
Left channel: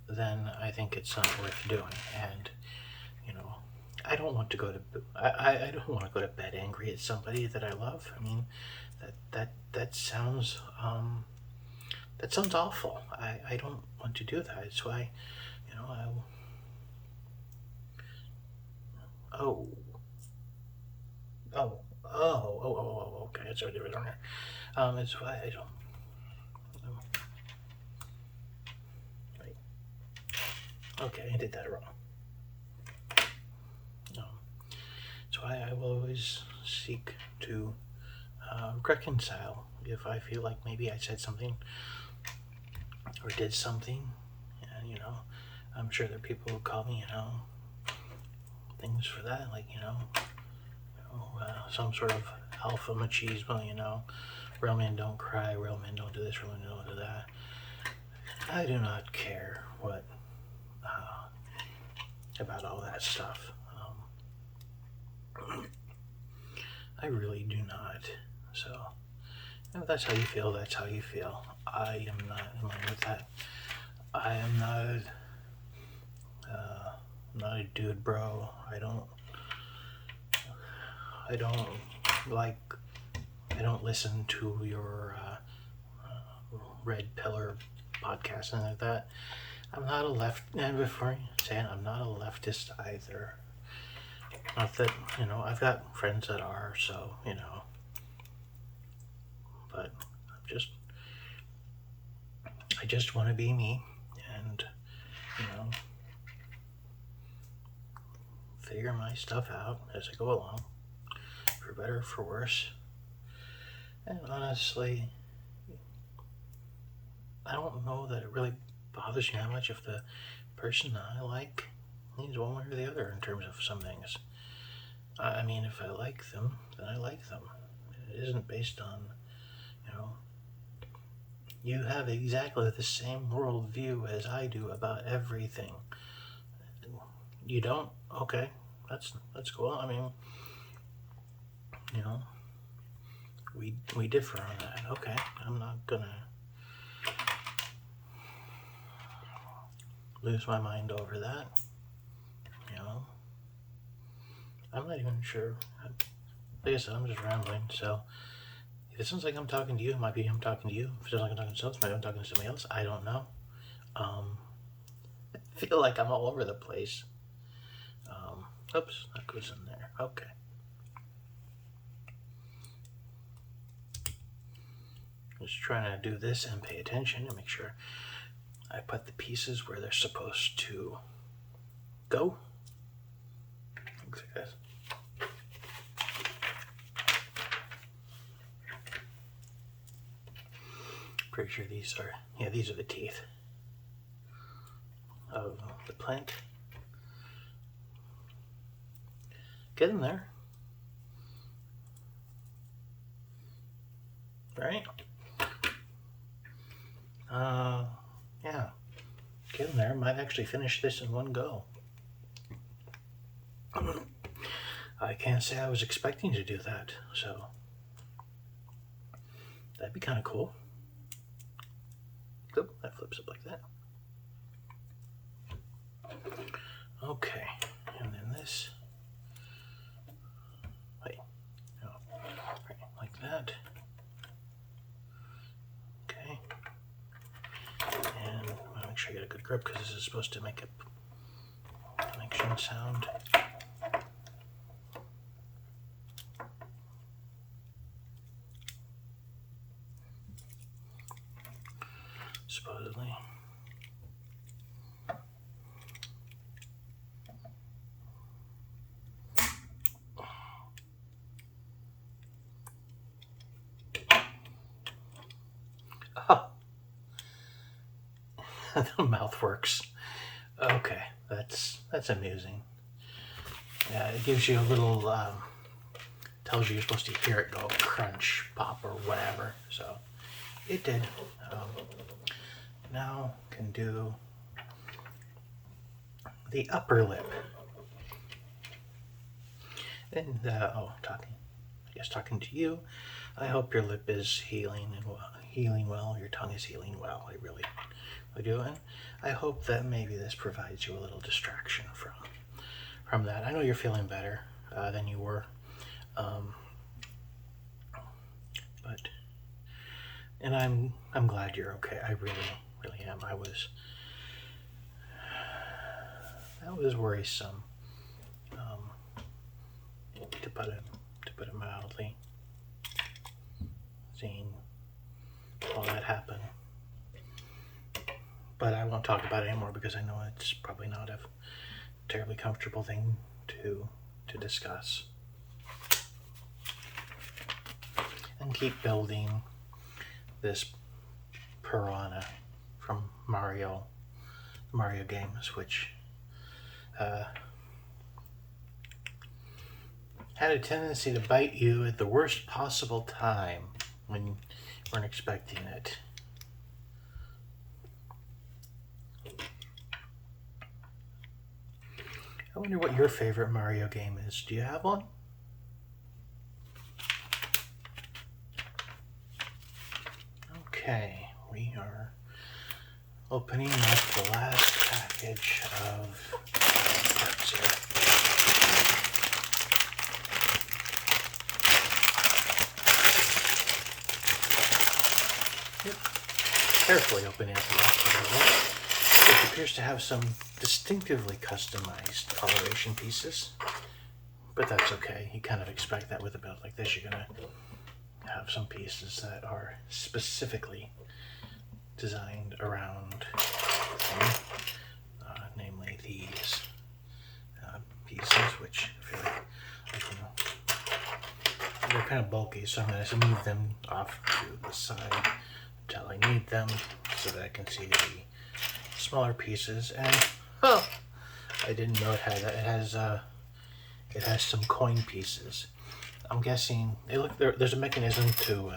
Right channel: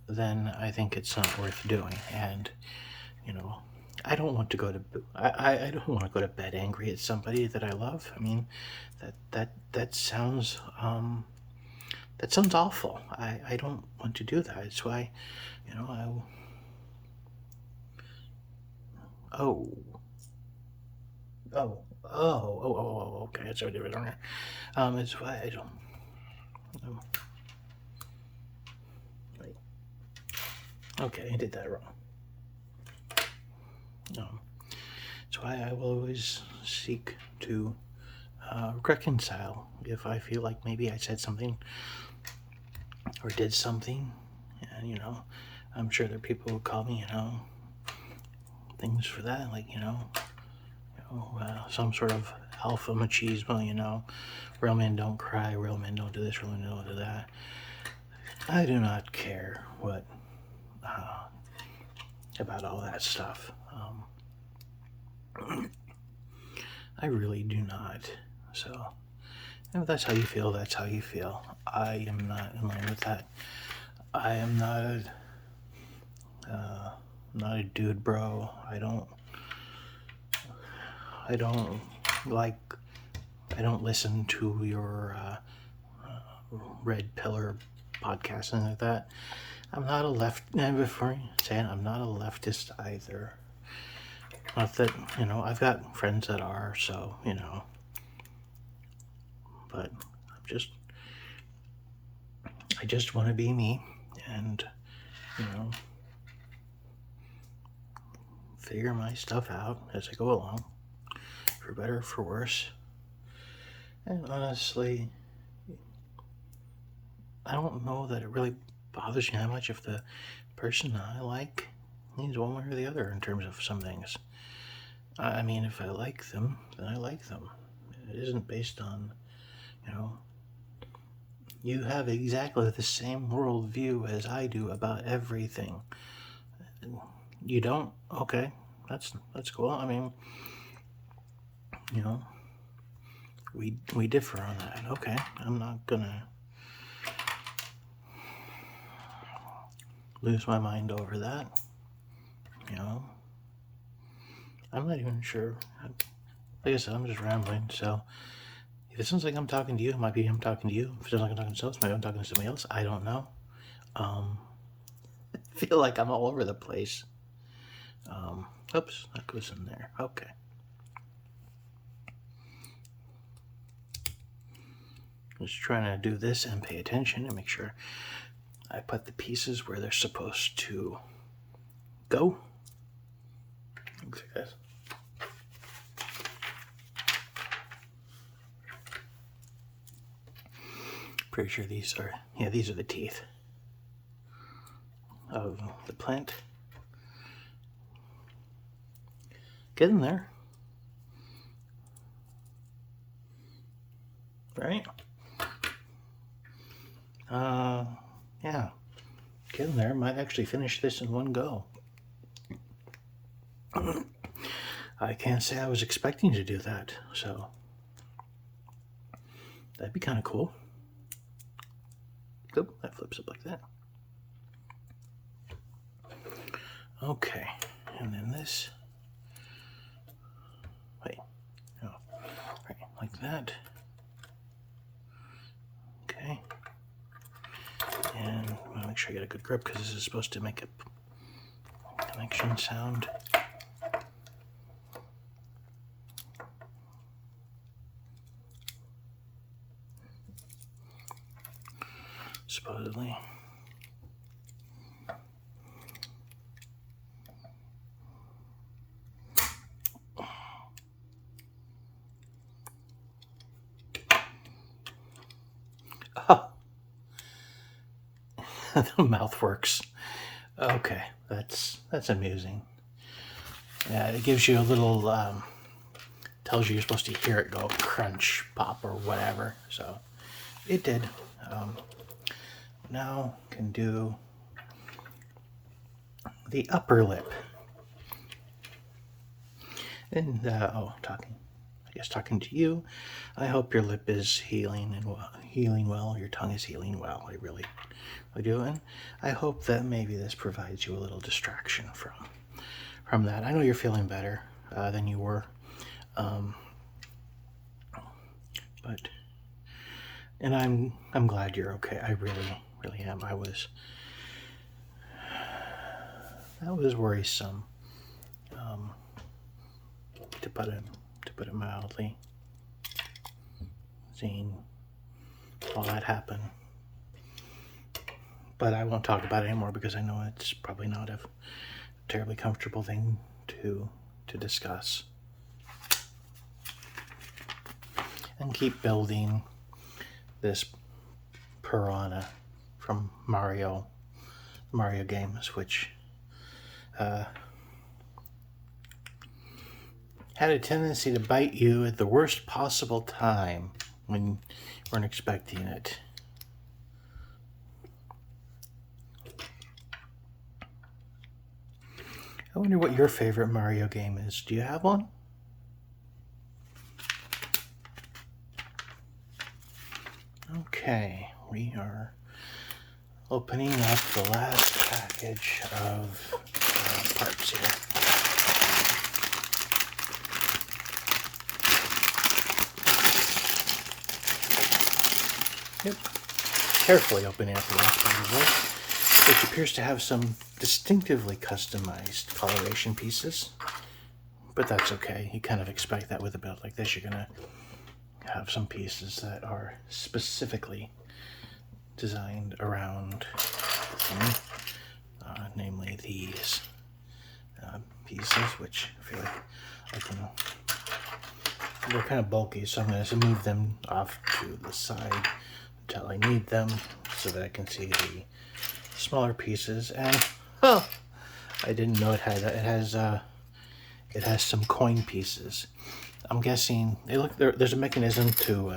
then I think it's not worth doing. And I don't want to go to I don't want to go to bed angry at somebody that I love. I mean, that sounds awful. I don't want to do that. It's why, oh, oh, okay, it's already written there. It's why I don't. Okay, I did that wrong. That's why I will always seek to reconcile if I feel like maybe I said something or did something, and I'm sure there are people who call me, things for that, like some sort of alpha machismo, real men don't cry, real men don't do this, real men don't do that. I do not care what about all that stuff. I really do not. So if that's how you feel, that's how you feel. I am not in line with that. I am not a dude, bro. I don't listen to your red pillar podcast and like that. I'm not a left. And before you say it, I'm not a leftist either. Not that I've got friends that are. So but I just want to be me, and figure my stuff out as I go along, for better or for worse. And honestly, I don't know that it really bothers me how much if the person I like needs one way or the other in terms of some things. I mean, if I like them, then I like them. It isn't based on, you have exactly the same worldview as I do about everything. You don't? Okay, that's cool. I mean, we differ on that. Okay, I'm not gonna lose my mind over that. I'm not even sure. Like I said, I'm just rambling. So if it sounds like I'm talking to you, it might be I'm talking to you. If it sounds like I'm talking to someone else, maybe I'm talking to somebody else. I don't know. I feel like I'm all over the place. Oops, that goes in there. Okay. Just trying to do this and pay attention and make sure I put the pieces where they're supposed to go. Thanks, guys. Pretty sure these are the teeth. of the plant. Get in there. Right? Yeah. Get in there. Might actually finish this in one go. I can't say I was expecting to do that, so that'd be kind of cool. Oh, that flips up like that. Okay, and then this. Wait, no, right, like that. Okay, and I'll make sure I get a good grip because this is supposed to make a connection sound. Supposedly. Oh, the mouth works. Okay, that's amusing. Yeah, it gives you a little, tells you you're supposed to hear it go crunch, pop, or whatever. So it did. Now can do the upper lip. And talking to you. I hope your lip is healing well. Your tongue is healing well. I really do, and I hope that maybe this provides you a little distraction from that. I know you're feeling better than you were, and I'm glad you're okay. I really am. That was worrisome, to put it mildly. Seeing all that happen, but I won't talk about it anymore because I know it's probably not a terribly comfortable thing to discuss. And keep building this Piranha from Mario games, which had a tendency to bite you at the worst possible time when you weren't expecting it. I wonder what your favorite Mario game is. Do you have one? Okay, we are opening up the last package of parts here. Yep, carefully opening up the last package, which appears to have some distinctively customized coloration pieces, but that's okay. You kind of expect that with a build like this. You're gonna have some pieces that are specifically designed around namely these pieces, which I feel like they're kind of bulky, so I'm going to move them off to the side until I need them so that I can see the smaller pieces. And oh, I didn't know it had that. It has some coin pieces. I'm guessing there's a mechanism to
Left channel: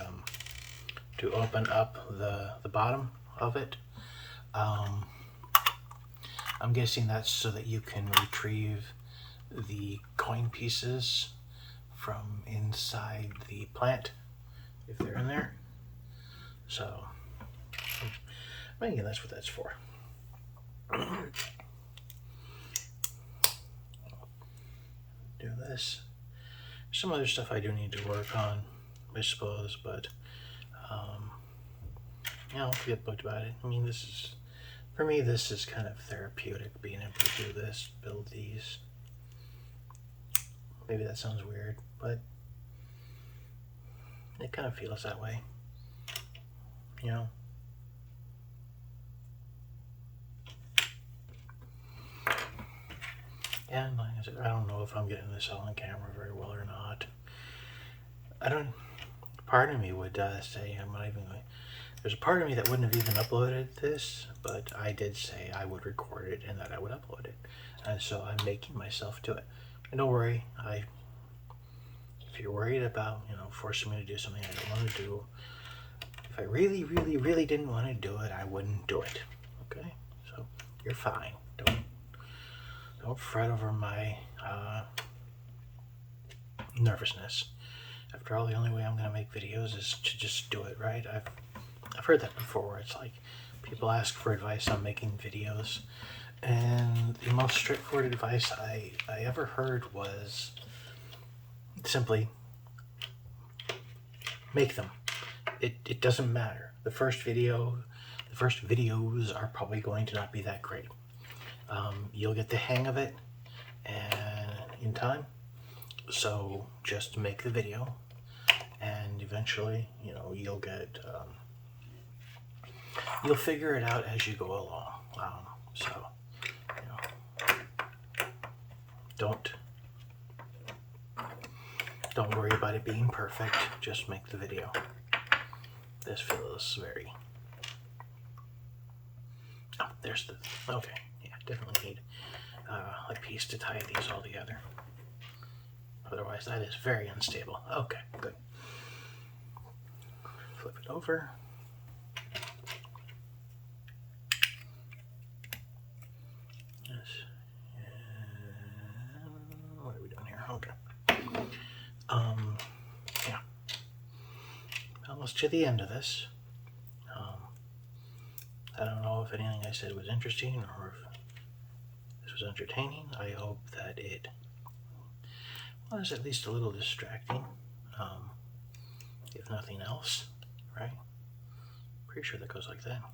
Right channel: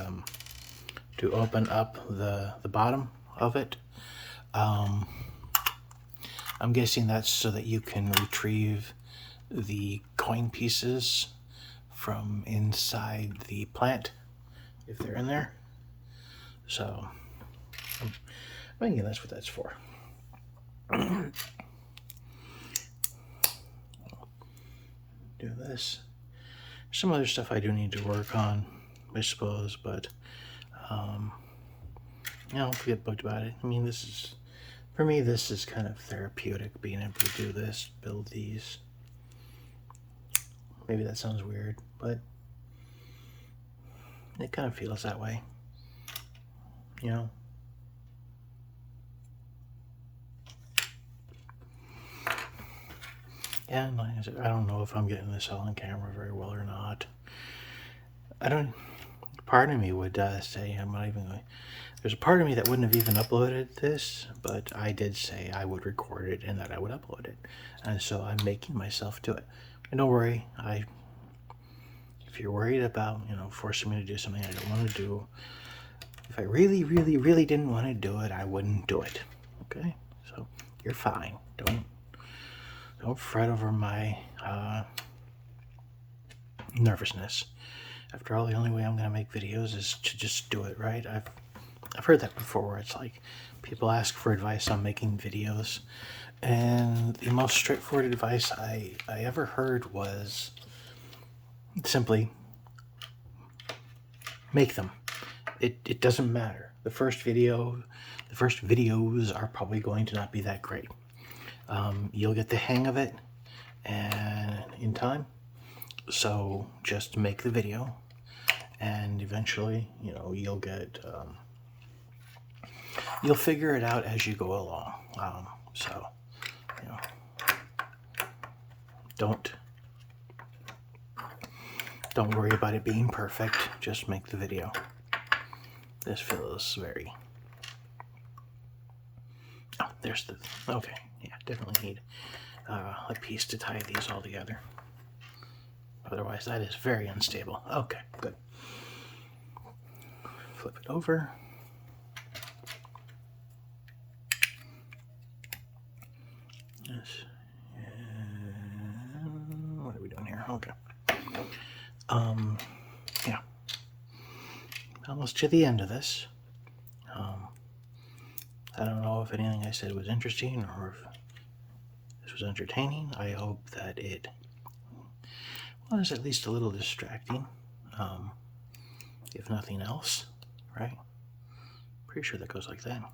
open up the bottom of it. I'm guessing that's so that you can retrieve the coin pieces from inside the plant if they're in there. So I'm thinking that's what that's for. Do this. Some other stuff I do need to work on, I suppose, but yeah, I don't get booked about it. I mean, for me, this is kind of therapeutic, being able to do this, build these. Maybe that sounds weird, but it kind of feels that way, you know? Yeah, like I said, I don't know if I'm getting this all on camera very well or not. Part of me would say I'm not even going. There's a part of me that wouldn't have even uploaded this, but I did say I would record it and that I would upload it. And so I'm making myself do it. And don't worry, if you're worried about, forcing me to do something I don't want to do, if I really, really, really didn't want to do it, I wouldn't do it. Okay? So you're fine. Don't fret over my nervousness. After all, the only way I'm going to make videos is to just do it, right? I've heard that before, where it's like people ask for advice on making videos, and the most straightforward advice I ever heard was simply make them. It doesn't matter. The first videos are probably going to not be that great. You'll get the hang of it and in time. So just make the video, and eventually, you'll get you'll figure it out as you go along. So don't worry about it being perfect. Just make the video. This feels very. Oh, there's the. Okay, yeah, definitely need a piece to tie these all together. Otherwise, that is very unstable. Okay, good. Flip it over. Yes. And what are we doing here? Okay. Yeah. Almost to the end of this. I don't know if anything I said was interesting or if this was entertaining. I hope that it was at least a little distracting, if nothing else, right? Pretty sure that goes like that.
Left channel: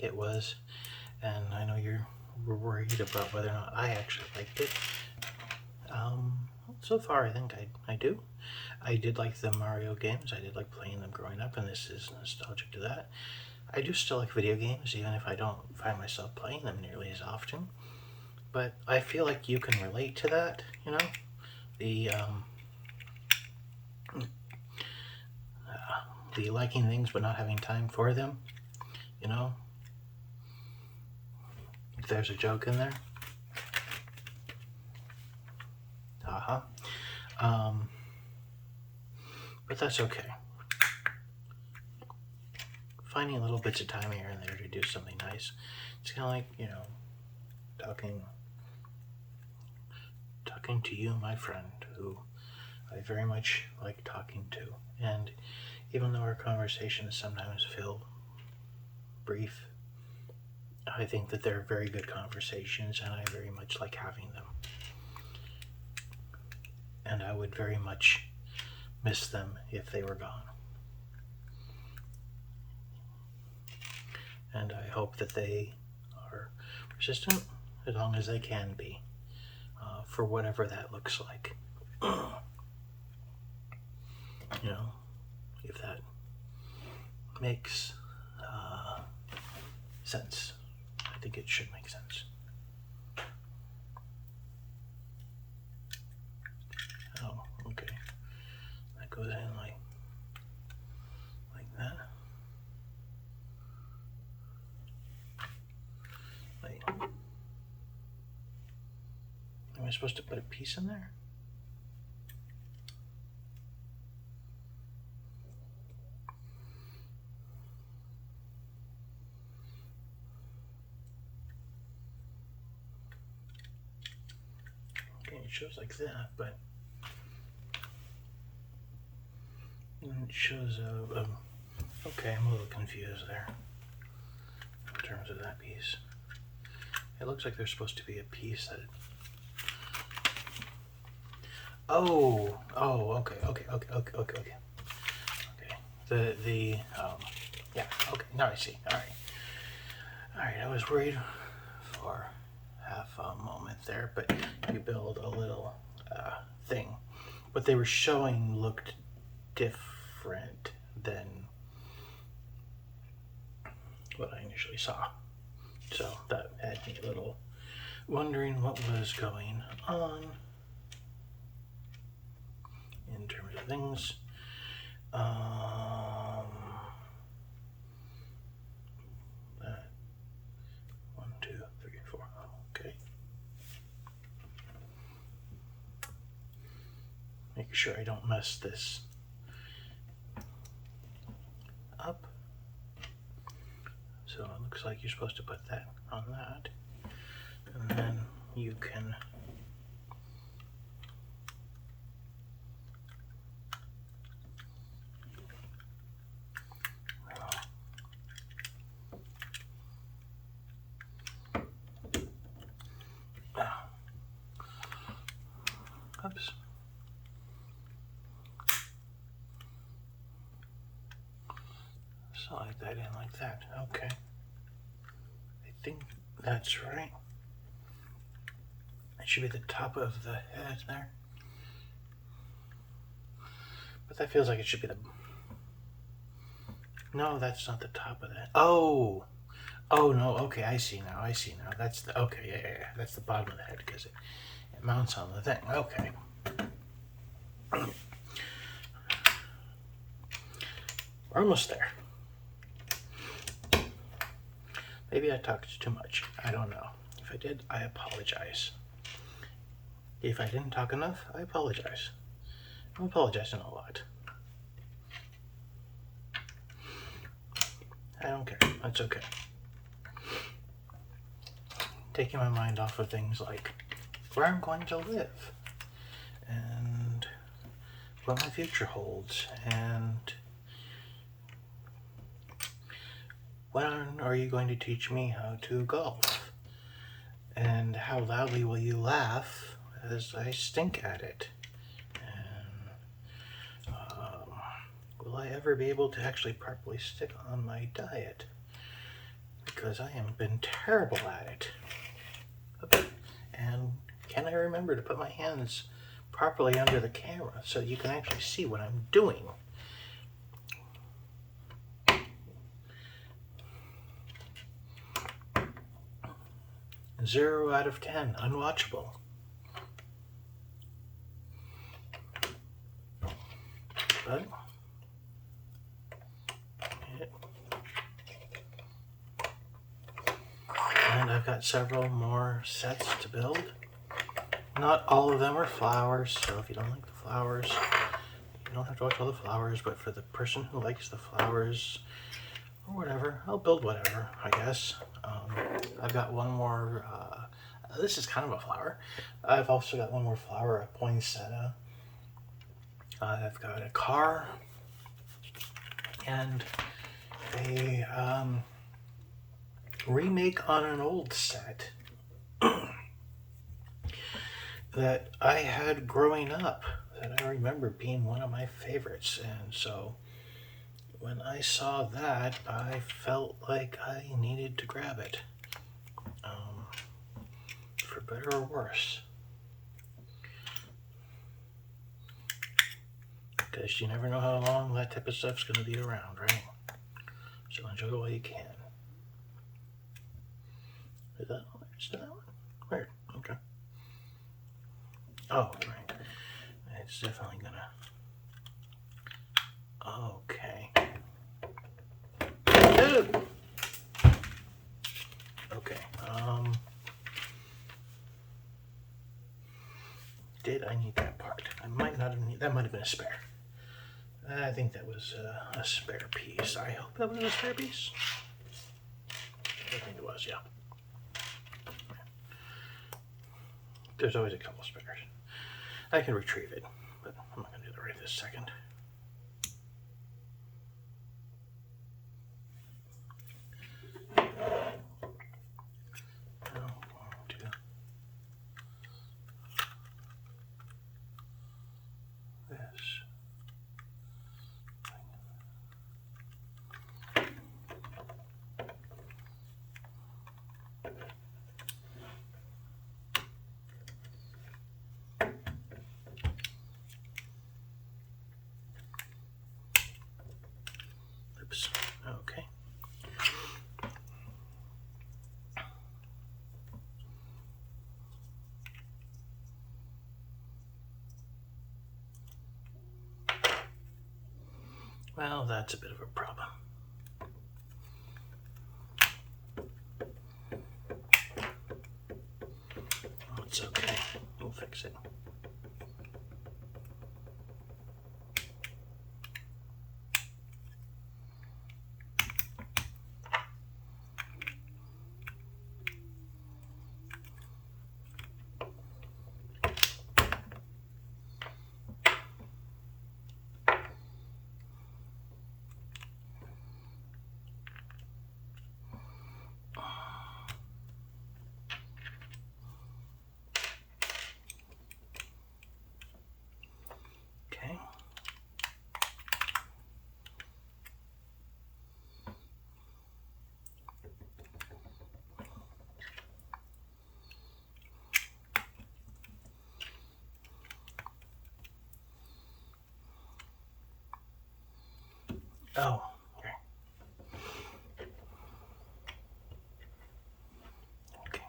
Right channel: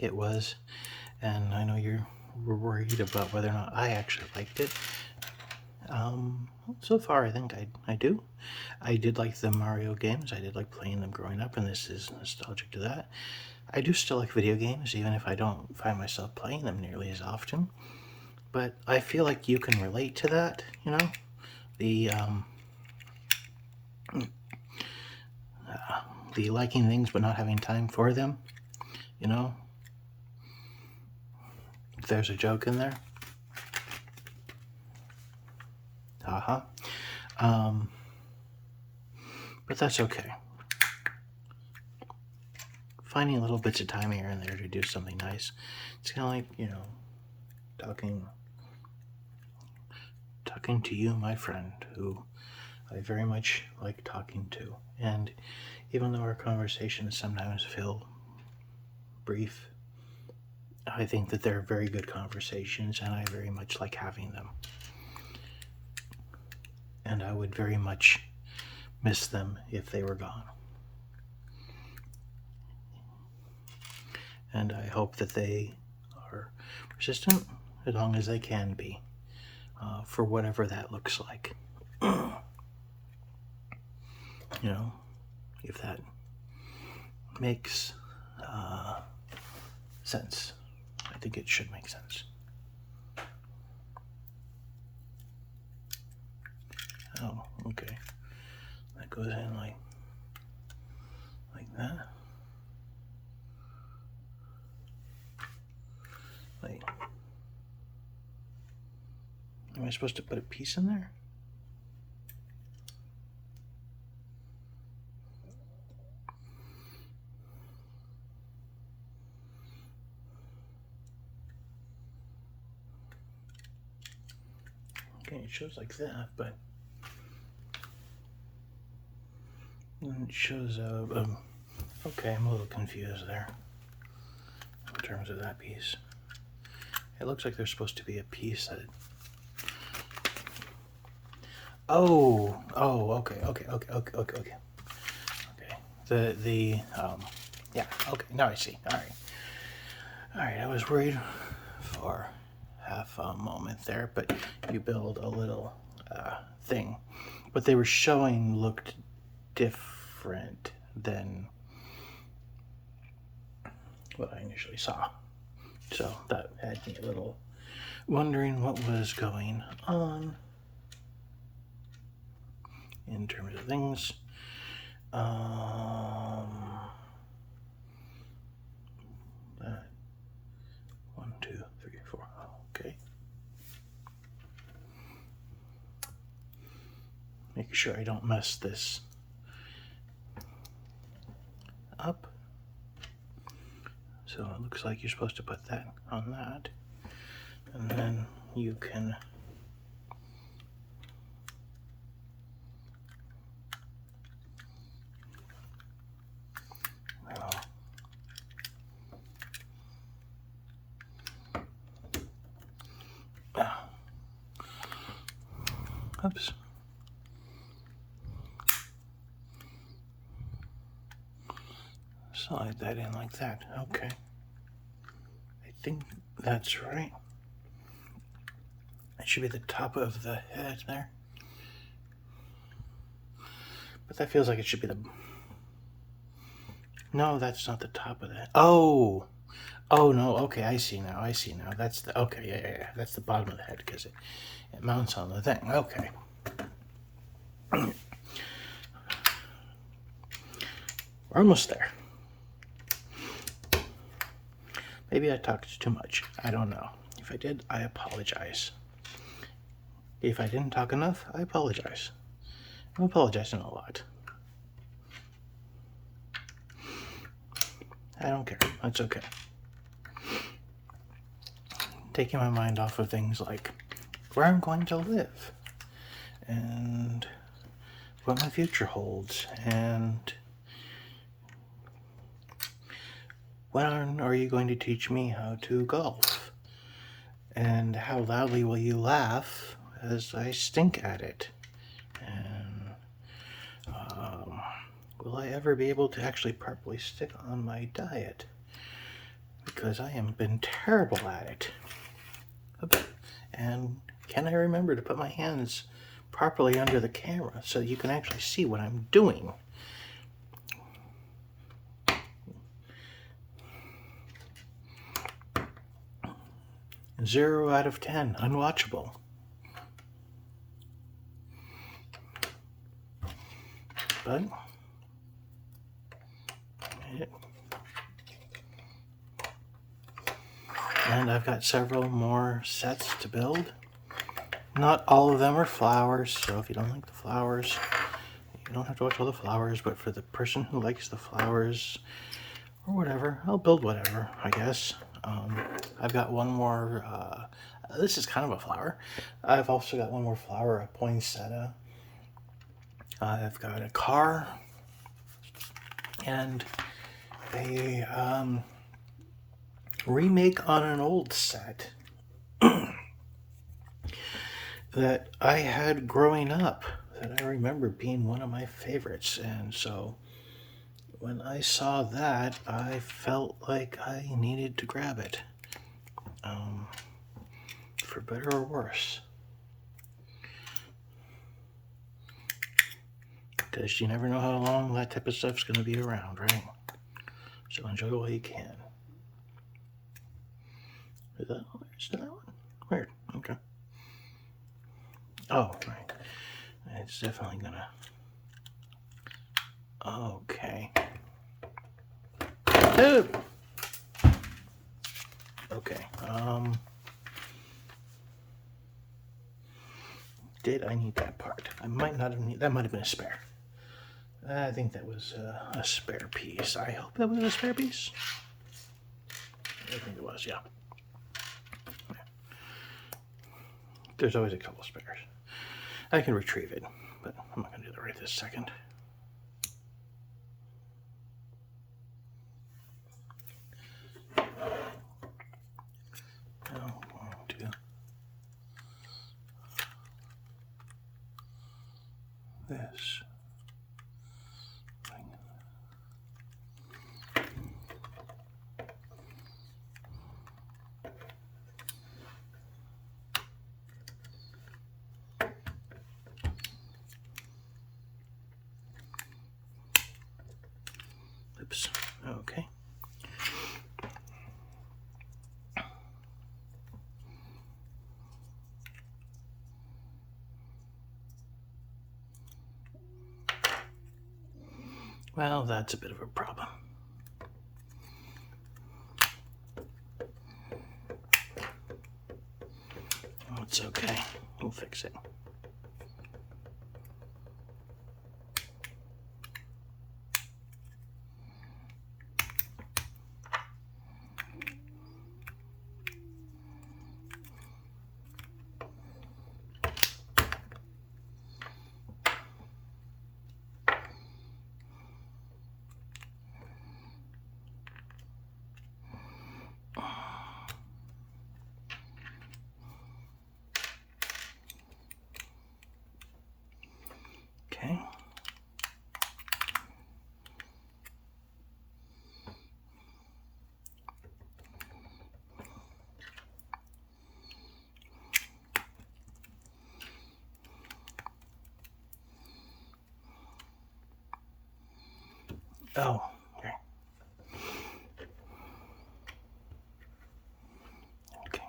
It was, and I know you're worried about whether or not I actually liked it. So far, I think I do. I did like the Mario games. I did like playing them growing up, and this is nostalgic to that. I do still like video games, even if I don't find myself playing them nearly as often. But I feel like you can relate to that, the liking things but not having time for them, If there's a joke in there. But that's okay. Finding little bits of time here and there to do something nice. It's kind of like, talking to you, my friend, who I very much like talking to. And even though our conversations sometimes feel brief, I think that they're very good conversations, and I very much like having them. And I would very much miss them if they were gone. And I hope that they are persistent as long as they can be, for whatever that looks like. If that makes sense. I think it should make sense. Oh, okay. That goes in like that. Wait. Am I supposed to put a piece in there? Okay, it shows like that, but it shows okay, I'm a little confused there in terms of that piece. It looks like there's supposed to be a piece that okay. Yeah, okay, now I see. All right, I was worried for half a moment there, but you build a little thing. What they were showing looked different than what I initially saw. So that had me a little wondering what was going on. in terms of things. That 1, 2, 3, 4. Okay. Making sure I don't mess this up. So it looks like you're supposed to put that on that, and then you can oops. Slide that in like that. Okay. I think that's right. It should be the top of the head there. But that feels like it should be the... No, that's not the top of that. Oh! Oh, no. Okay, I see now. I see now. That's the... Okay, yeah. That's the bottom of the head because it mounts on the thing. Okay. We're almost there. Maybe I talked too much. I don't know. If I did, I apologize. If I didn't talk enough, I apologize. I'm apologizing a lot. I don't care. That's okay. Taking my mind off of things like where I'm going to live and what my future holds and when are you going to teach me how to golf and how loudly will you laugh as I stink at it, and will I ever be able to actually properly stick on my diet, because I have been terrible at it. Oops. And can I remember to put my hands properly under the camera so you can actually see what I'm doing? Zero out of 10, unwatchable. But and I've got several more sets to build. Not all of them are flowers, so if you don't like the flowers, you don't have to watch all the flowers, but for the person who likes the flowers or whatever, I'll build whatever, I guess. I've got one more, this is kind of a flower. I've also got one more flower, a poinsettia. I've got a car and a remake on an old set that I had growing up that I remember being one of my favorites. And so when I saw that, I felt like I needed to grab it, for better or worse. Because you never know how long that type of stuff's going to be around, right? So enjoy while you can. Is that one? Weird. Okay. Oh, right. It's definitely gonna... Okay. Oh! Okay. Did I need that part? I might not have needed... That might have been a spare. I think that was a spare piece. I hope that was a spare piece. I think it was, yeah. There's always a couple spares. I can retrieve it, but I'm not going to do that right this second. This. Well, that's a bit of a problem. It's okay. We'll fix it. Okay. Oh, okay. Okay.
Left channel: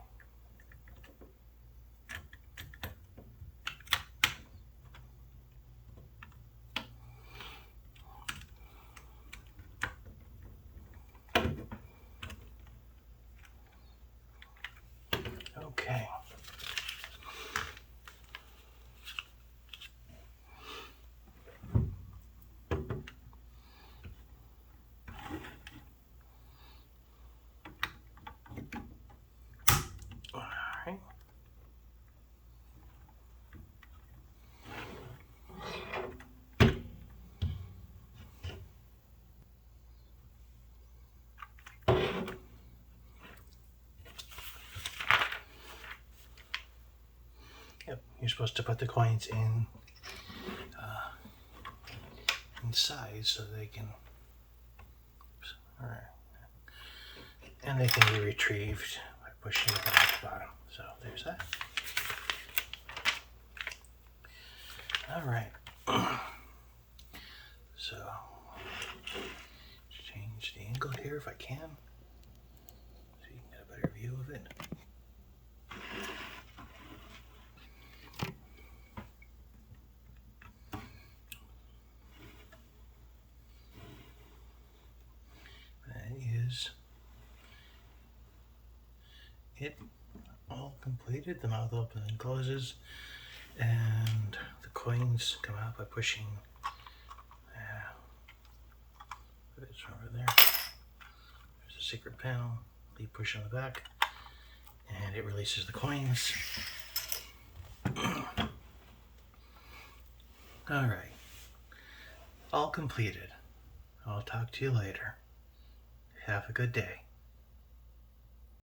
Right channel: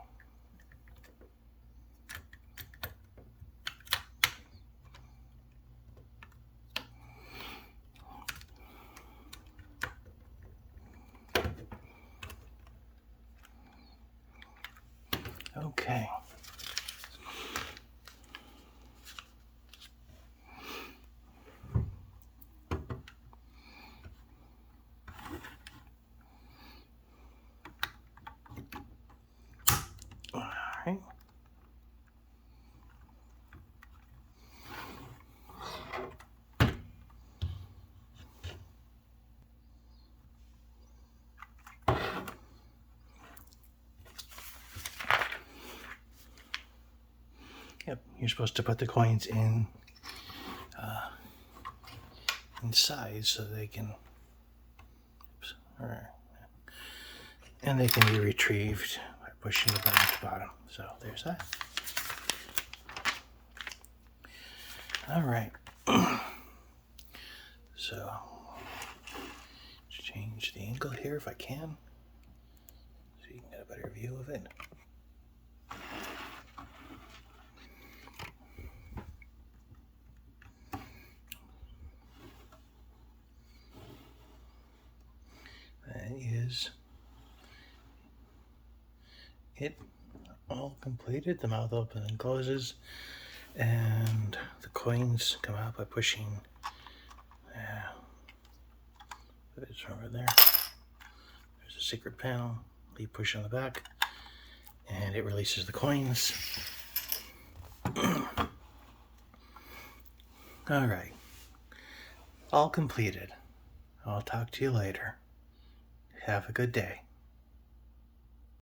Okay. All right. Yep, you're supposed to put the coins in size so they can, and they can be retrieved by pushing it down at the bottom. So there's that. All right. So change the angle here if I can, so you can get a better view of it. That is it, all completed. The mouth opens and closes, and the coins come out by pushing. It's over there. There's a secret panel. You push on the back, and it releases the coins. All right, all completed. I'll talk to you later. Have a good day.